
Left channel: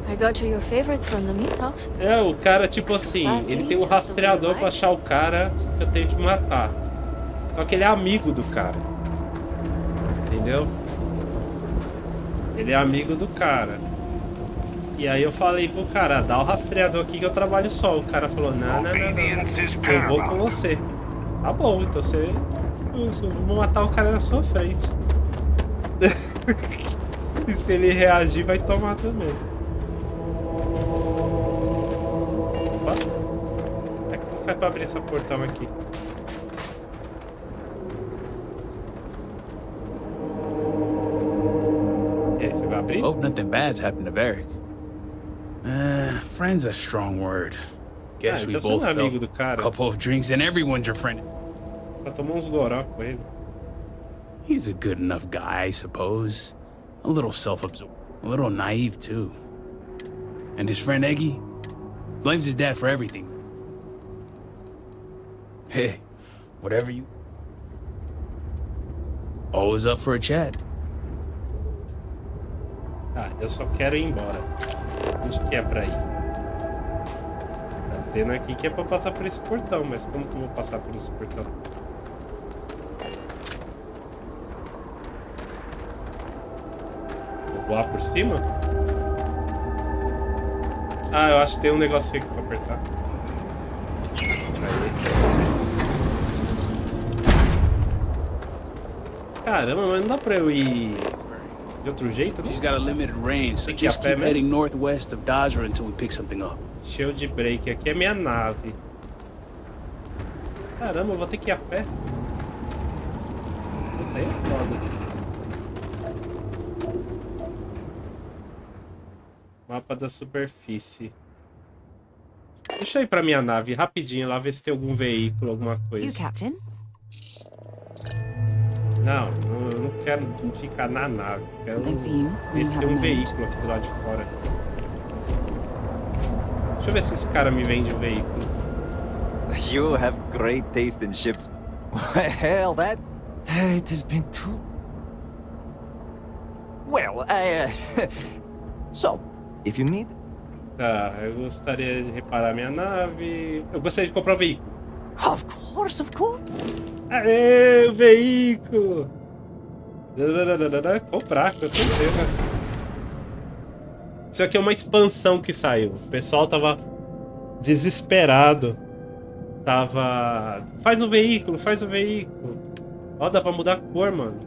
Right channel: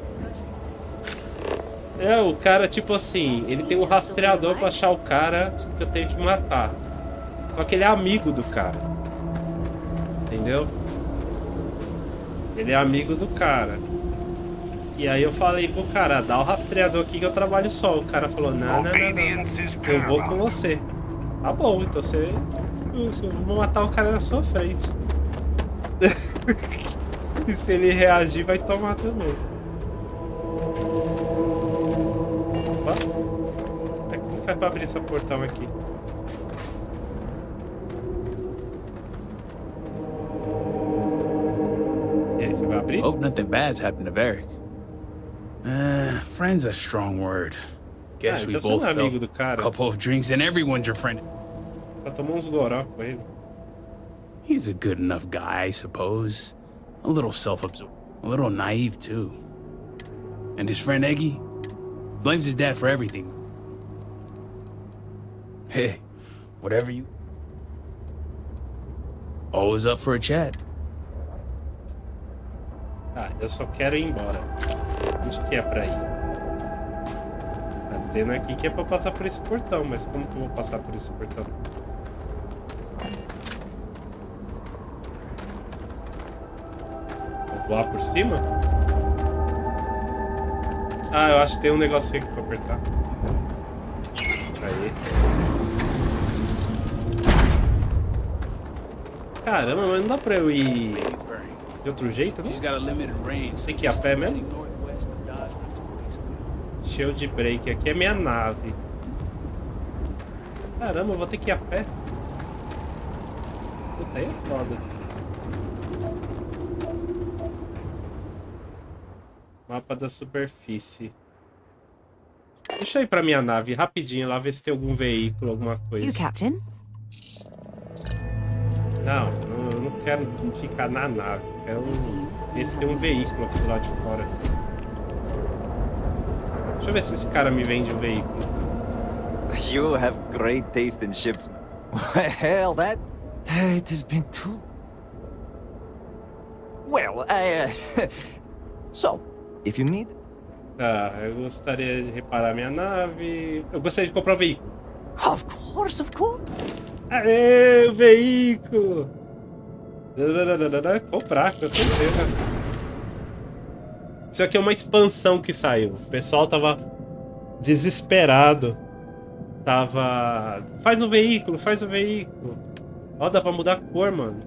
I got you your favorite from the meat house. O cara, tipo assim, ele tem um rastreador pra achar o cara que eu tenho que matar. Só que ele é amigo do cara. Entendeu? Ele é amigo do cara. E aí eu falei pro cara, dá o rastreador aqui que eu trabalho só. O cara falou, não. Eu vou com você. Tá bom, então você... Eu vou matar o cara na sua frente. E se ele reagir, vai tomar também. Opa. Como faz pra abrir esse portão aqui? E aí, você vai abrir? Hope nothing bad's happened to Varric. Friend's a strong word. Guess we então você both não é amigo do felt cara. a couple of drinks and everyone's your friend. Só tomou uns goró com ele. He's a good enough guy, I suppose. A little self-absorbed. A little naive, too. And his friend Eggy blames his dad for everything. Hey, whatever you... Always up for a chat. Ah, eu só quero ir embora. Onde que é pra ir? Tá dizendo aqui que é pra passar por esse portão, mas como que eu vou passar por esse portão? Vou voar por cima? Ah, eu acho que tem um negocinho aqui pra apertar. Aí. Caramba, mas não dá pra eu ir de outro jeito, não? He's got a limited range, so Tem que ir a just pé keep heading mesmo? northwest of Dazra until we pick something up. Cheio de break. Aqui é minha nave. Caramba, eu vou ter que ir a pé. Puta, aí é foda. Mapa da superfície. Deixa eu ir pra minha nave rapidinho lá, ver se tem algum veículo, alguma coisa. You, Captain? Não, eu não quero ficar na nave. Quero ver se tem um veículo aqui do lado de fora. Deixa eu ver se esse cara me vende um veículo. You have great taste in ships. Hell, that... It has been too... Well, So, if you need... Tá, eu gostaria de reparar minha nave. Eu gostaria de comprar um veículo. Of course, of course. Aê, o veículo! Comprar, com certeza. Isso aqui é uma expansão que saiu. O pessoal tava desesperado. Tava... Faz o veículo, faz o veículo. Ó, dá pra mudar a cor, mano.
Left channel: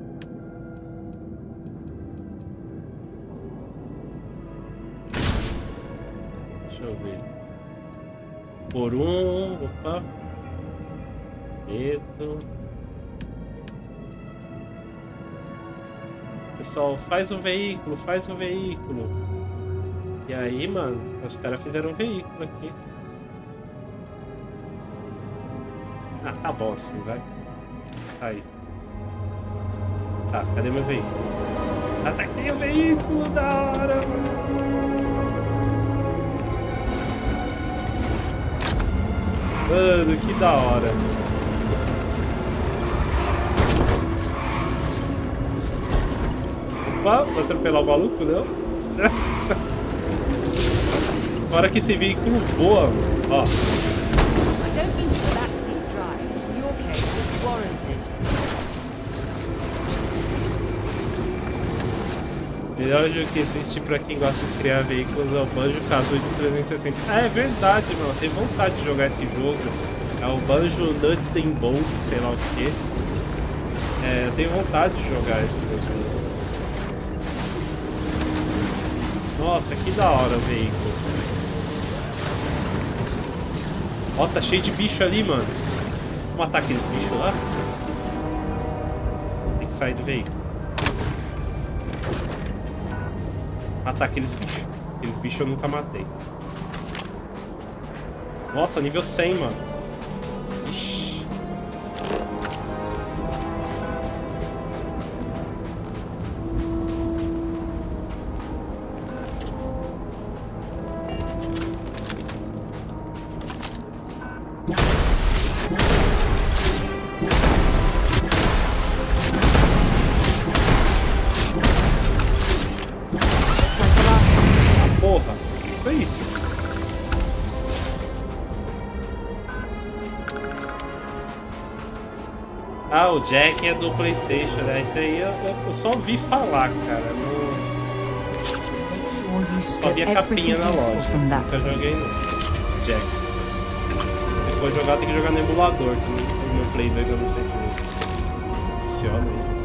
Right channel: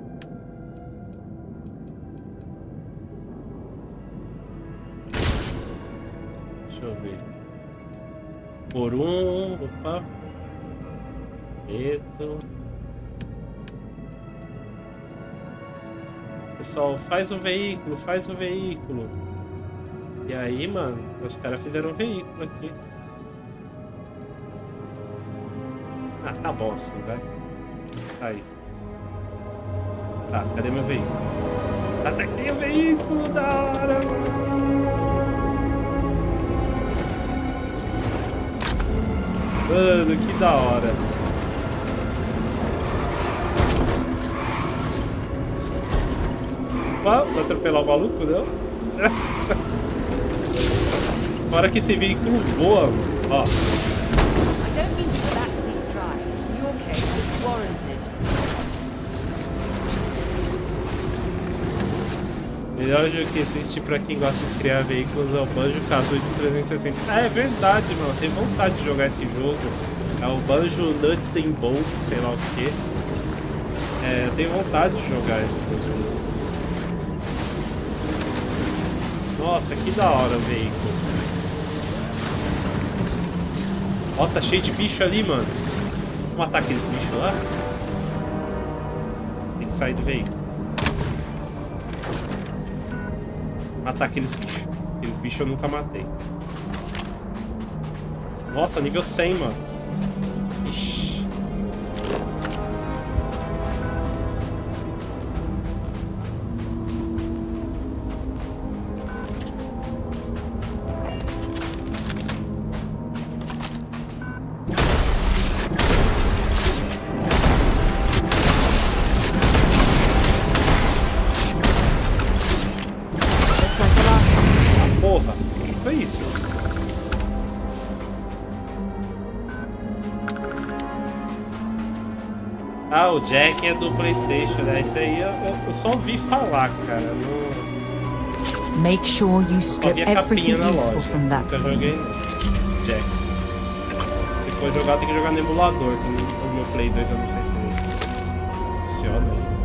Deixa eu ver. Por um... Opa. Preto. Pessoal, faz o veículo, faz o veículo. E aí, mano, os caras fizeram um veículo aqui. Ah, tá bom assim, vai. Aí. Tá, cadê meu veículo? Ataquei o veículo, da hora, mano. Mano, que da hora. Opa, vou atropelar o maluco, não? Fora que esse veículo voa, mano. Ó. I don't mean to backseat drive, but in your case, it's warranted. Melhor jogo que existe pra quem gosta de criar veículos é o Banjo Kazooie de 360. Ah, é verdade, mano. Tenho vontade de jogar esse jogo. É o Banjo Nuts and Bolts, sei lá o que. É, eu tenho vontade de jogar esse jogo. Nossa, que da hora o veículo. Ó, tá cheio de bicho ali, mano. Vamos matar aqueles bichos lá? Tem que sair do veículo. Matar aqueles bichos. Aqueles bichos eu nunca matei. Nossa, nível 100, mano. Ixi. Porra, o que foi isso? Ah, o Jack é do PlayStation, né? Isso aí eu só ouvi falar, cara. Não... Make sure you Só strip vi a capinha everything na useful loja. from that Nunca thing. joguei, não. Jack. Se for jogar, tem que jogar no emulador. Que o meu Play 2 eu não sei se ele funciona ainda.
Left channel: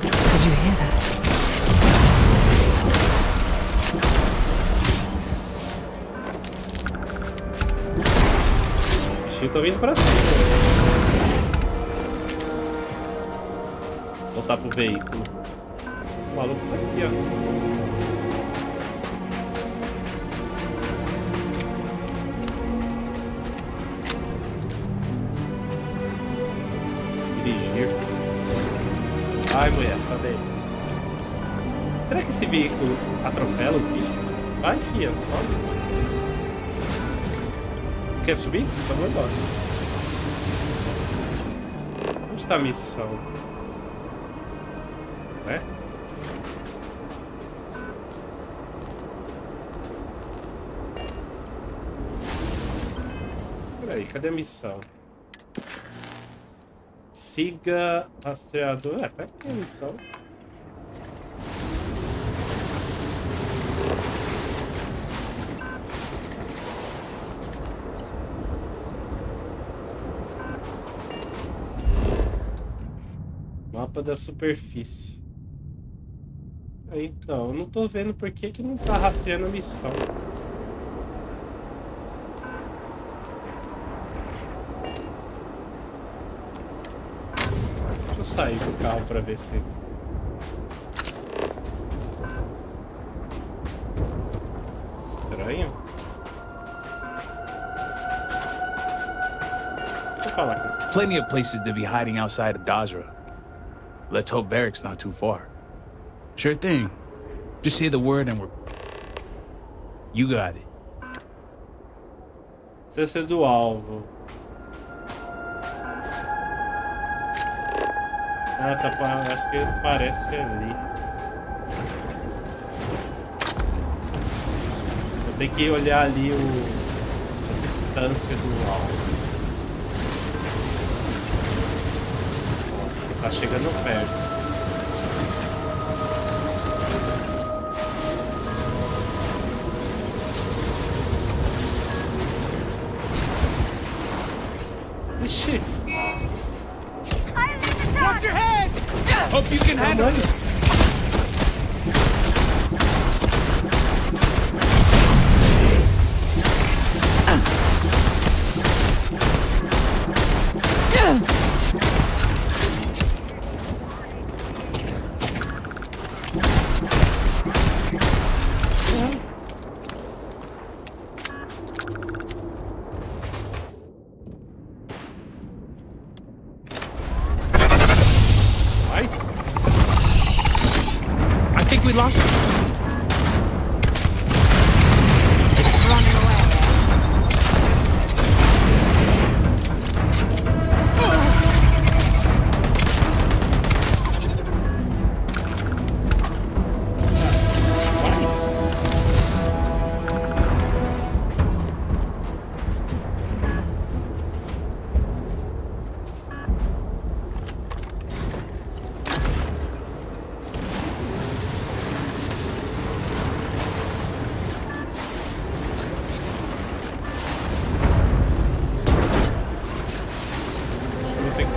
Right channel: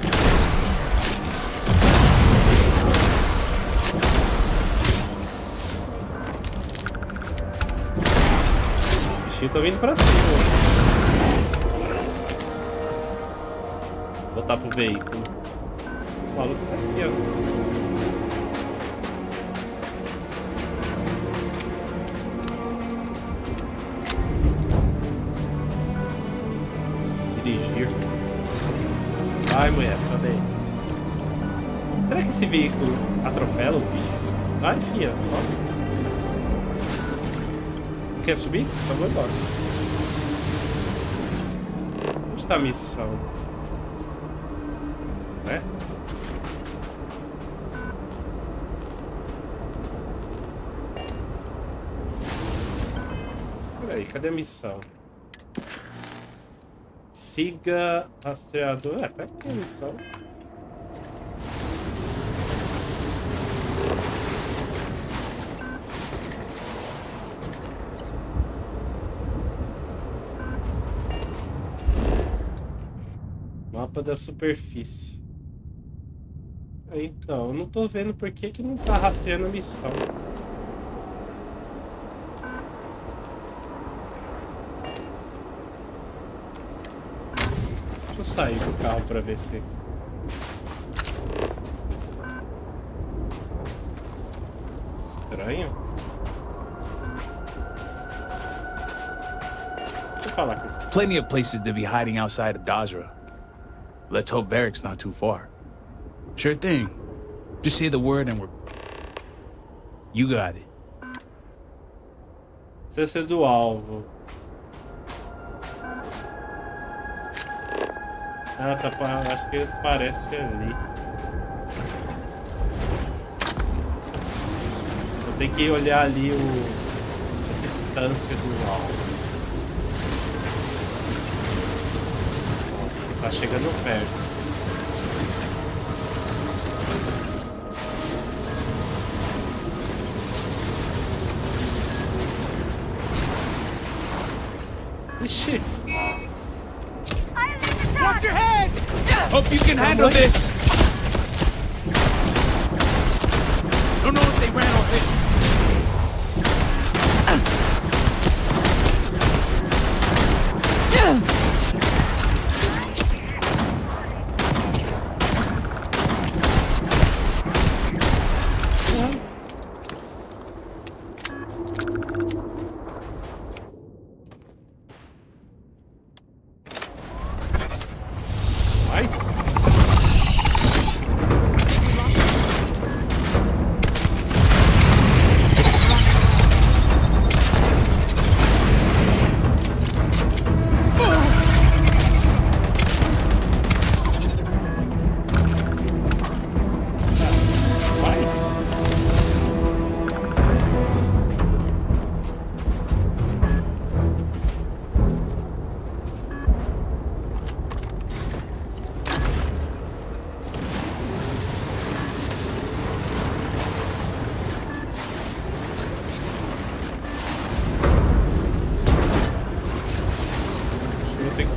Did you hear that? bichinhos estão vindo pra cima. Voltar pro veículo. O maluco tá aqui, ó. Dirigir. Vai, mulher, sobe aí. Será que esse veículo atropela os bichos? Vai, fia, sobe. Quer subir? Então vou embora. Onde está a missão? Né? Peraí, cadê a missão? Siga rastreador. Tá aqui a missão. Mapa da superfície. Então, eu não tô vendo por que não tá rastreando a missão. Deixa eu sair do carro pra ver se... Estranho. Deixa eu falar com isso. Plenty of places to be hiding outside of Dazra. Let's hope Varric's not too far. Sure thing. Just say the word and we're... You got it. Distância do alvo. Ah, tá. Acho que parece ali. Vou ter que olhar ali a distância do alvo. Tá chegando perto. Ixi. Watch your head! Hope you can handle this. Don't know if they ran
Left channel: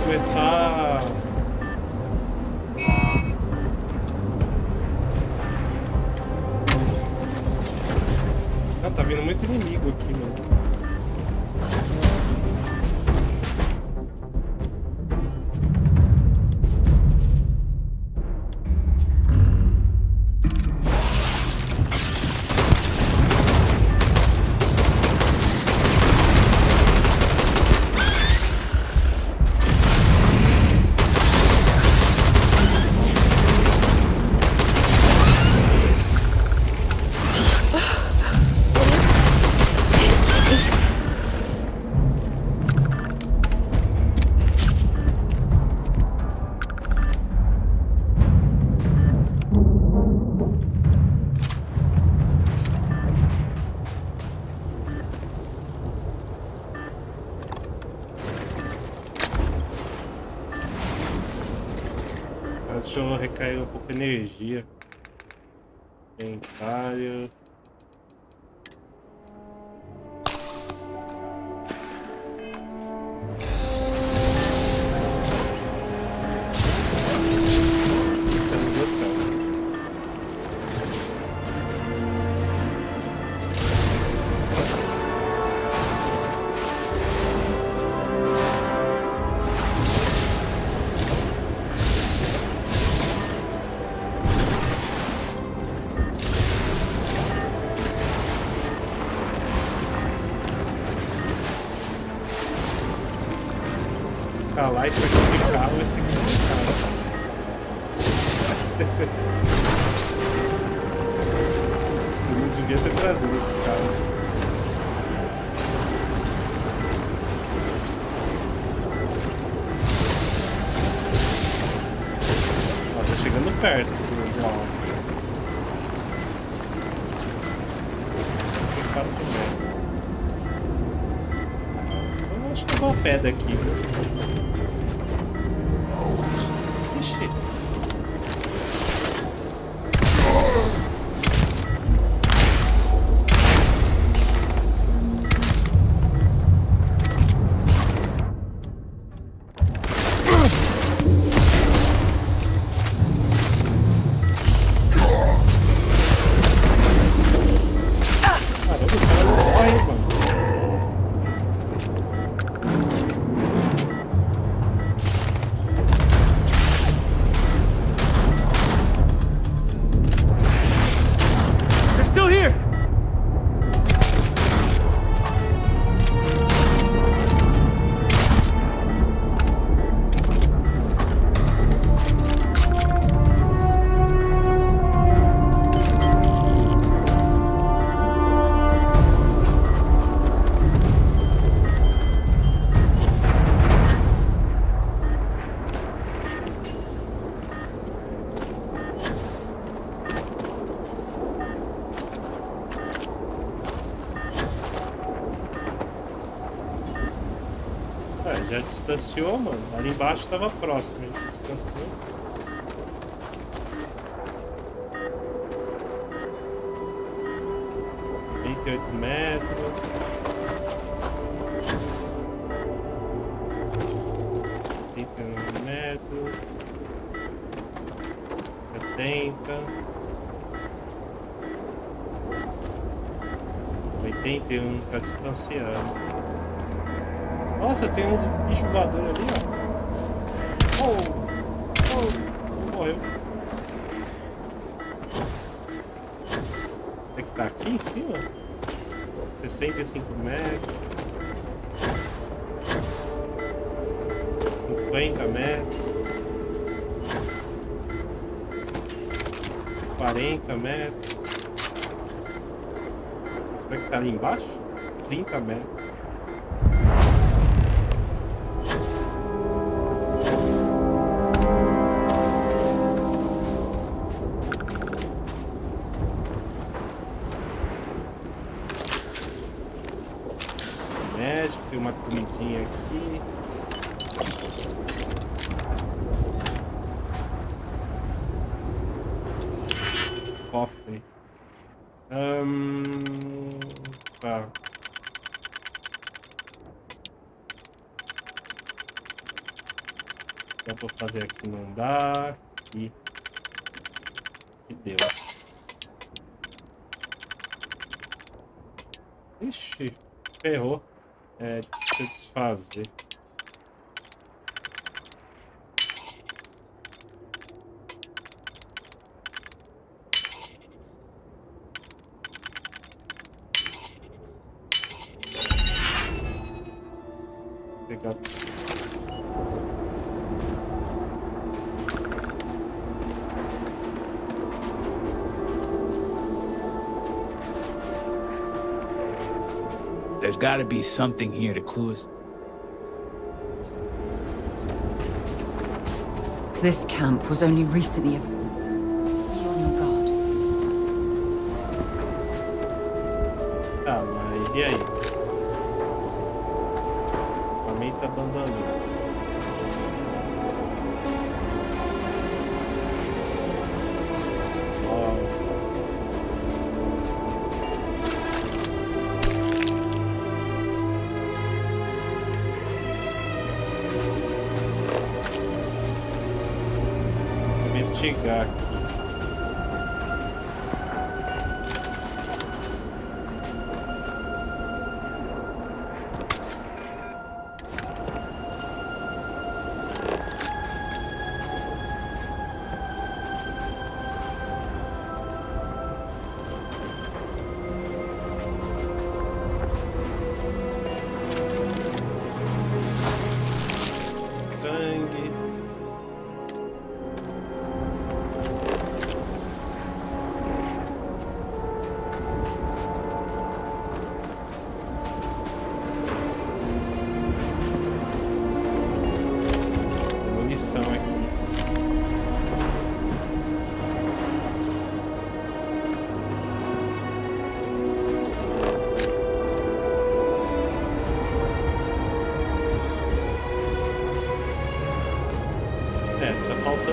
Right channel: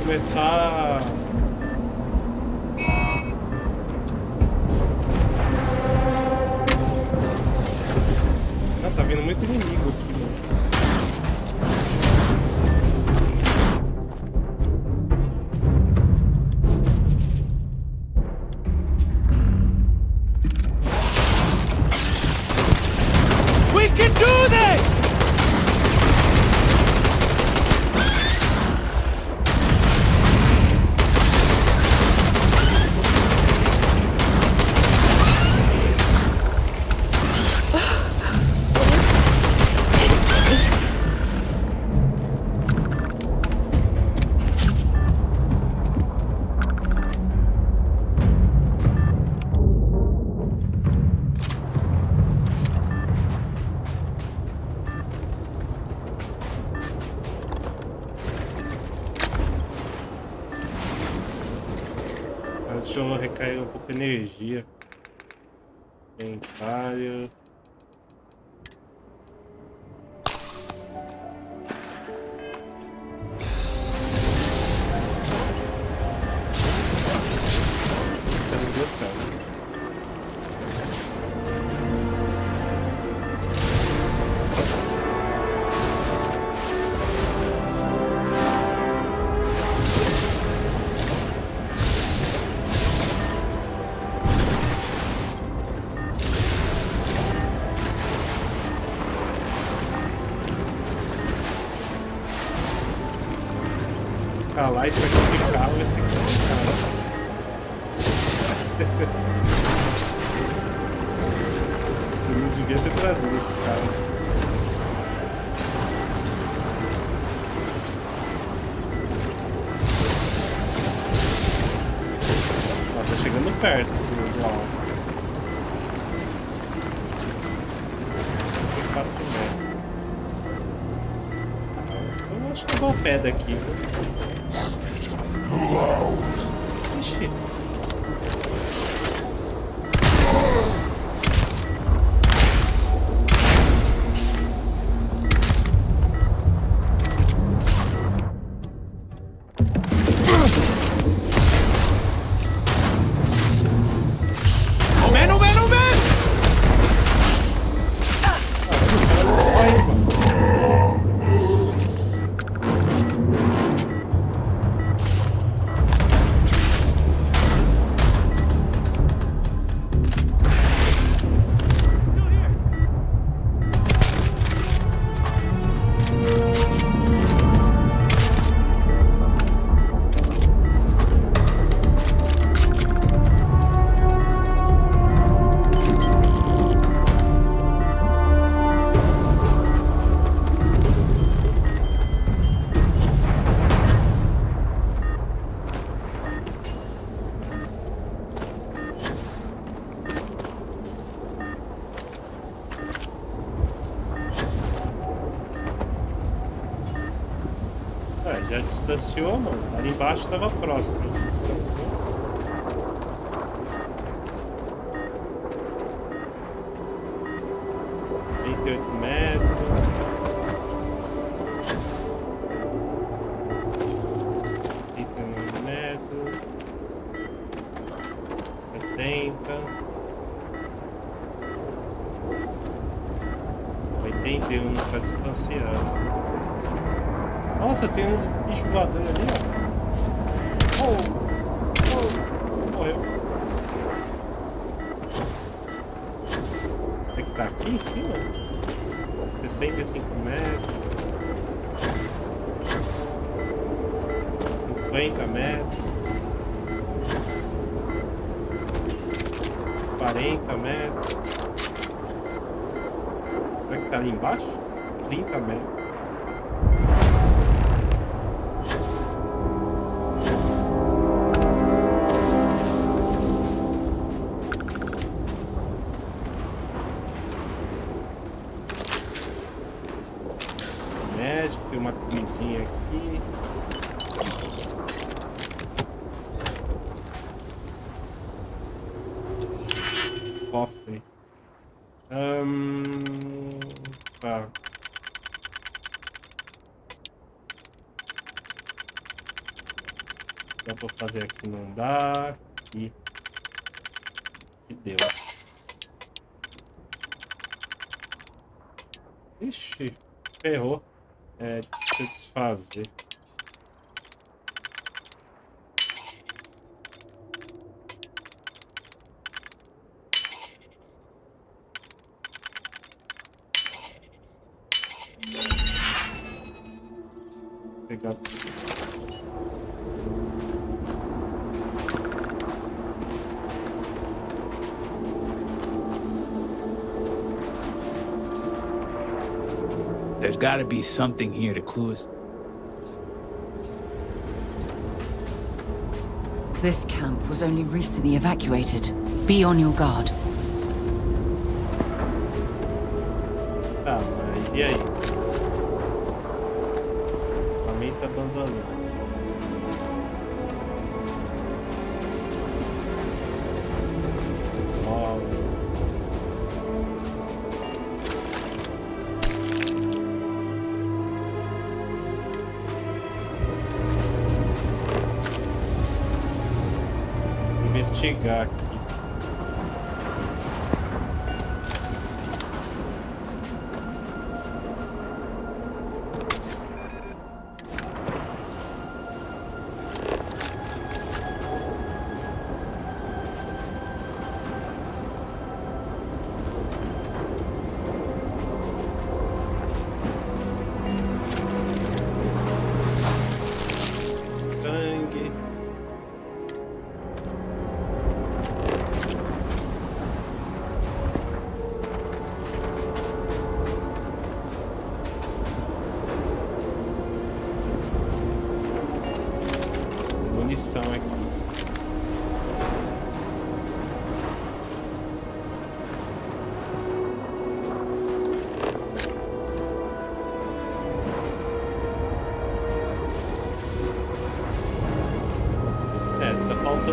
começar... Ah, tá vindo muito inimigo aqui, mano. Deixa eu recarregar um pouco de energia. Inventário. escalar isso aqui de carro vai ser complicado. Eu não devia ter trazido esse carro. Ó, tá chegando perto do alto. 4 metros. Eu acho que eu vou a pé daqui. Ixi. Já distanciou, mano. Ali embaixo tava próximo. A gente distanciou. metros. 39 metros. 70. 81, tá distanciando. Nossa, tem uns bichos voadores ali, ó. Morreu. É que tá aqui em cima? 65 metros. 50 metros. 40 metros. Será que tá ali embaixo? 30 metros. Tem uma comidinha aqui. Cofre. Tá. Dá pra fazer aqui, não dá. Aqui. Que deu. Ixi, ferrou. Deixa eu desfazer. Vou pegar. There's gotta be something here to clue us. This camp was only recently evacuated. Be on your guard. Tá, mas e aí? Equipamento abandonado. Ó. Investigar aqui.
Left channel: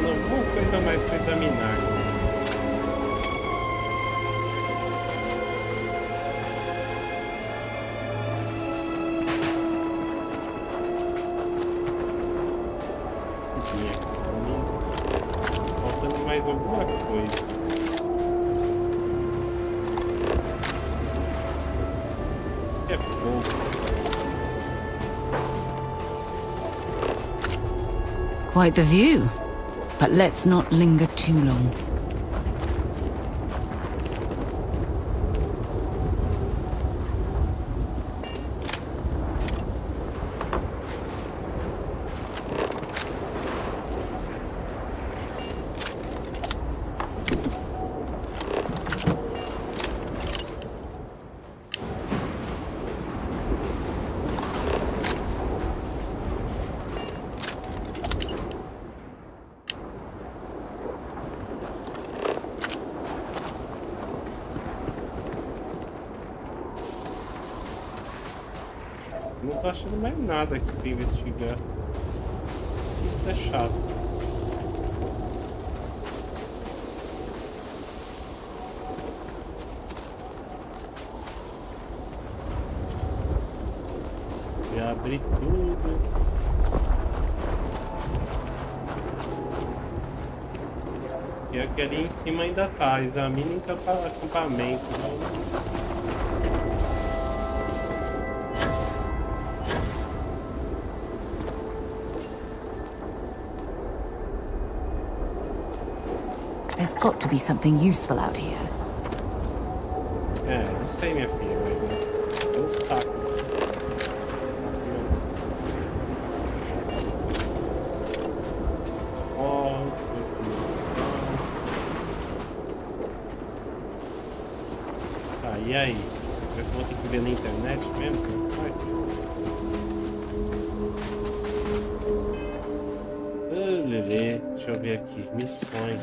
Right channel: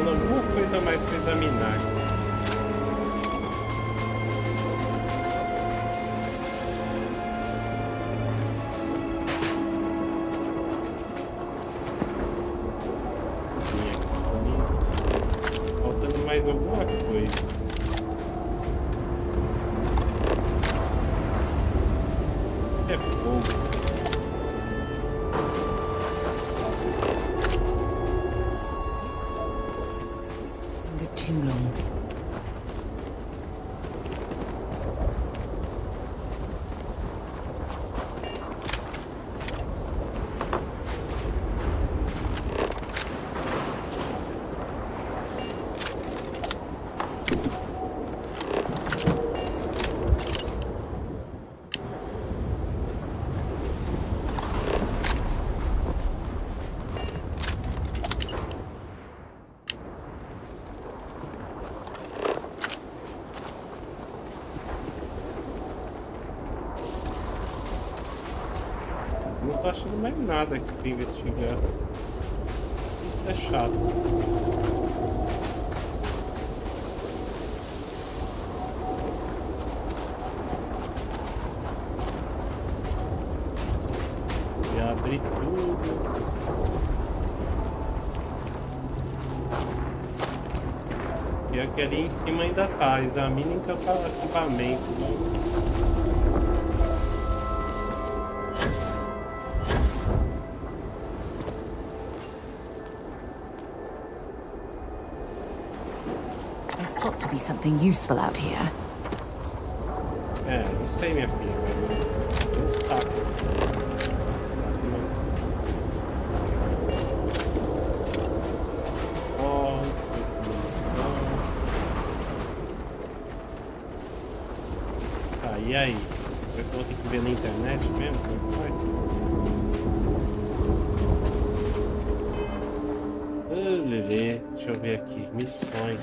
faltando alguma coisa a mais pra examinar. Faltando mais alguma coisa. É fogo. Quite the view. But let's not linger too long. Não tô achando mais nada aqui pra investigar. Isso é chato. Já abri tudo. E aqui ali em cima ainda tá. Examine equipamento. Né? There's got to be something useful out here. É, não sei, minha filha, mas eu saco. Ó, tá, e aí? Eu vou ter que ver na internet mesmo? Como é que faz? Lelê, deixa eu ver aqui. Missões.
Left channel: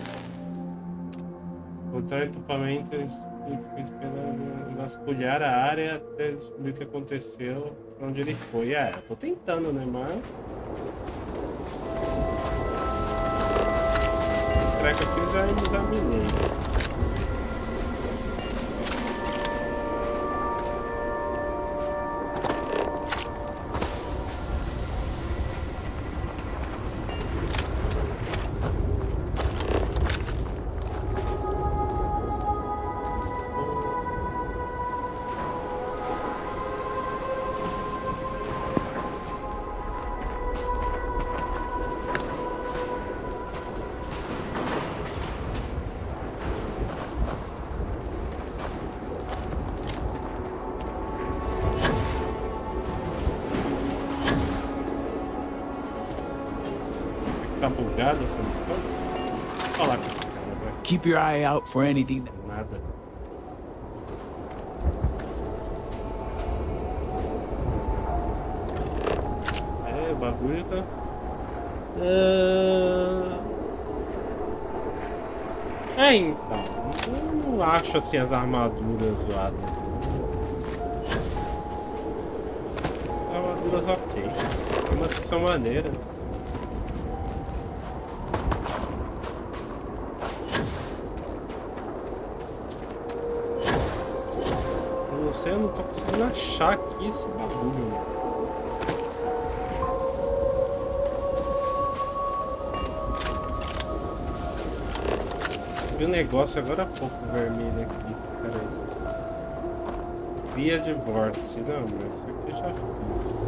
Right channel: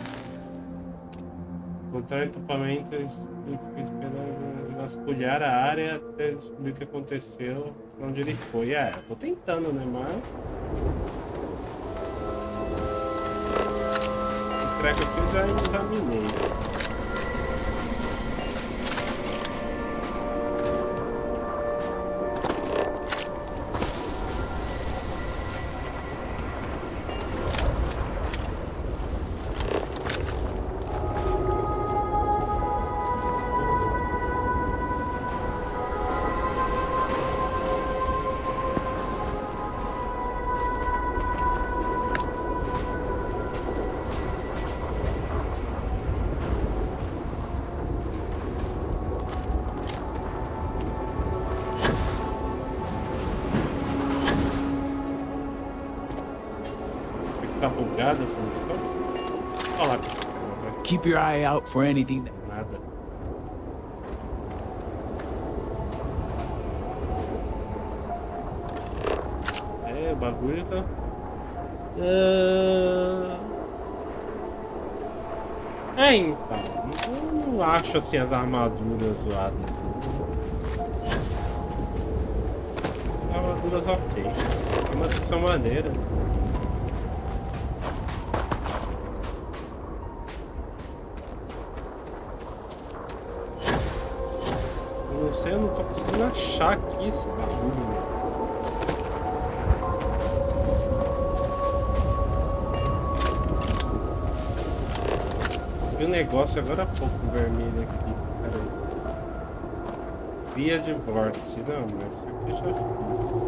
Encontrar equipamentos e vasculhar a área até descobrir o que aconteceu, pra onde ele foi. É, eu tô tentando, né, mas... Esse treco aqui eu já examinei. Tá bugada essa missão? Olha lá com esse cara, velho. Keep your eye out for anything. Nada. É, o bagulho tá... É, então. Eu não acho assim as armaduras zoadas. As armaduras ok. Umas que são maneiras. Não sei, eu não tô conseguindo achar aqui esse bagulho, meu. Vi um negócio agora há pouco vermelho aqui, peraí. Via de vórtice, não, mas isso aqui eu já fiz.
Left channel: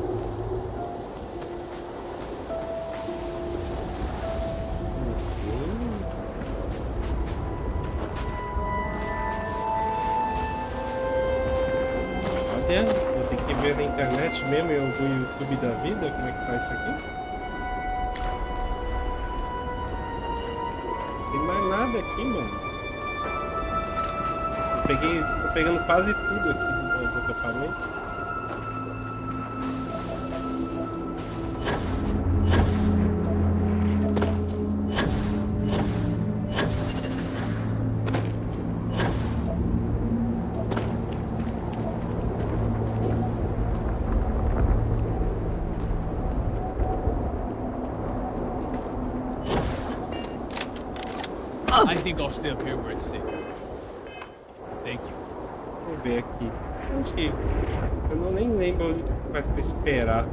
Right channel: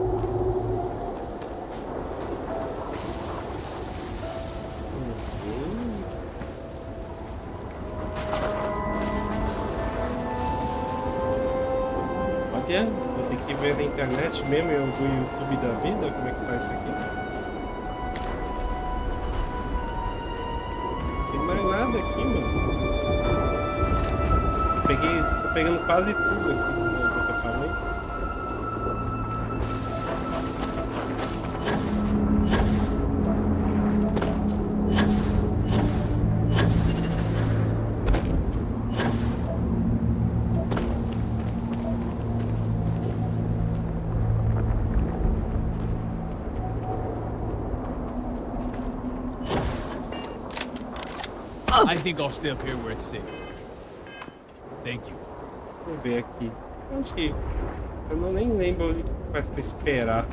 Olha, vou ter que ver na internet mesmo, eu vou no YouTube da vida, como é que faz isso aqui? Não tem mais nada aqui, mano. Tô pegando quase tudo aqui do acampamento. I think I'll stay up here where it's safe. Thank you. Vamos ver aqui. Onde? Eu não nem lembro onde faz pra esperar.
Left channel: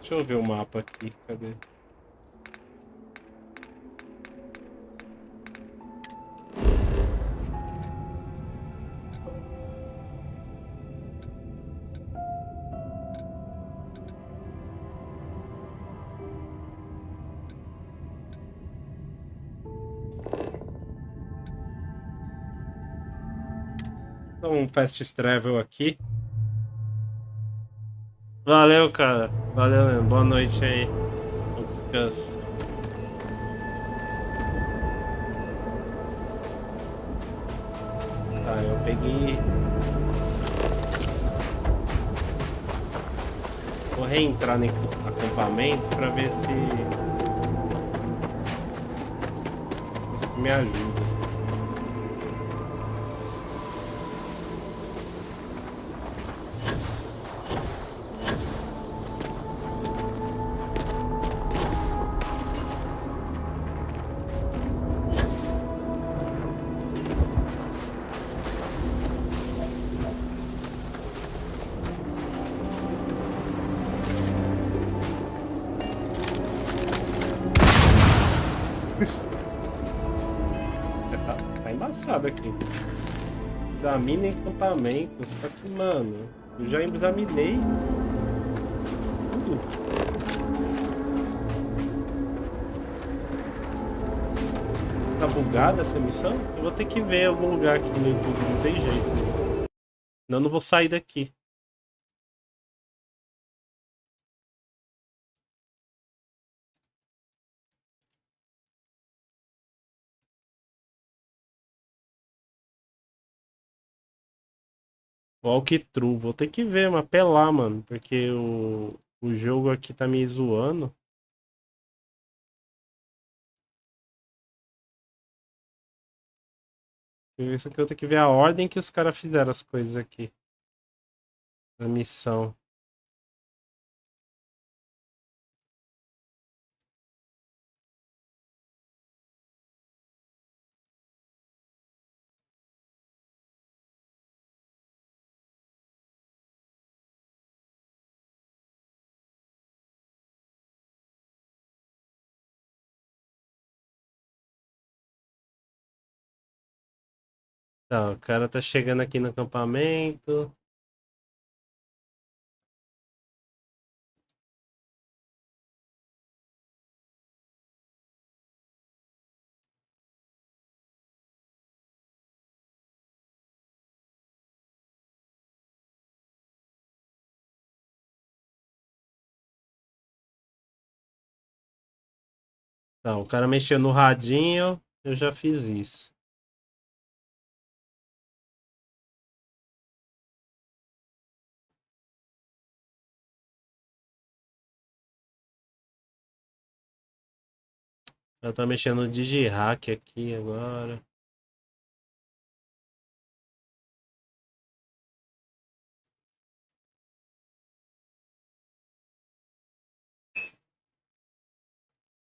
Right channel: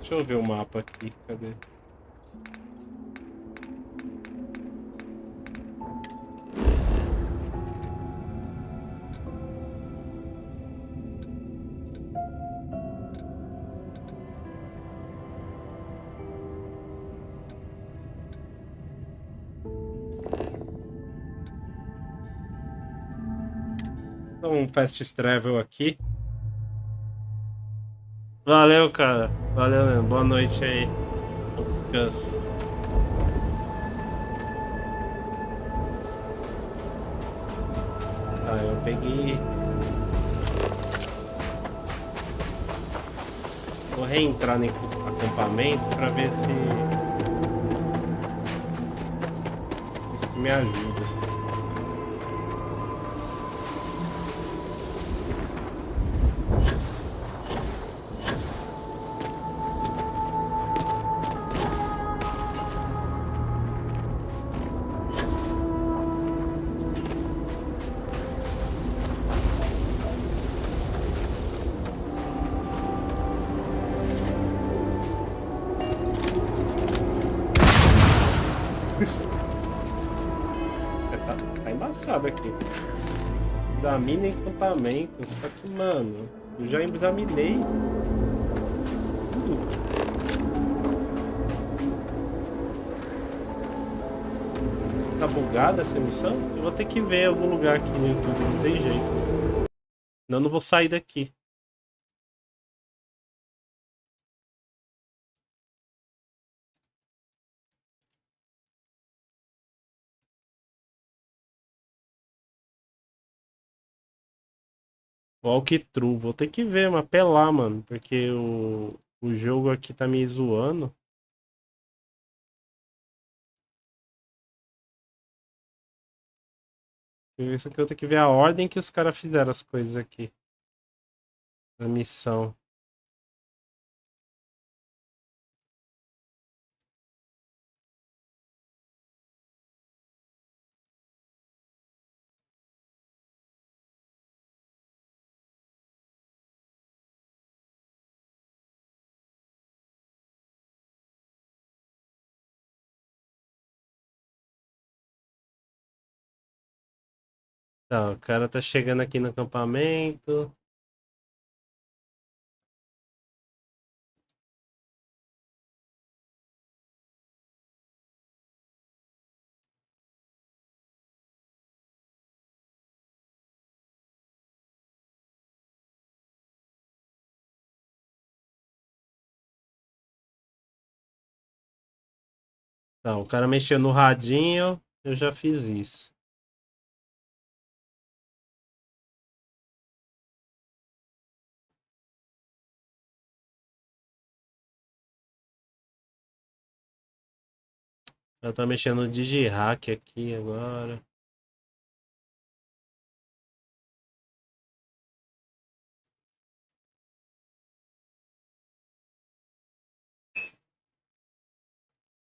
Deixa eu ver o mapa aqui, cadê? Então, um fast travel aqui. Valeu, cara. Valeu mesmo. Boa noite aí. Bom descanso. Tá, eu peguei. Vou reentrar no acampamento pra ver se me ajuda. Tá embaçado aqui. Examina acampamento. Só que, mano, eu já examinei tudo. Tá bugada essa missão? Eu vou ter que ver em algum lugar aqui no YouTube, não tem jeito. Senão eu não vou sair daqui. Walkthrough, vou ter que ver, mas apelar, mano, porque o jogo aqui tá me zoando. Isso aqui eu tenho que ver a ordem que os caras fizeram as coisas aqui. A missão. Tá, o cara tá chegando aqui no acampamento. Tá, o cara mexeu no radinho, eu já fiz isso. Eu tô mexendo no digihack aqui agora.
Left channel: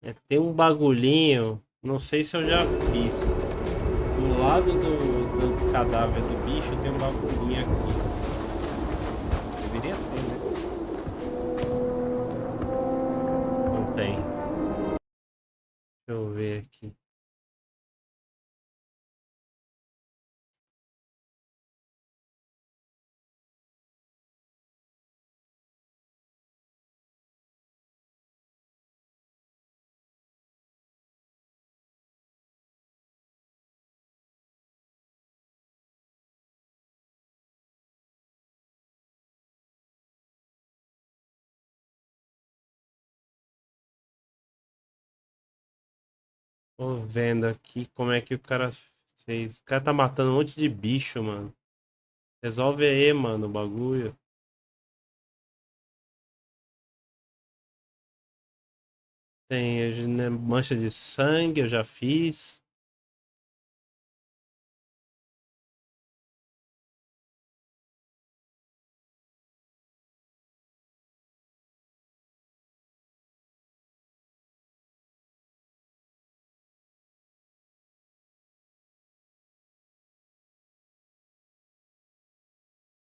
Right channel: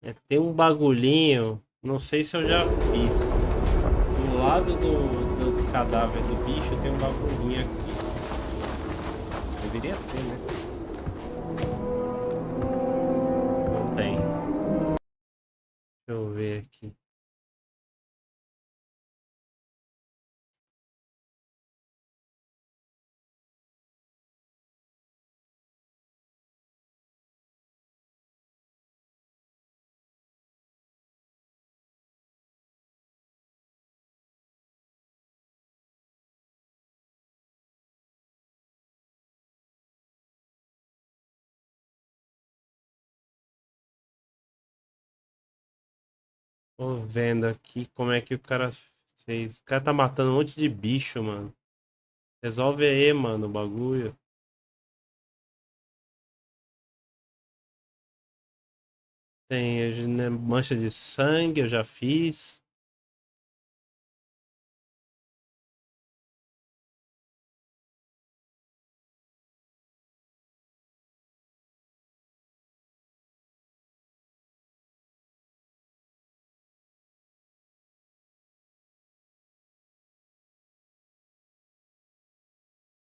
É, tem um bagulhinho, não sei se eu já fiz. Do lado do cadáver do bicho tem um bagulhinho aqui. Deveria ter, né? Não tem. Deixa eu ver aqui. Tô vendo aqui como é que o cara Vocês... O cara tá matando um monte de bicho, mano. Resolve aí, mano, o bagulho. Tem né, mancha de sangue, eu já fiz.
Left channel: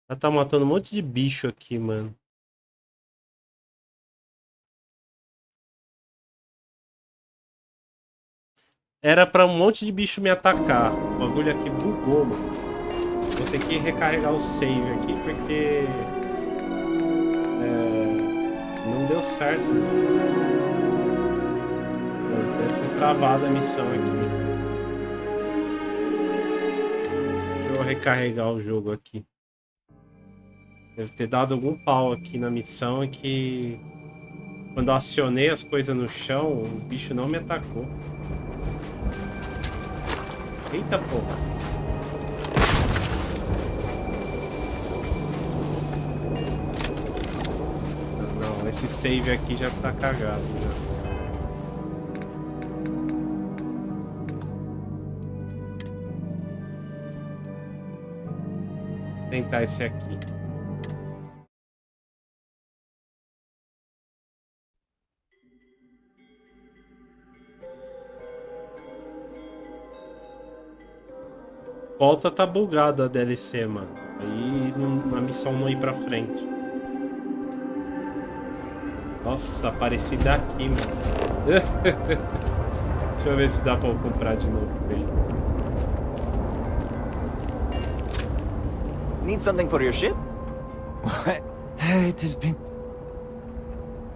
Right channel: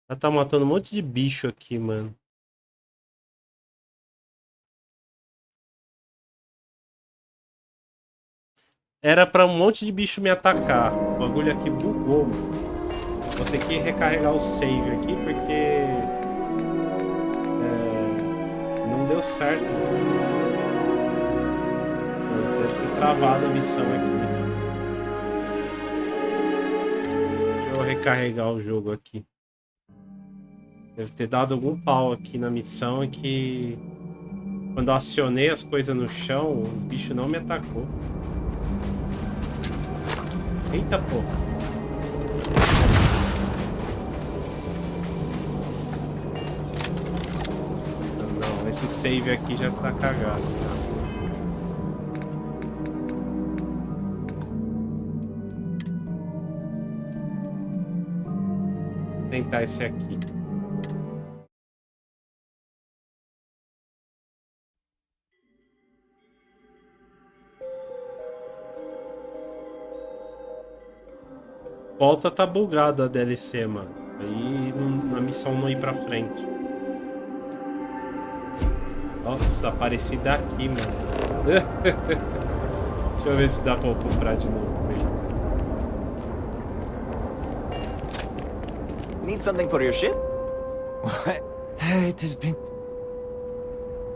Ela tá matando um monte de bicho aqui, mano. Era pra um monte de bicho me atacar. O bagulho aqui bugou, mano. Vou ter que recarregar o save aqui porque... não deu certo, mano. Deve ter travado a missão aqui. Deixa eu recarregar o jogo aqui. Deve ter dado algum pau aqui na missão que... Quando eu acionei as coisas no chão, o bicho não me atacou. Eita porra. Não, esse save aqui já tá cagado já. Vou tentar esse aqui. Volta tá bugado a DLC, mano. Aí a missão não ir pra frente. Nossa, apareci daqui, mano. Deixa eu ver se dá pra eu comprar de novo, velho. Need something for your ship? It has been...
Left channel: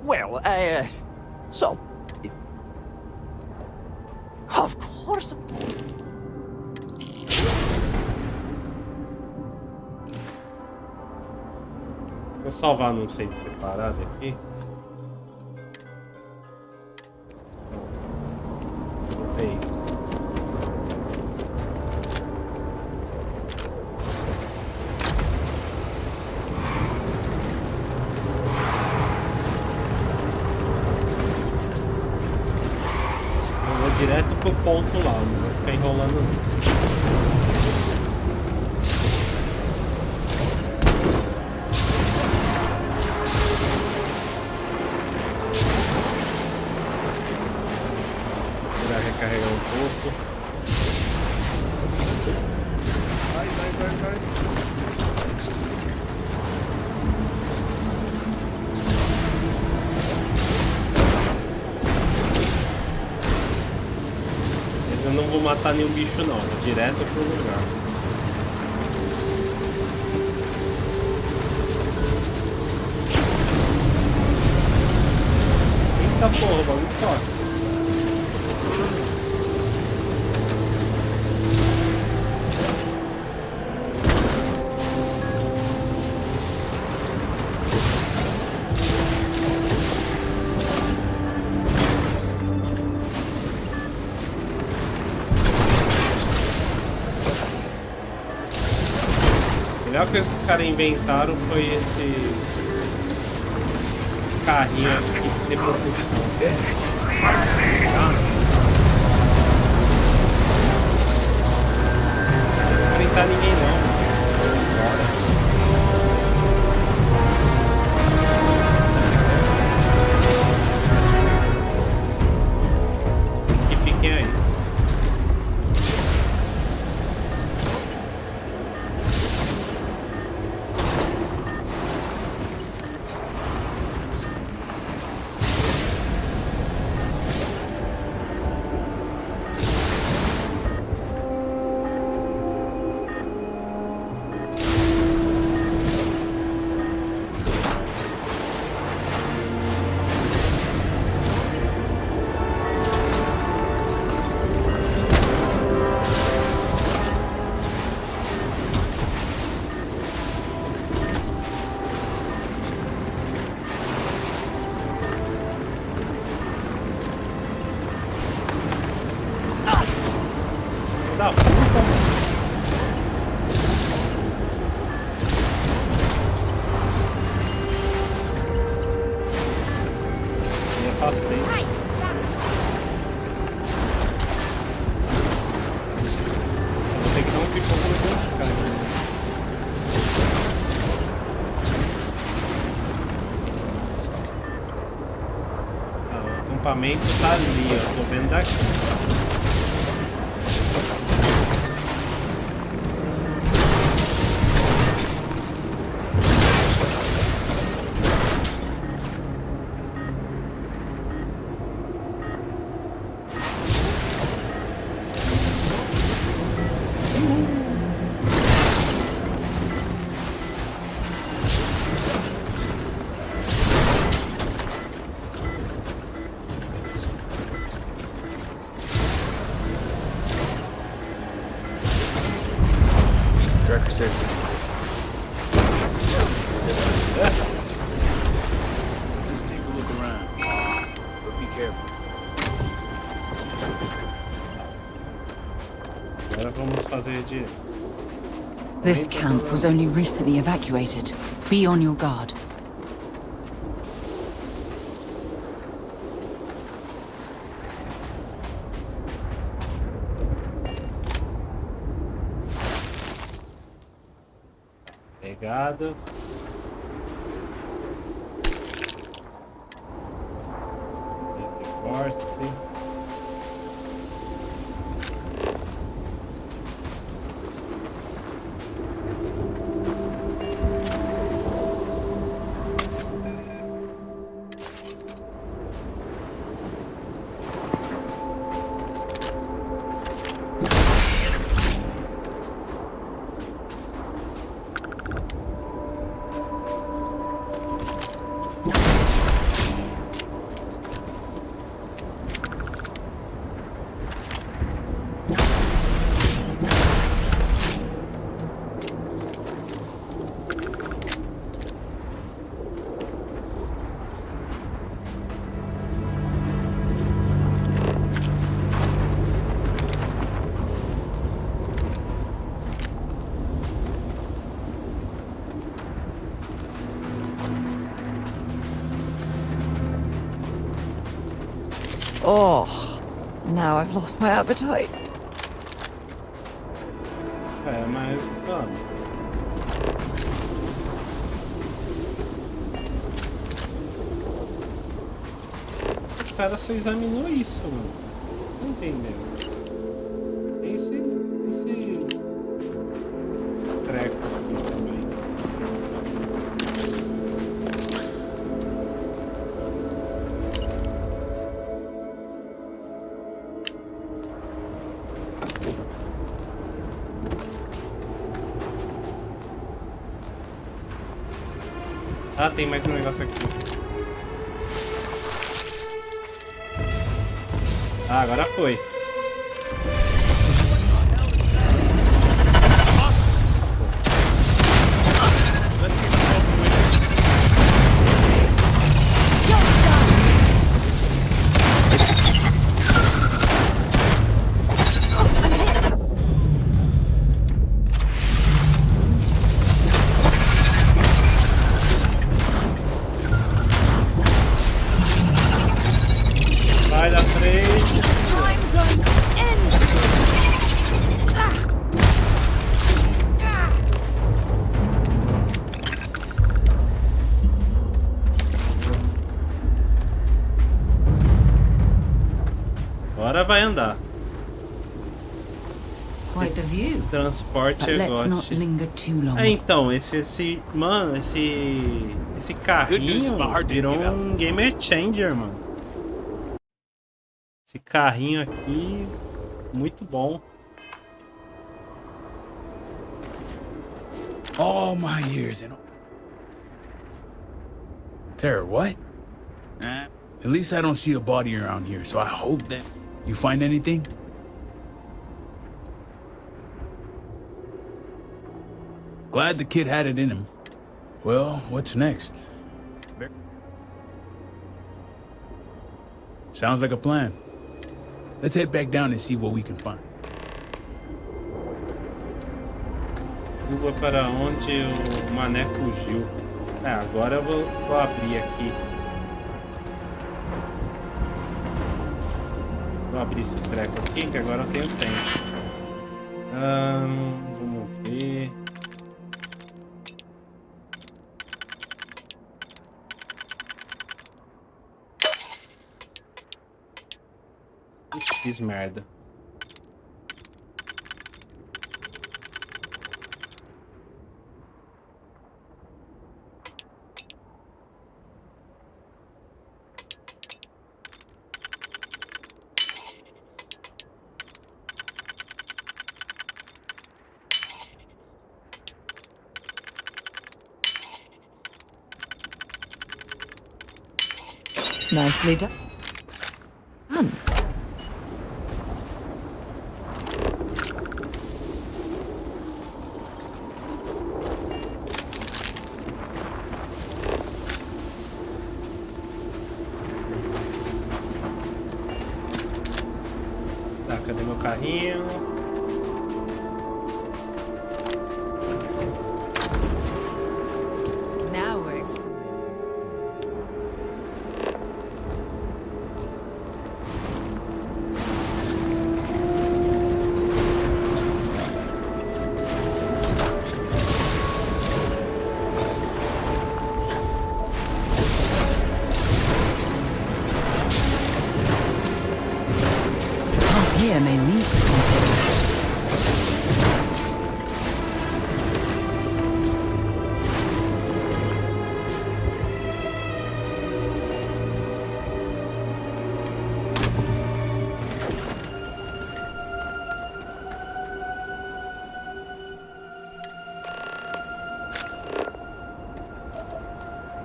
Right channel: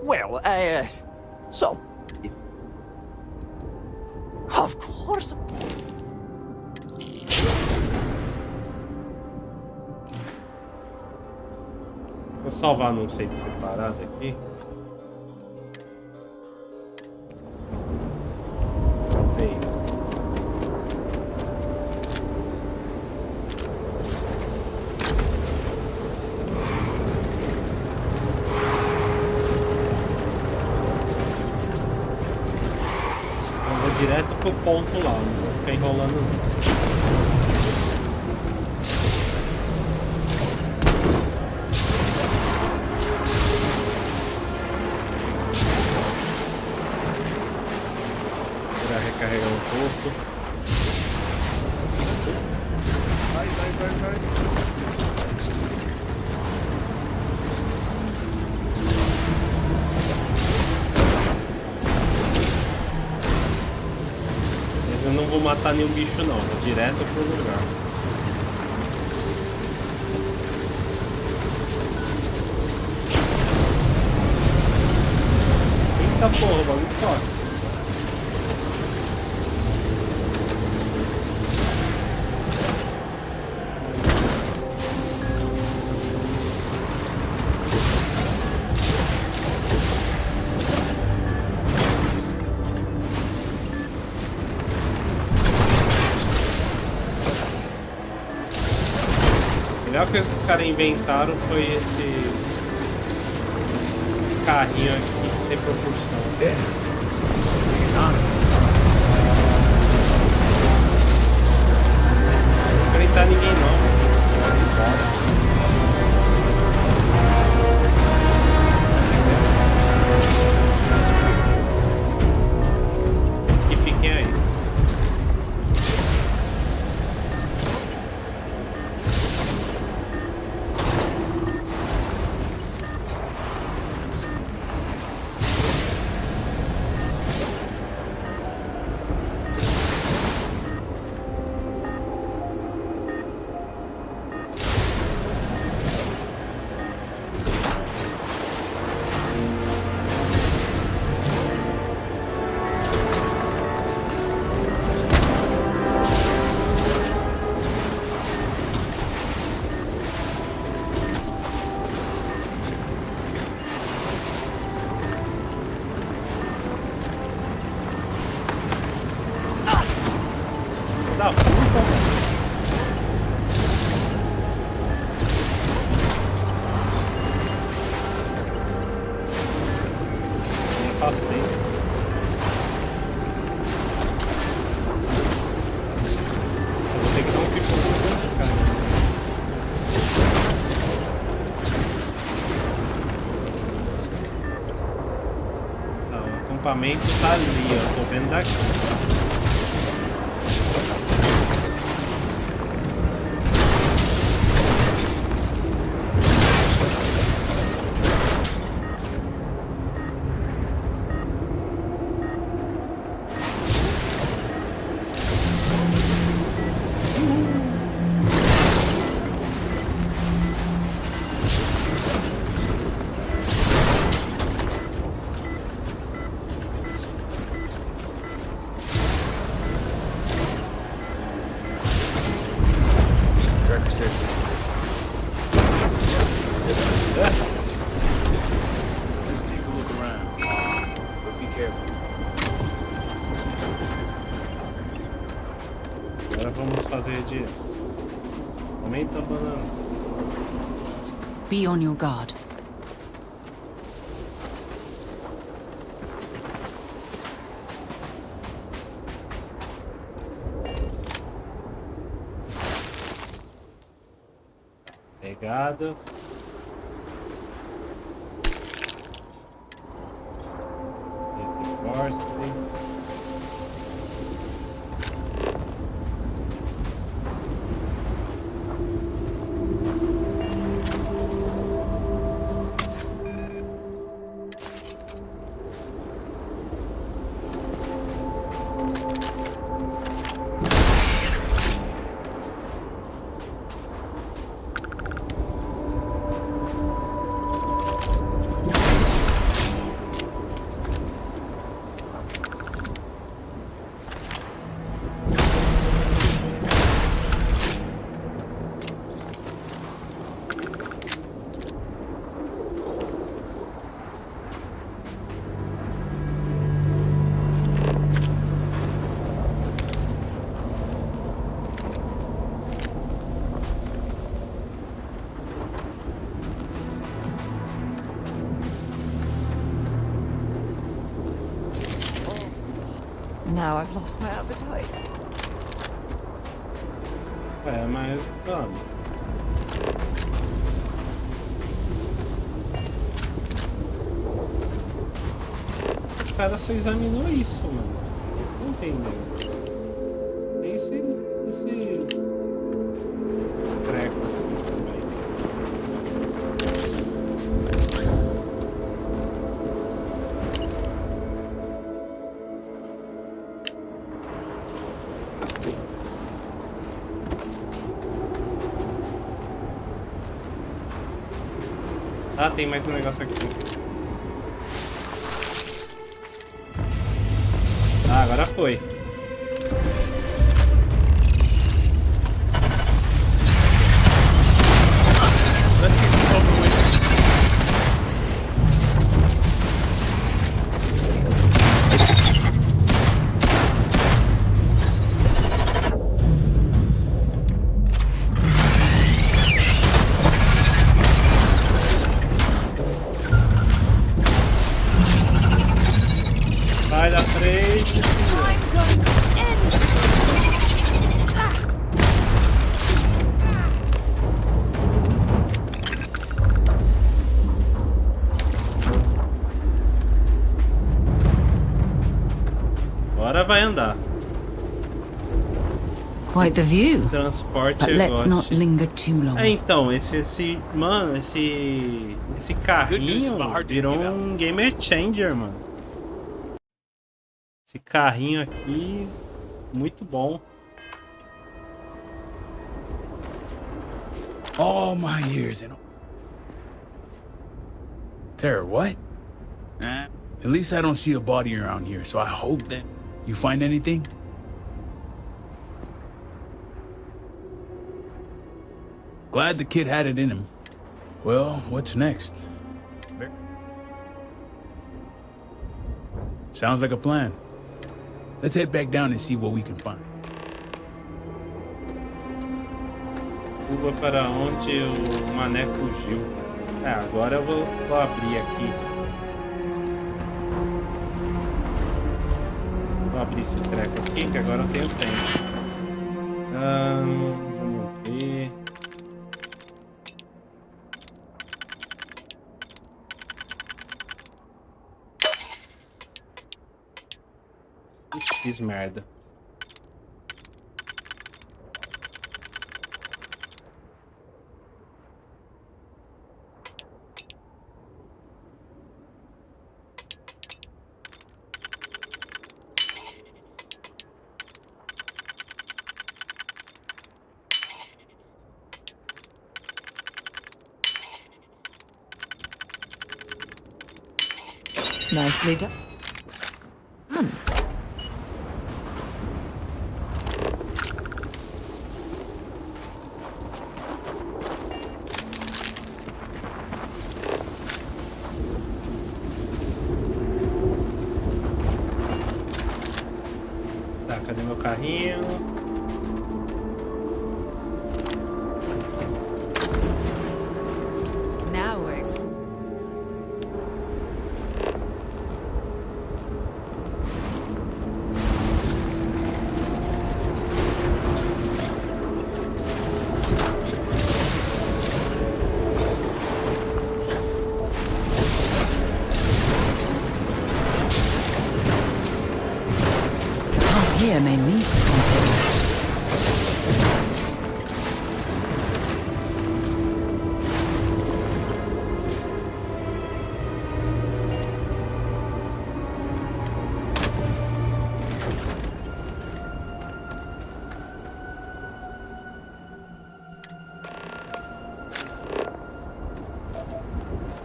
Well, so... Of course... Vou salvar num save separado aqui. Salvei. Eu vou direto pro ponto lá, não vou ficar enrolando não. Recarregar um pouco. Vai. Mas eu não vou matar nenhum bicho não, vou direto pro lugar. Eita porra, o bagulho forte. A melhor coisa que os caras inventaram foi esse carrinho aqui sem propulsão. Não vou enfrentar ninguém não, vou embora. Eles que fiquem aí. acampamento tá ali, ó. Tô vendo daqui. Tracker surface. Let's take a look around. But be careful. Agora vamos fazer de... This camp was only recently evacuated. Be on your guard. Pegadas. Vórtice. Oh, now I've lost my appetite. É, mas vamos. O cara só examinou isso, mano. Não entendeu. Tem esses trecos aqui também. Ah, tem mais um negócio aqui. Ah, agora foi. Vai da frente. Agora vai andar. Quite the view. Transporte But let's not linger too long. É, então, esse carrinho virou um game changer, mano. Esse carrinho aqui, muito bom. All my years and... Tara, what? At least I don't see a body around here, so I hope that you find anything. Glad the kid had it in him. Well, what's next? Sounds like a plan. Let's head back down and see what we can find. Curva para onde o mané fugiu. É, agora eu vou abrir aqui. Vou abrir esse treco aqui, que agora eu tenho tempo. Vamos ver. fiz merda. Nicely done. Tá, cadê meu carrinho? Now we're here may lead to something.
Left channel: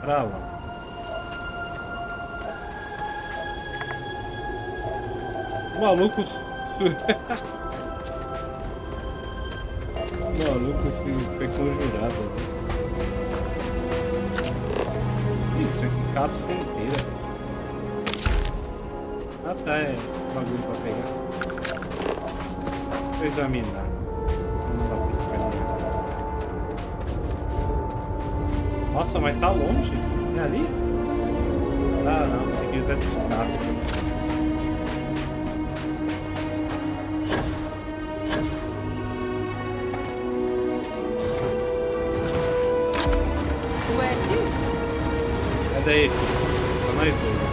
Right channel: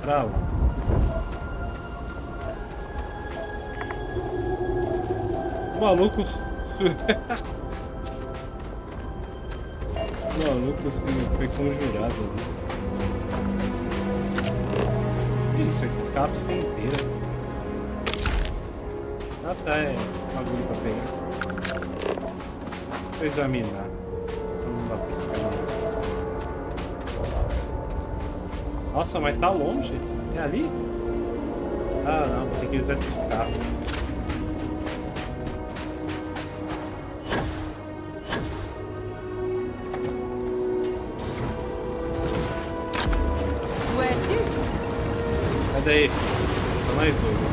Pra lá. O maluco... O maluco foi conjurado ali. Que isso aqui? Cápsula inteira. Ah tá, é bagulho pra pegar. Vou examinar. Não dá pra escanear. Nossa, mas tá longe. É ali? Ah não, vou ter que usar de carro. Daí, pra nós dois.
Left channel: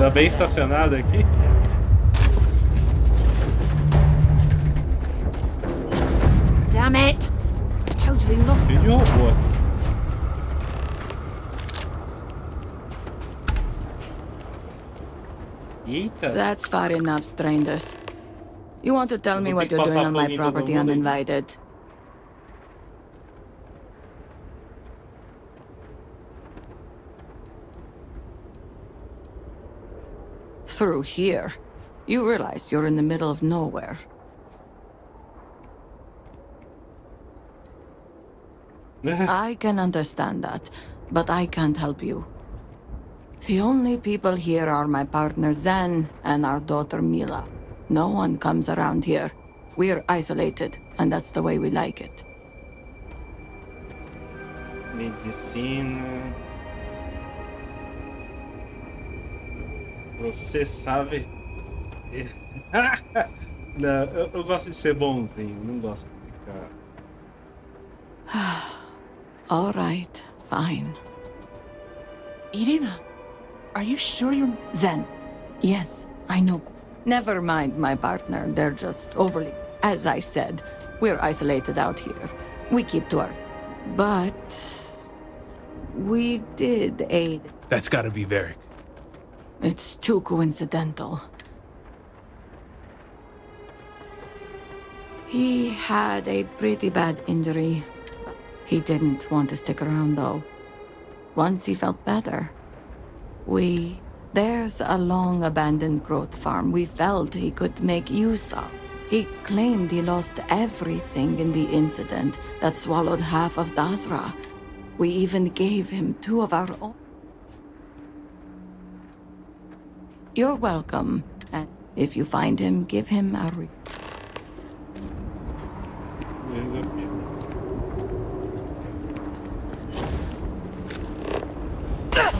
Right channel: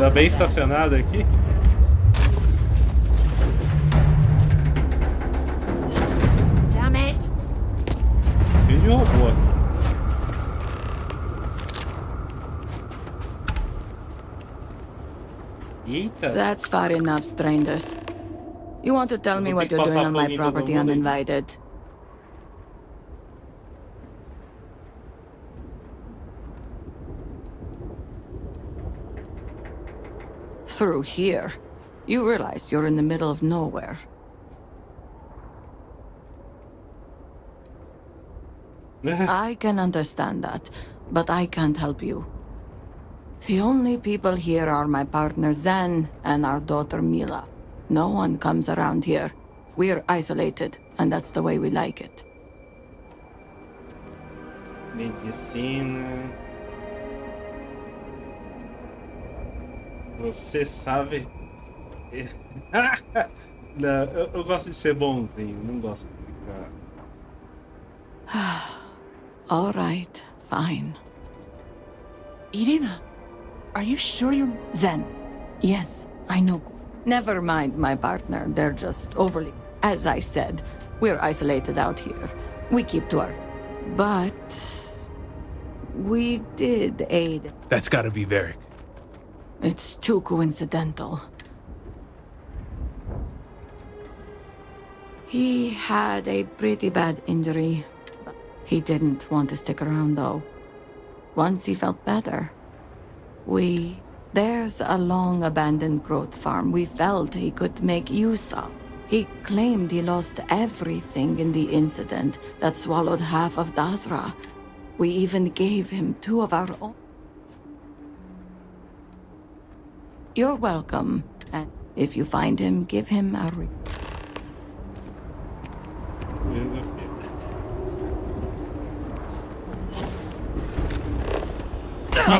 Tá bem estacionado aqui. Damn it! Totally lost. Cheio de robô aqui. Eita. That's far enough, strangers. You want to tell me what you're doing on my property uninvited? Through here. You realize you're in the middle of nowhere. I can understand that, but I can't help you. The only people here are my partner Zen and our daughter Mila. No one comes around here. We're isolated, and that's the way we like it. Medicina. Você sabe... Não, eu gosto de ser bonzinho, não gosto de ficar... All right, fine. Irina, are you sure you're... Zen. Yes, I know. Never mind my partner, they're just overly... As I said, we're isolated out here. We keep to our... But... we did aid. That's gotta be Varric. It's too coincidental. He had a pretty bad injury. He didn't want to stick around, though. Once he felt better, there's a long-abandoned growth farm we felt he could make use of. He claimed he lost everything in the incident that swallowed half of Dasra. We even gave him 2 of our own. You're welcome. And if you find him, give him a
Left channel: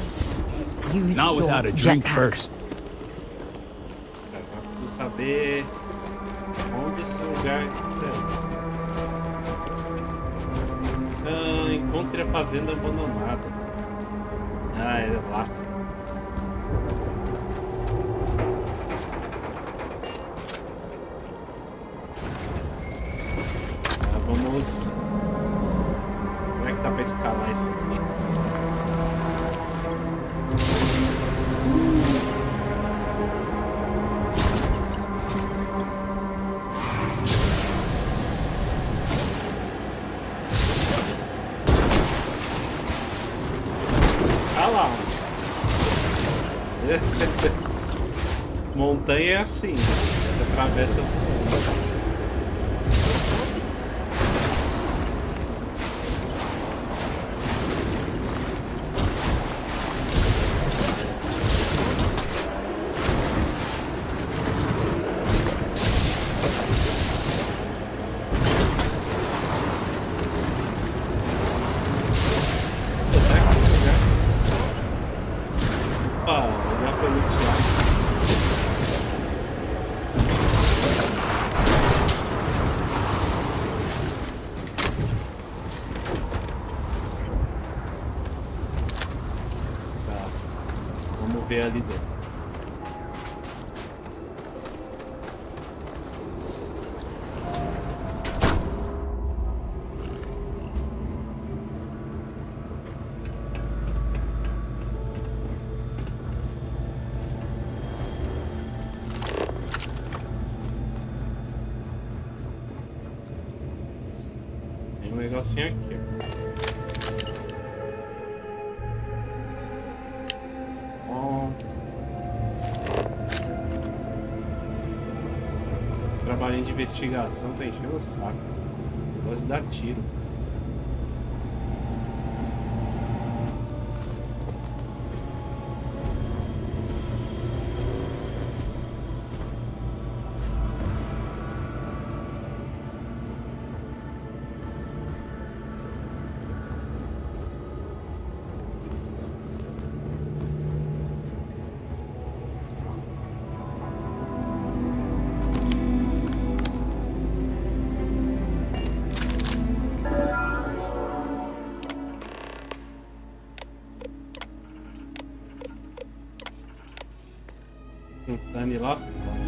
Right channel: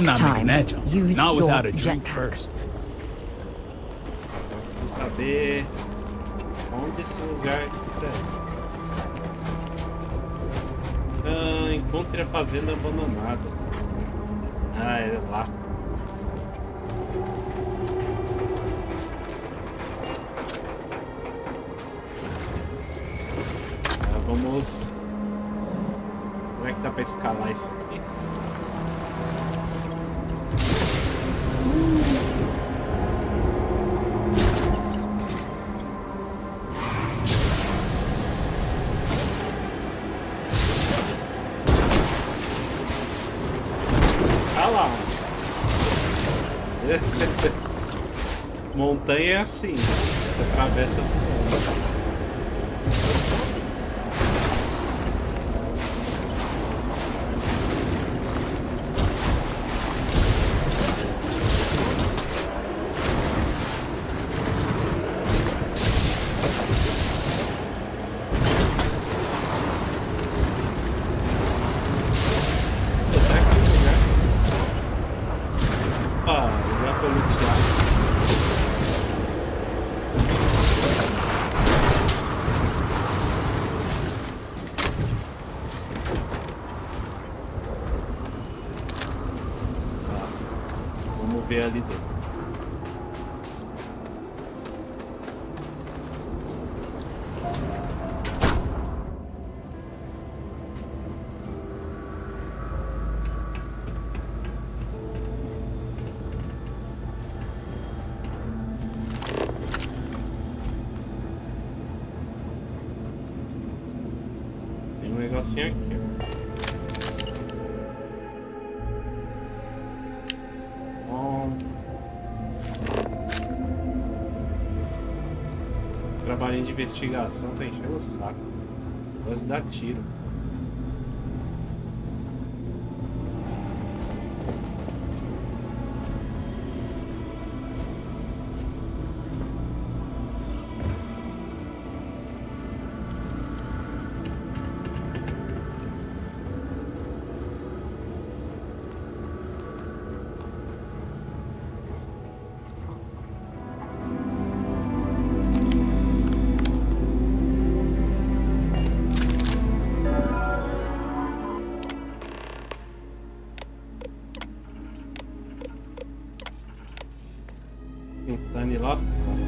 Next time, use not without a drink first. Preciso saber onde esse lugar é. Encontre a fazenda abandonada. Ah, é lá. Vamos. Como é que dá pra escalar isso aqui? Montanha é assim, você atravessa tudo. Ver ali dentro. Tem um negocinho aqui, ó. Trabalhinho de investigação tá enchendo o saco. Eu gosto de dar tiro. Tentando ir lá fora.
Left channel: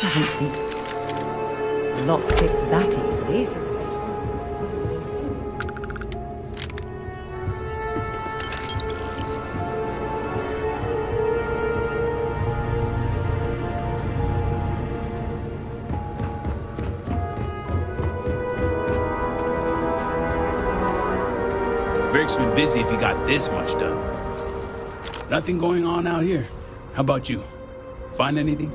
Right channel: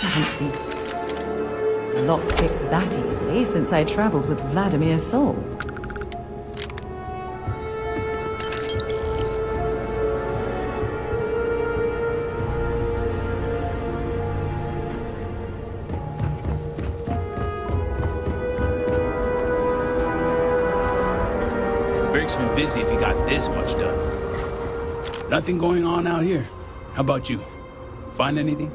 Haven't seen a lock picked that easily since I traveled with Vladimir's soul. Berg's been busy if he got this much done. Nothing going on out here. How about you? Find anything?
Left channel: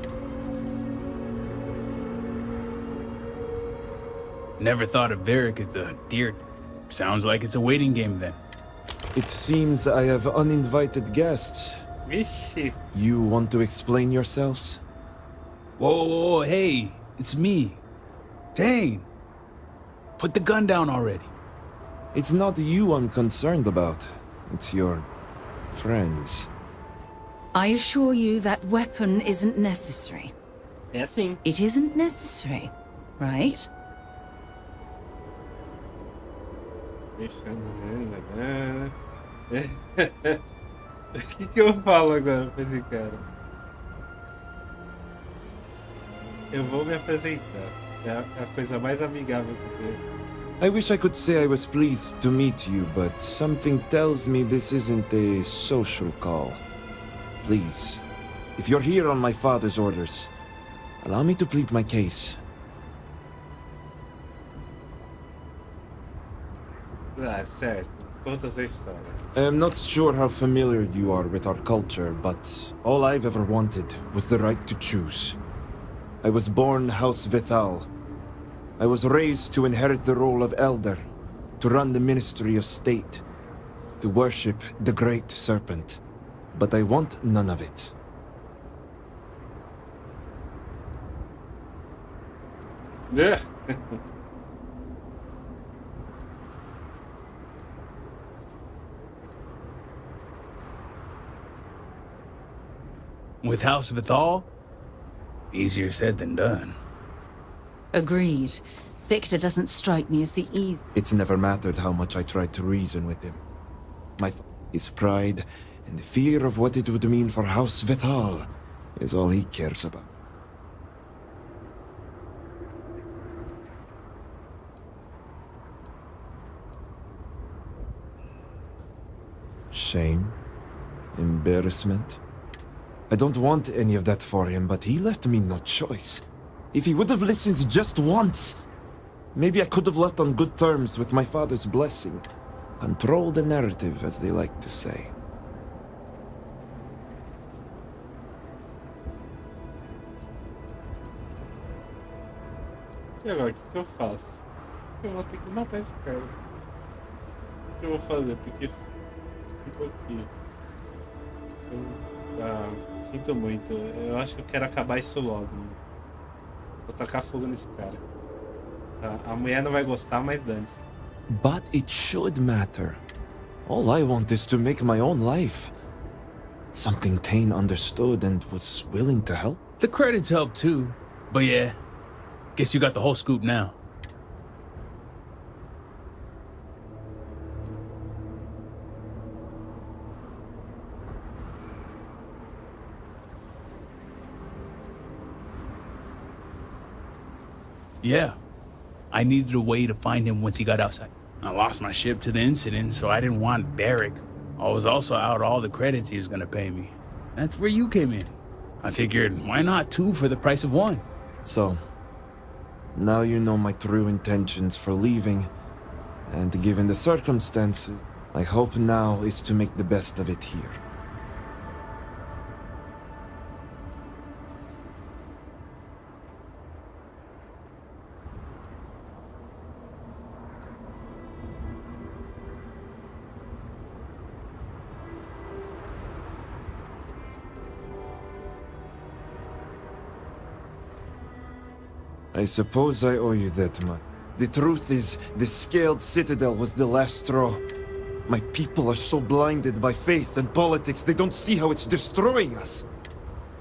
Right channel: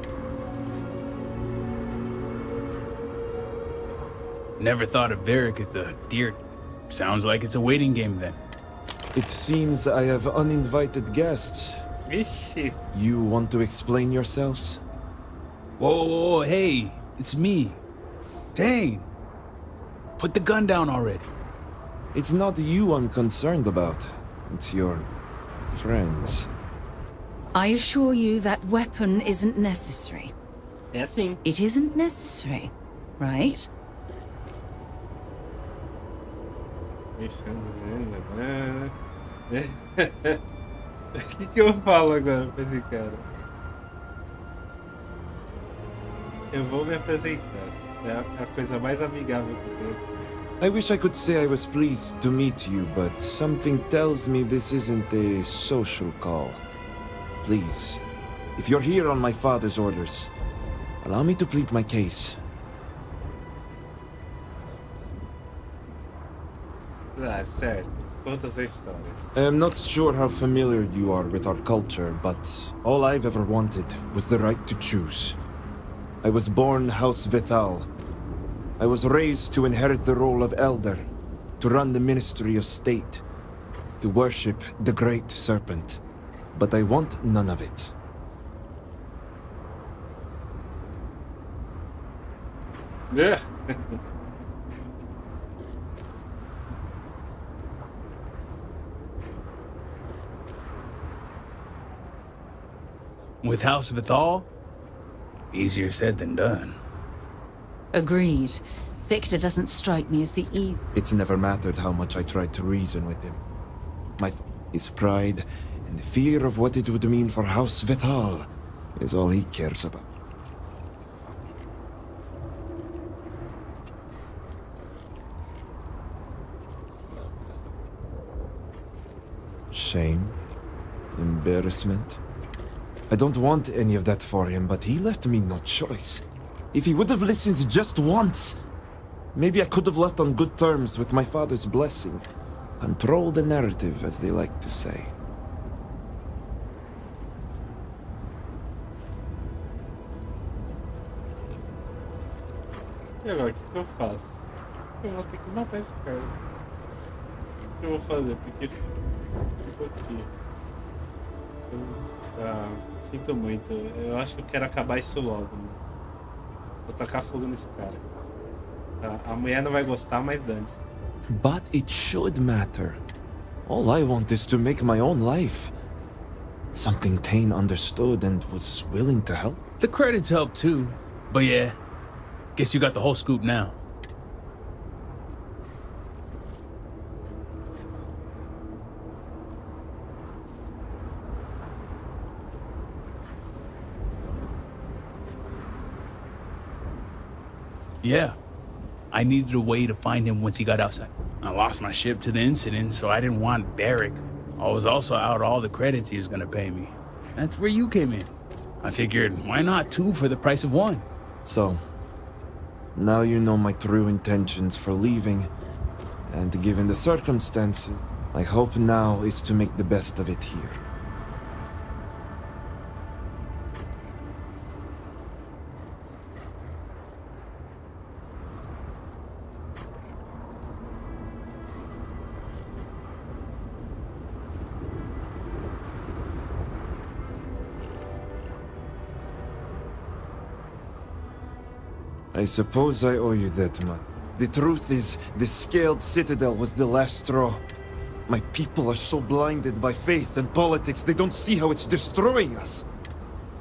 Never thought of Varric as the deer. Sounds like it's a waiting game then. It seems I have uninvited guests. You want to explain yourselves? Whoa, hey, it's me. Dang. Put the gun down already. It's not you I'm concerned about. It's your friends. I assure you that weapon isn't necessary. Sim. It isn't necessary, right? O que eu falo agora pra esse cara? Eu vou me apresentar. É a coisa mais amigável que tem. I wish I could say I was pleased to meet you, but something tells me this isn't a social call. Please, if you're here on my father's orders, allow me to plead my case. Ah, certo. Conta essa história. I'm not sure how familiar you are with our culture, but all I've ever wanted was the right to choose. I was born House Vithal. I was raised to inherit the role of elder, to run the Ministry of State, to worship the Great Serpent. But I want none of it. Yeah. With House Vithal? Easier said than done. Agreed. Victor doesn't strike me as the easy. It's never mattered how much I tried to reason with him. His pride and the fear of what it would mean for House Vithal is all he cares about. Shame? Embarrassment? I don't want any of that for him, but he left me no choice. If he would have listened just once, maybe I could have left on good terms with my father's blessing. Control the narrative, as they like to say. E agora, o que eu faço? Eu vou ter que matar esse cara. O que eu vou fazer? Porque ficou aqui. Sinto muito. Eu acho que eu quero acabar isso logo, mano. Vou tacar fogo nesse cara. A mulher não vai gostar, mas dane-se. But it should matter. All I want is to make my own life. Something Tane understood and was willing to help. The credits help too. But yeah, guess you got the whole scoop now. Yeah, I needed a way to find him once he got outside. I lost my ship to the incident, so I didn't want Barrick. I was also out all the credits he was gonna pay me. That's where you came in. I figured, why not two for the price of one? So, now you know my true intentions for leaving, and given the circumstances, my hope now is to make the best of it here. I suppose I owe you that much. The truth is, the scaled citadel was the last straw. My people are so blinded by faith and politics, they don't see how it's destroying us.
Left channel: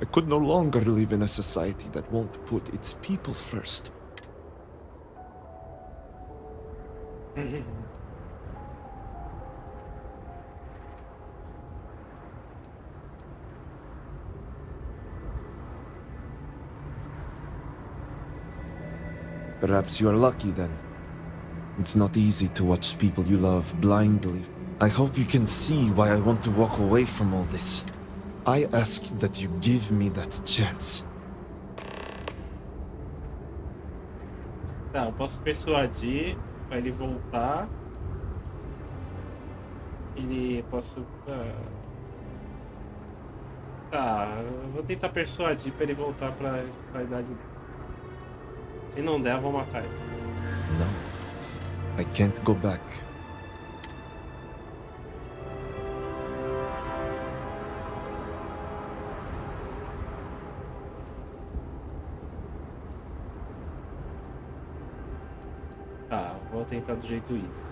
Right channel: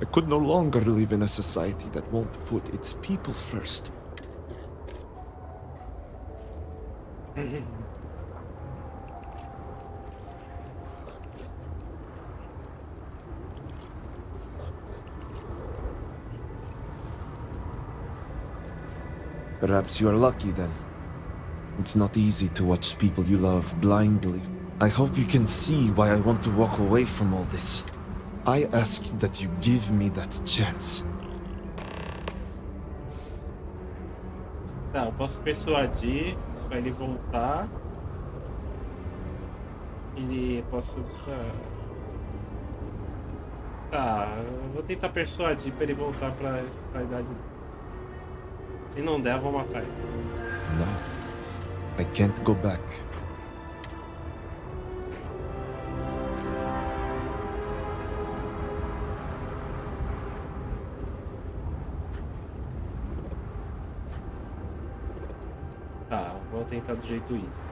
I could no longer live in a society that won't put its people first. Perhaps you are lucky then. It's not easy to watch people you love blindly. I hope you can see why I want to walk away from all this. I ask that you give me that chance. Tá, eu posso persuadir pra ele voltar. Posso... Tá, eu vou tentar persuadir pra ele voltar pra idade. Se não der, eu vou matar ele. No. I can't go back. Tá, vou tentar do jeito isso.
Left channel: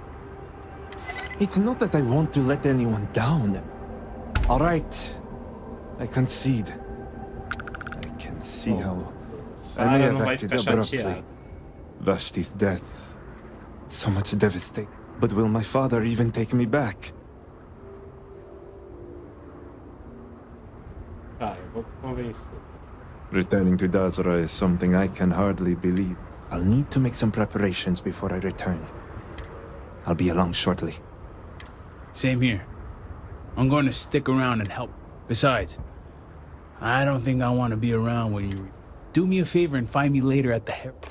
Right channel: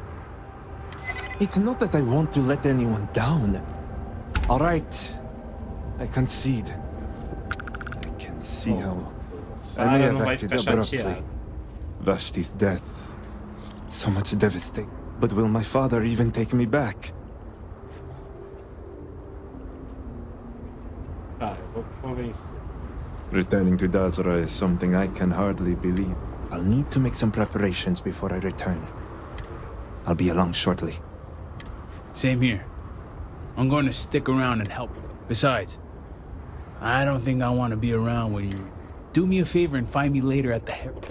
It's not that I want to let anyone down. All right. I concede. I can see how I may have acted abruptly. Vashti's death. So much devastation. But will my father even take me back? Tá, eu vou convencer. Returning to Dazra is something I can hardly believe. I'll need to make some preparations before I return. I'll be along shortly. Same here. I'm going to stick around and help. Besides, I don't think I want to be around when you... Do me a favor and find me later at the Herald.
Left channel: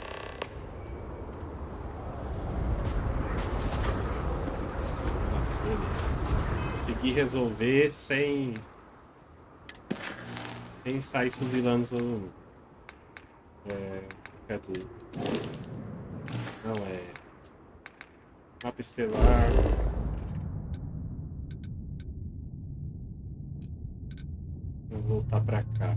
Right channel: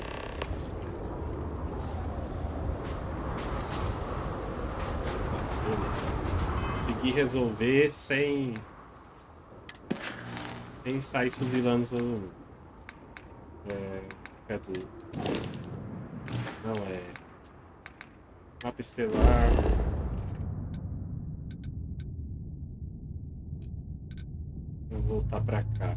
Consegui resolver sem sair fuzilando todo mundo. Cadê? Não é... Mapa estelar... Vou voltar pra cá.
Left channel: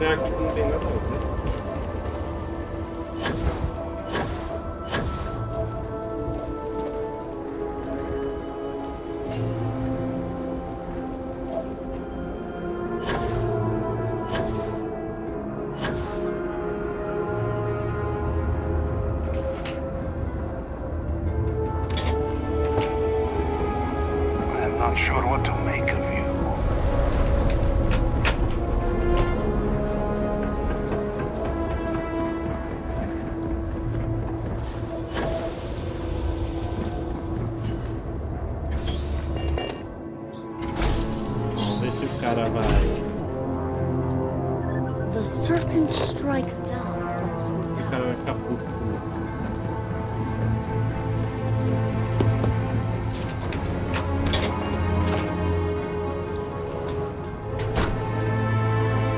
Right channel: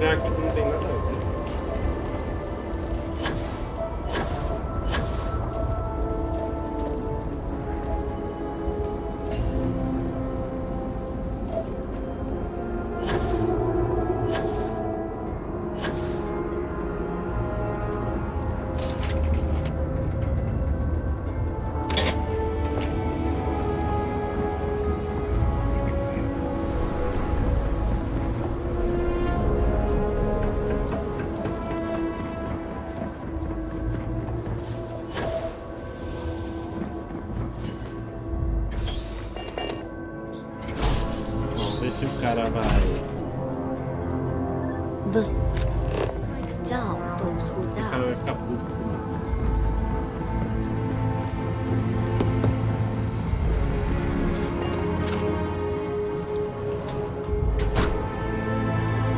Aqui que não tem nada a ver. I'm not sure what to make of you. Se o cara vai... The serpent strikes down those who O cara vai ficar puto comigo.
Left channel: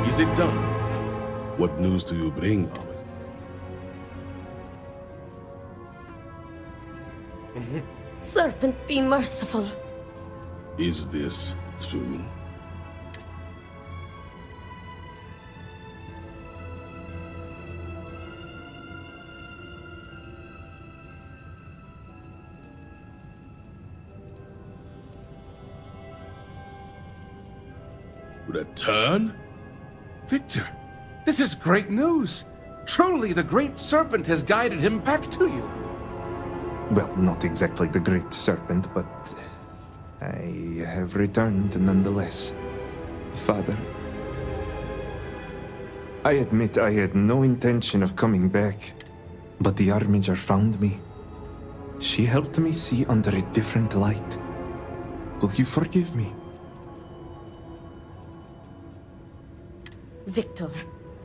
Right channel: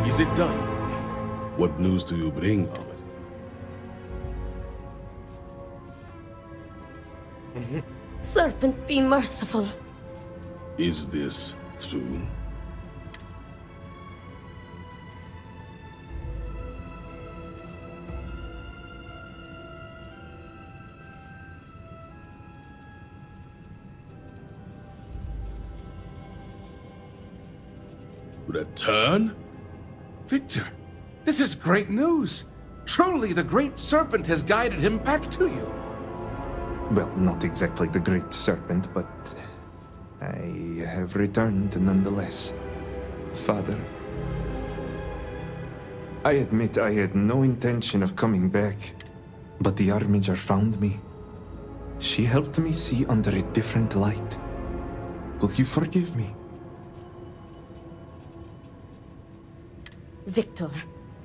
Is it done? What news do you bring, Ahmed? Serpent, be merciful. Is this true? Return? Victor, this is great news. Truly, the Great Serpent has guided him back to you. Well, not exactly the Great Serpent, but I have returned nonetheless. Father, I admit I had no intention of coming back, but the Armiger found me. She helped me see under a different light. Will you forgive me? Victor,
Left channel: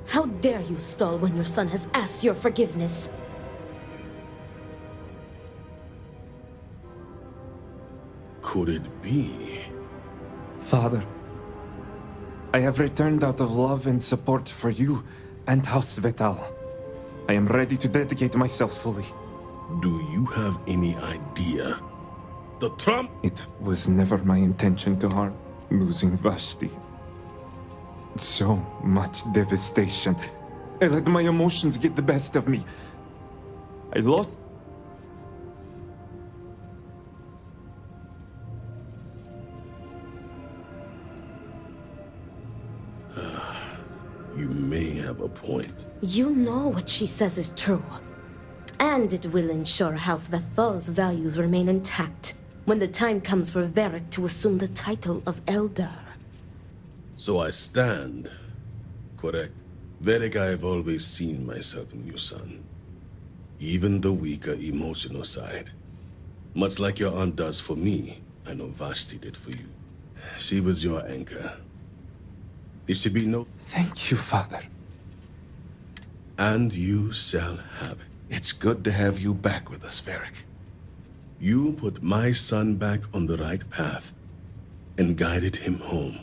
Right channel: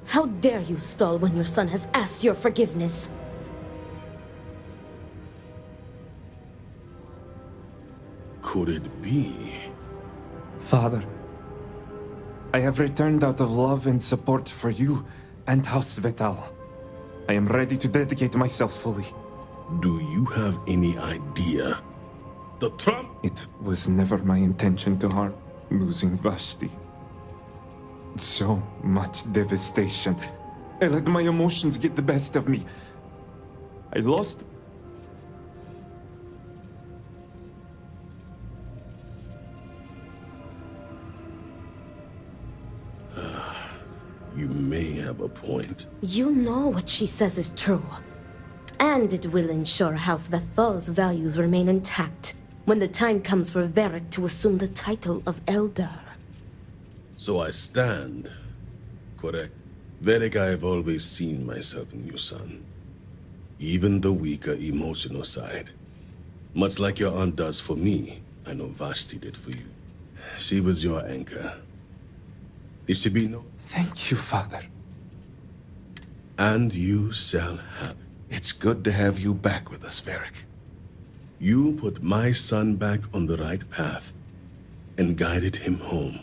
how dare you stall when your son has asked your forgiveness? Could it be? Father, I have returned out of love and support for you and House Vetal. I am ready to dedicate myself fully. Do you have any idea? The Trump? It was never my intention to harm. Losing Vashti. So much devastation. I let my emotions get the best of me. I lost... You may have a point. You know what she says is true. And it will ensure House Vethal's values remain intact when the time comes for Varric to assume the title of Elder. So I stand correct. Varric, I have always seen myself in you, son. Even the weaker emotional side. Much like your aunt does for me, I know Vashti did for you. She was your anchor. There should be no... Thank you, Father. And you shall have it. It's good to have you back with us, Varric. You put my son back on the right path and guided him home.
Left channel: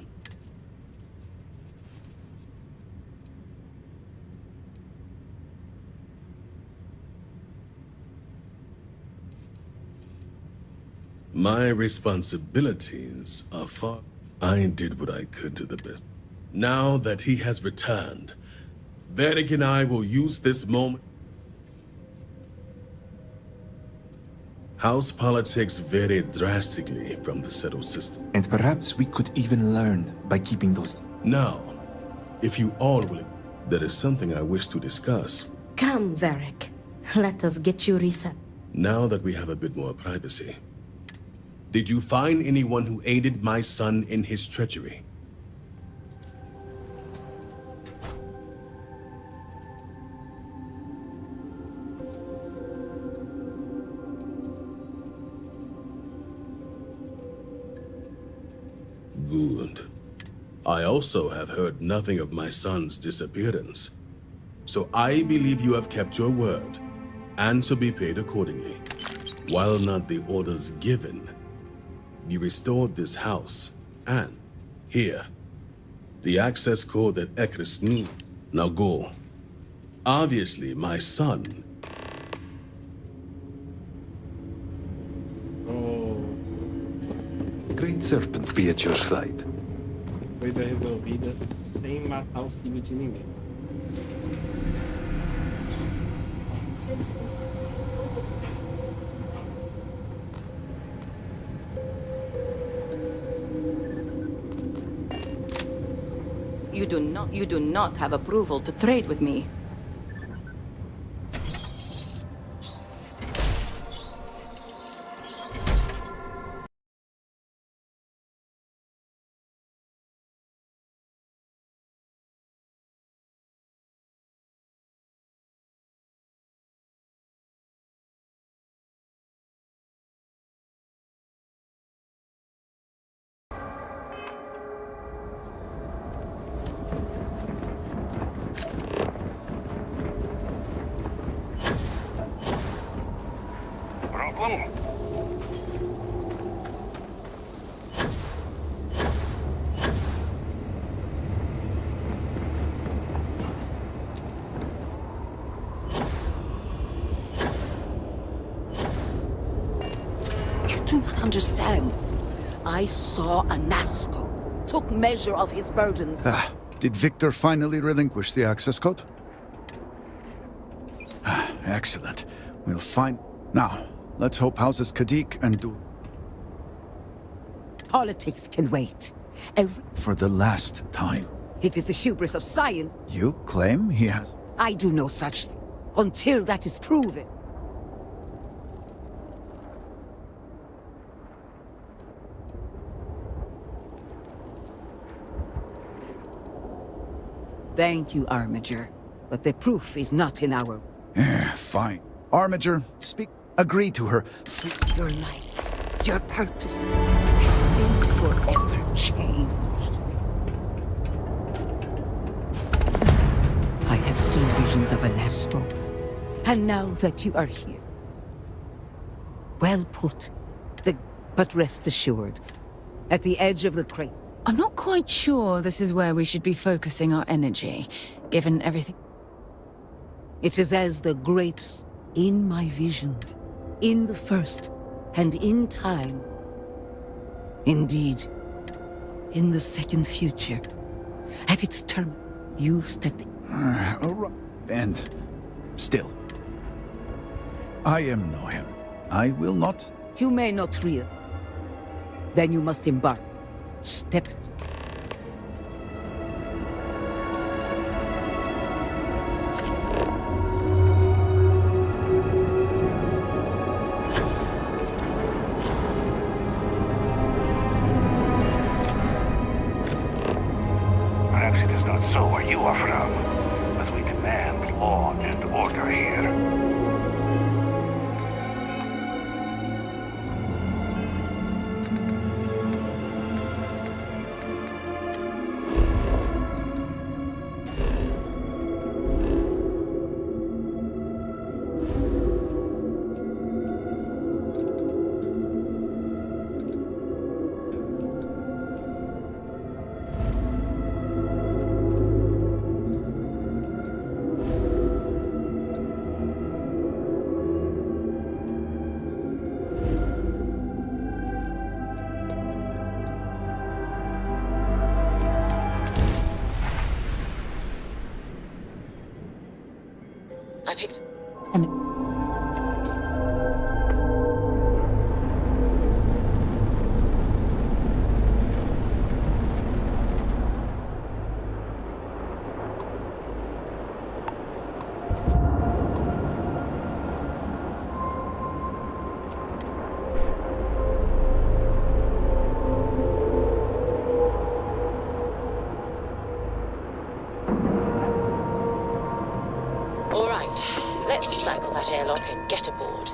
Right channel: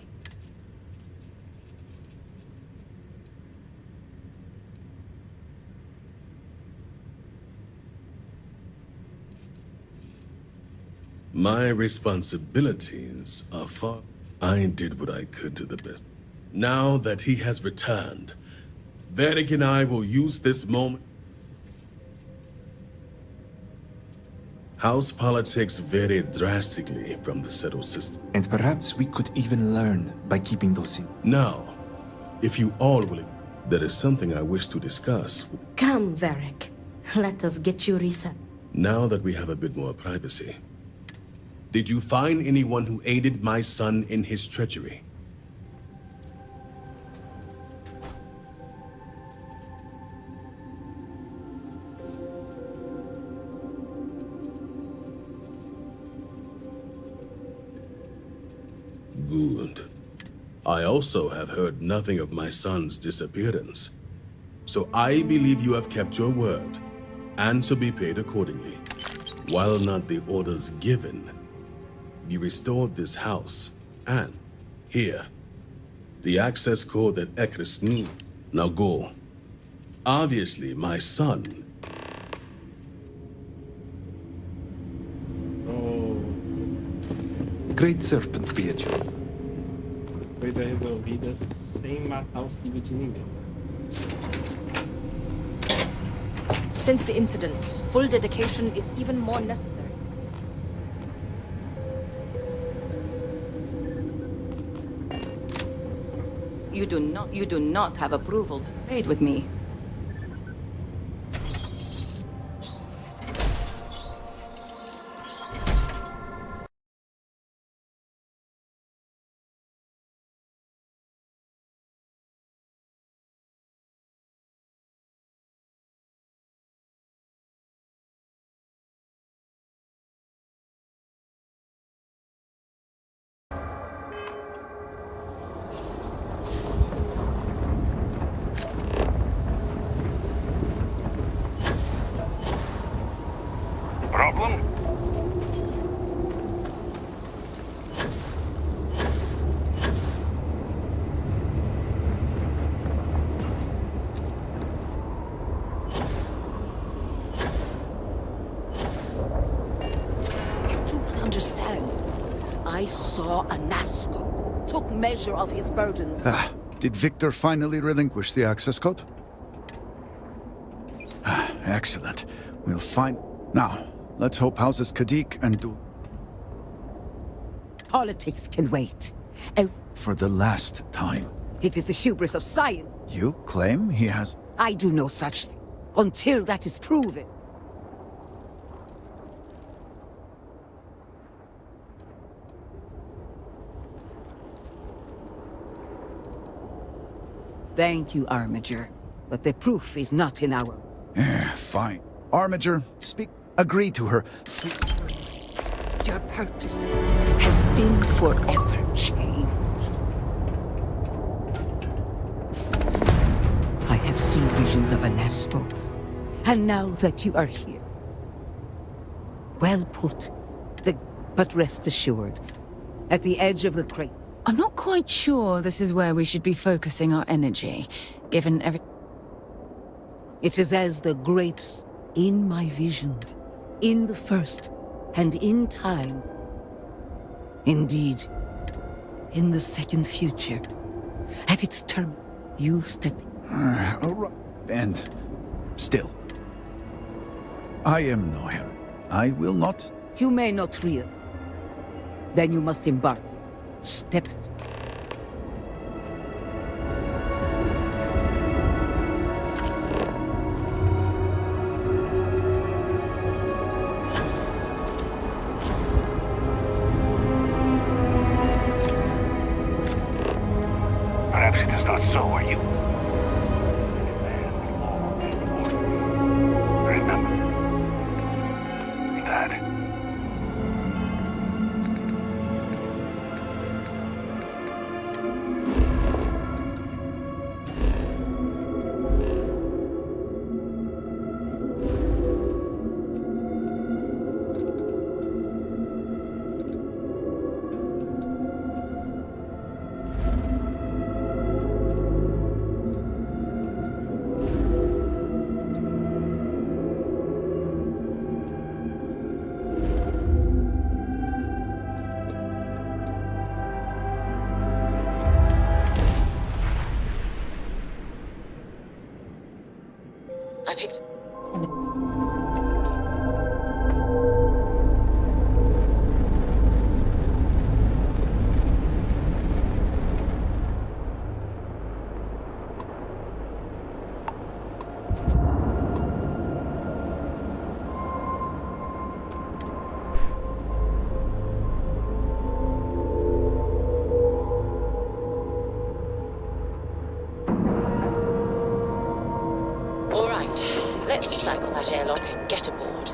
My responsibilities are far. I did what I could to the best. Now that he has returned, Vedic and I will use this moment. House politics vary drastically from the settled system. And perhaps we could even learn by keeping those in. Now, if you all will, there is something I wish to discuss. Come, Varric. Let us get you reset. Now that we have a bit more privacy. Did you find anyone who aided my son in his treachery? Good. I also have heard nothing of my son's disappearance. So I believe you have kept your word, and shall be paid accordingly. While not the orders given, you restored this house, and here, the access code that Ekris needs. Now go. Obviously, my son. The Great Serpent be at your side. As coisas resolvidas sem matar o filho de ninguém. Since the incident, full dedication is even more necessary. You do not have approval to trade with me. Problem? You do not understand. I saw a Nasco, took measure of his burdens. Ah, did Victor finally relinquish the access code? Ah, excellent. We'll find... Now, let's hope Houses Kadik and Du... Politics can wait. For the last time. It is the hubris of science. You claim he has... I do no such thing, until that is proven. Thank you, Armiger. But the proof is not in our... Fine. Armiger, speak... Agree to her. Your life, your purpose, has been forever changed. I have seen visions of a Nasco, and now that you are here... Well put. But rest assured, at the edge of the crate... I'm not quite sure this is where we should be focusing our energy, given everything. It is as the greats in my visions, in the first, and in time. Indeed, in the second future, at its term, you stepped... And still, I am no heretic. I will not... You may not real. Then you must embark. Step. Perhaps it is not so where you are from, but we demand law and order here. Remember that. I picked... All right, let's cycle that airlock and get aboard.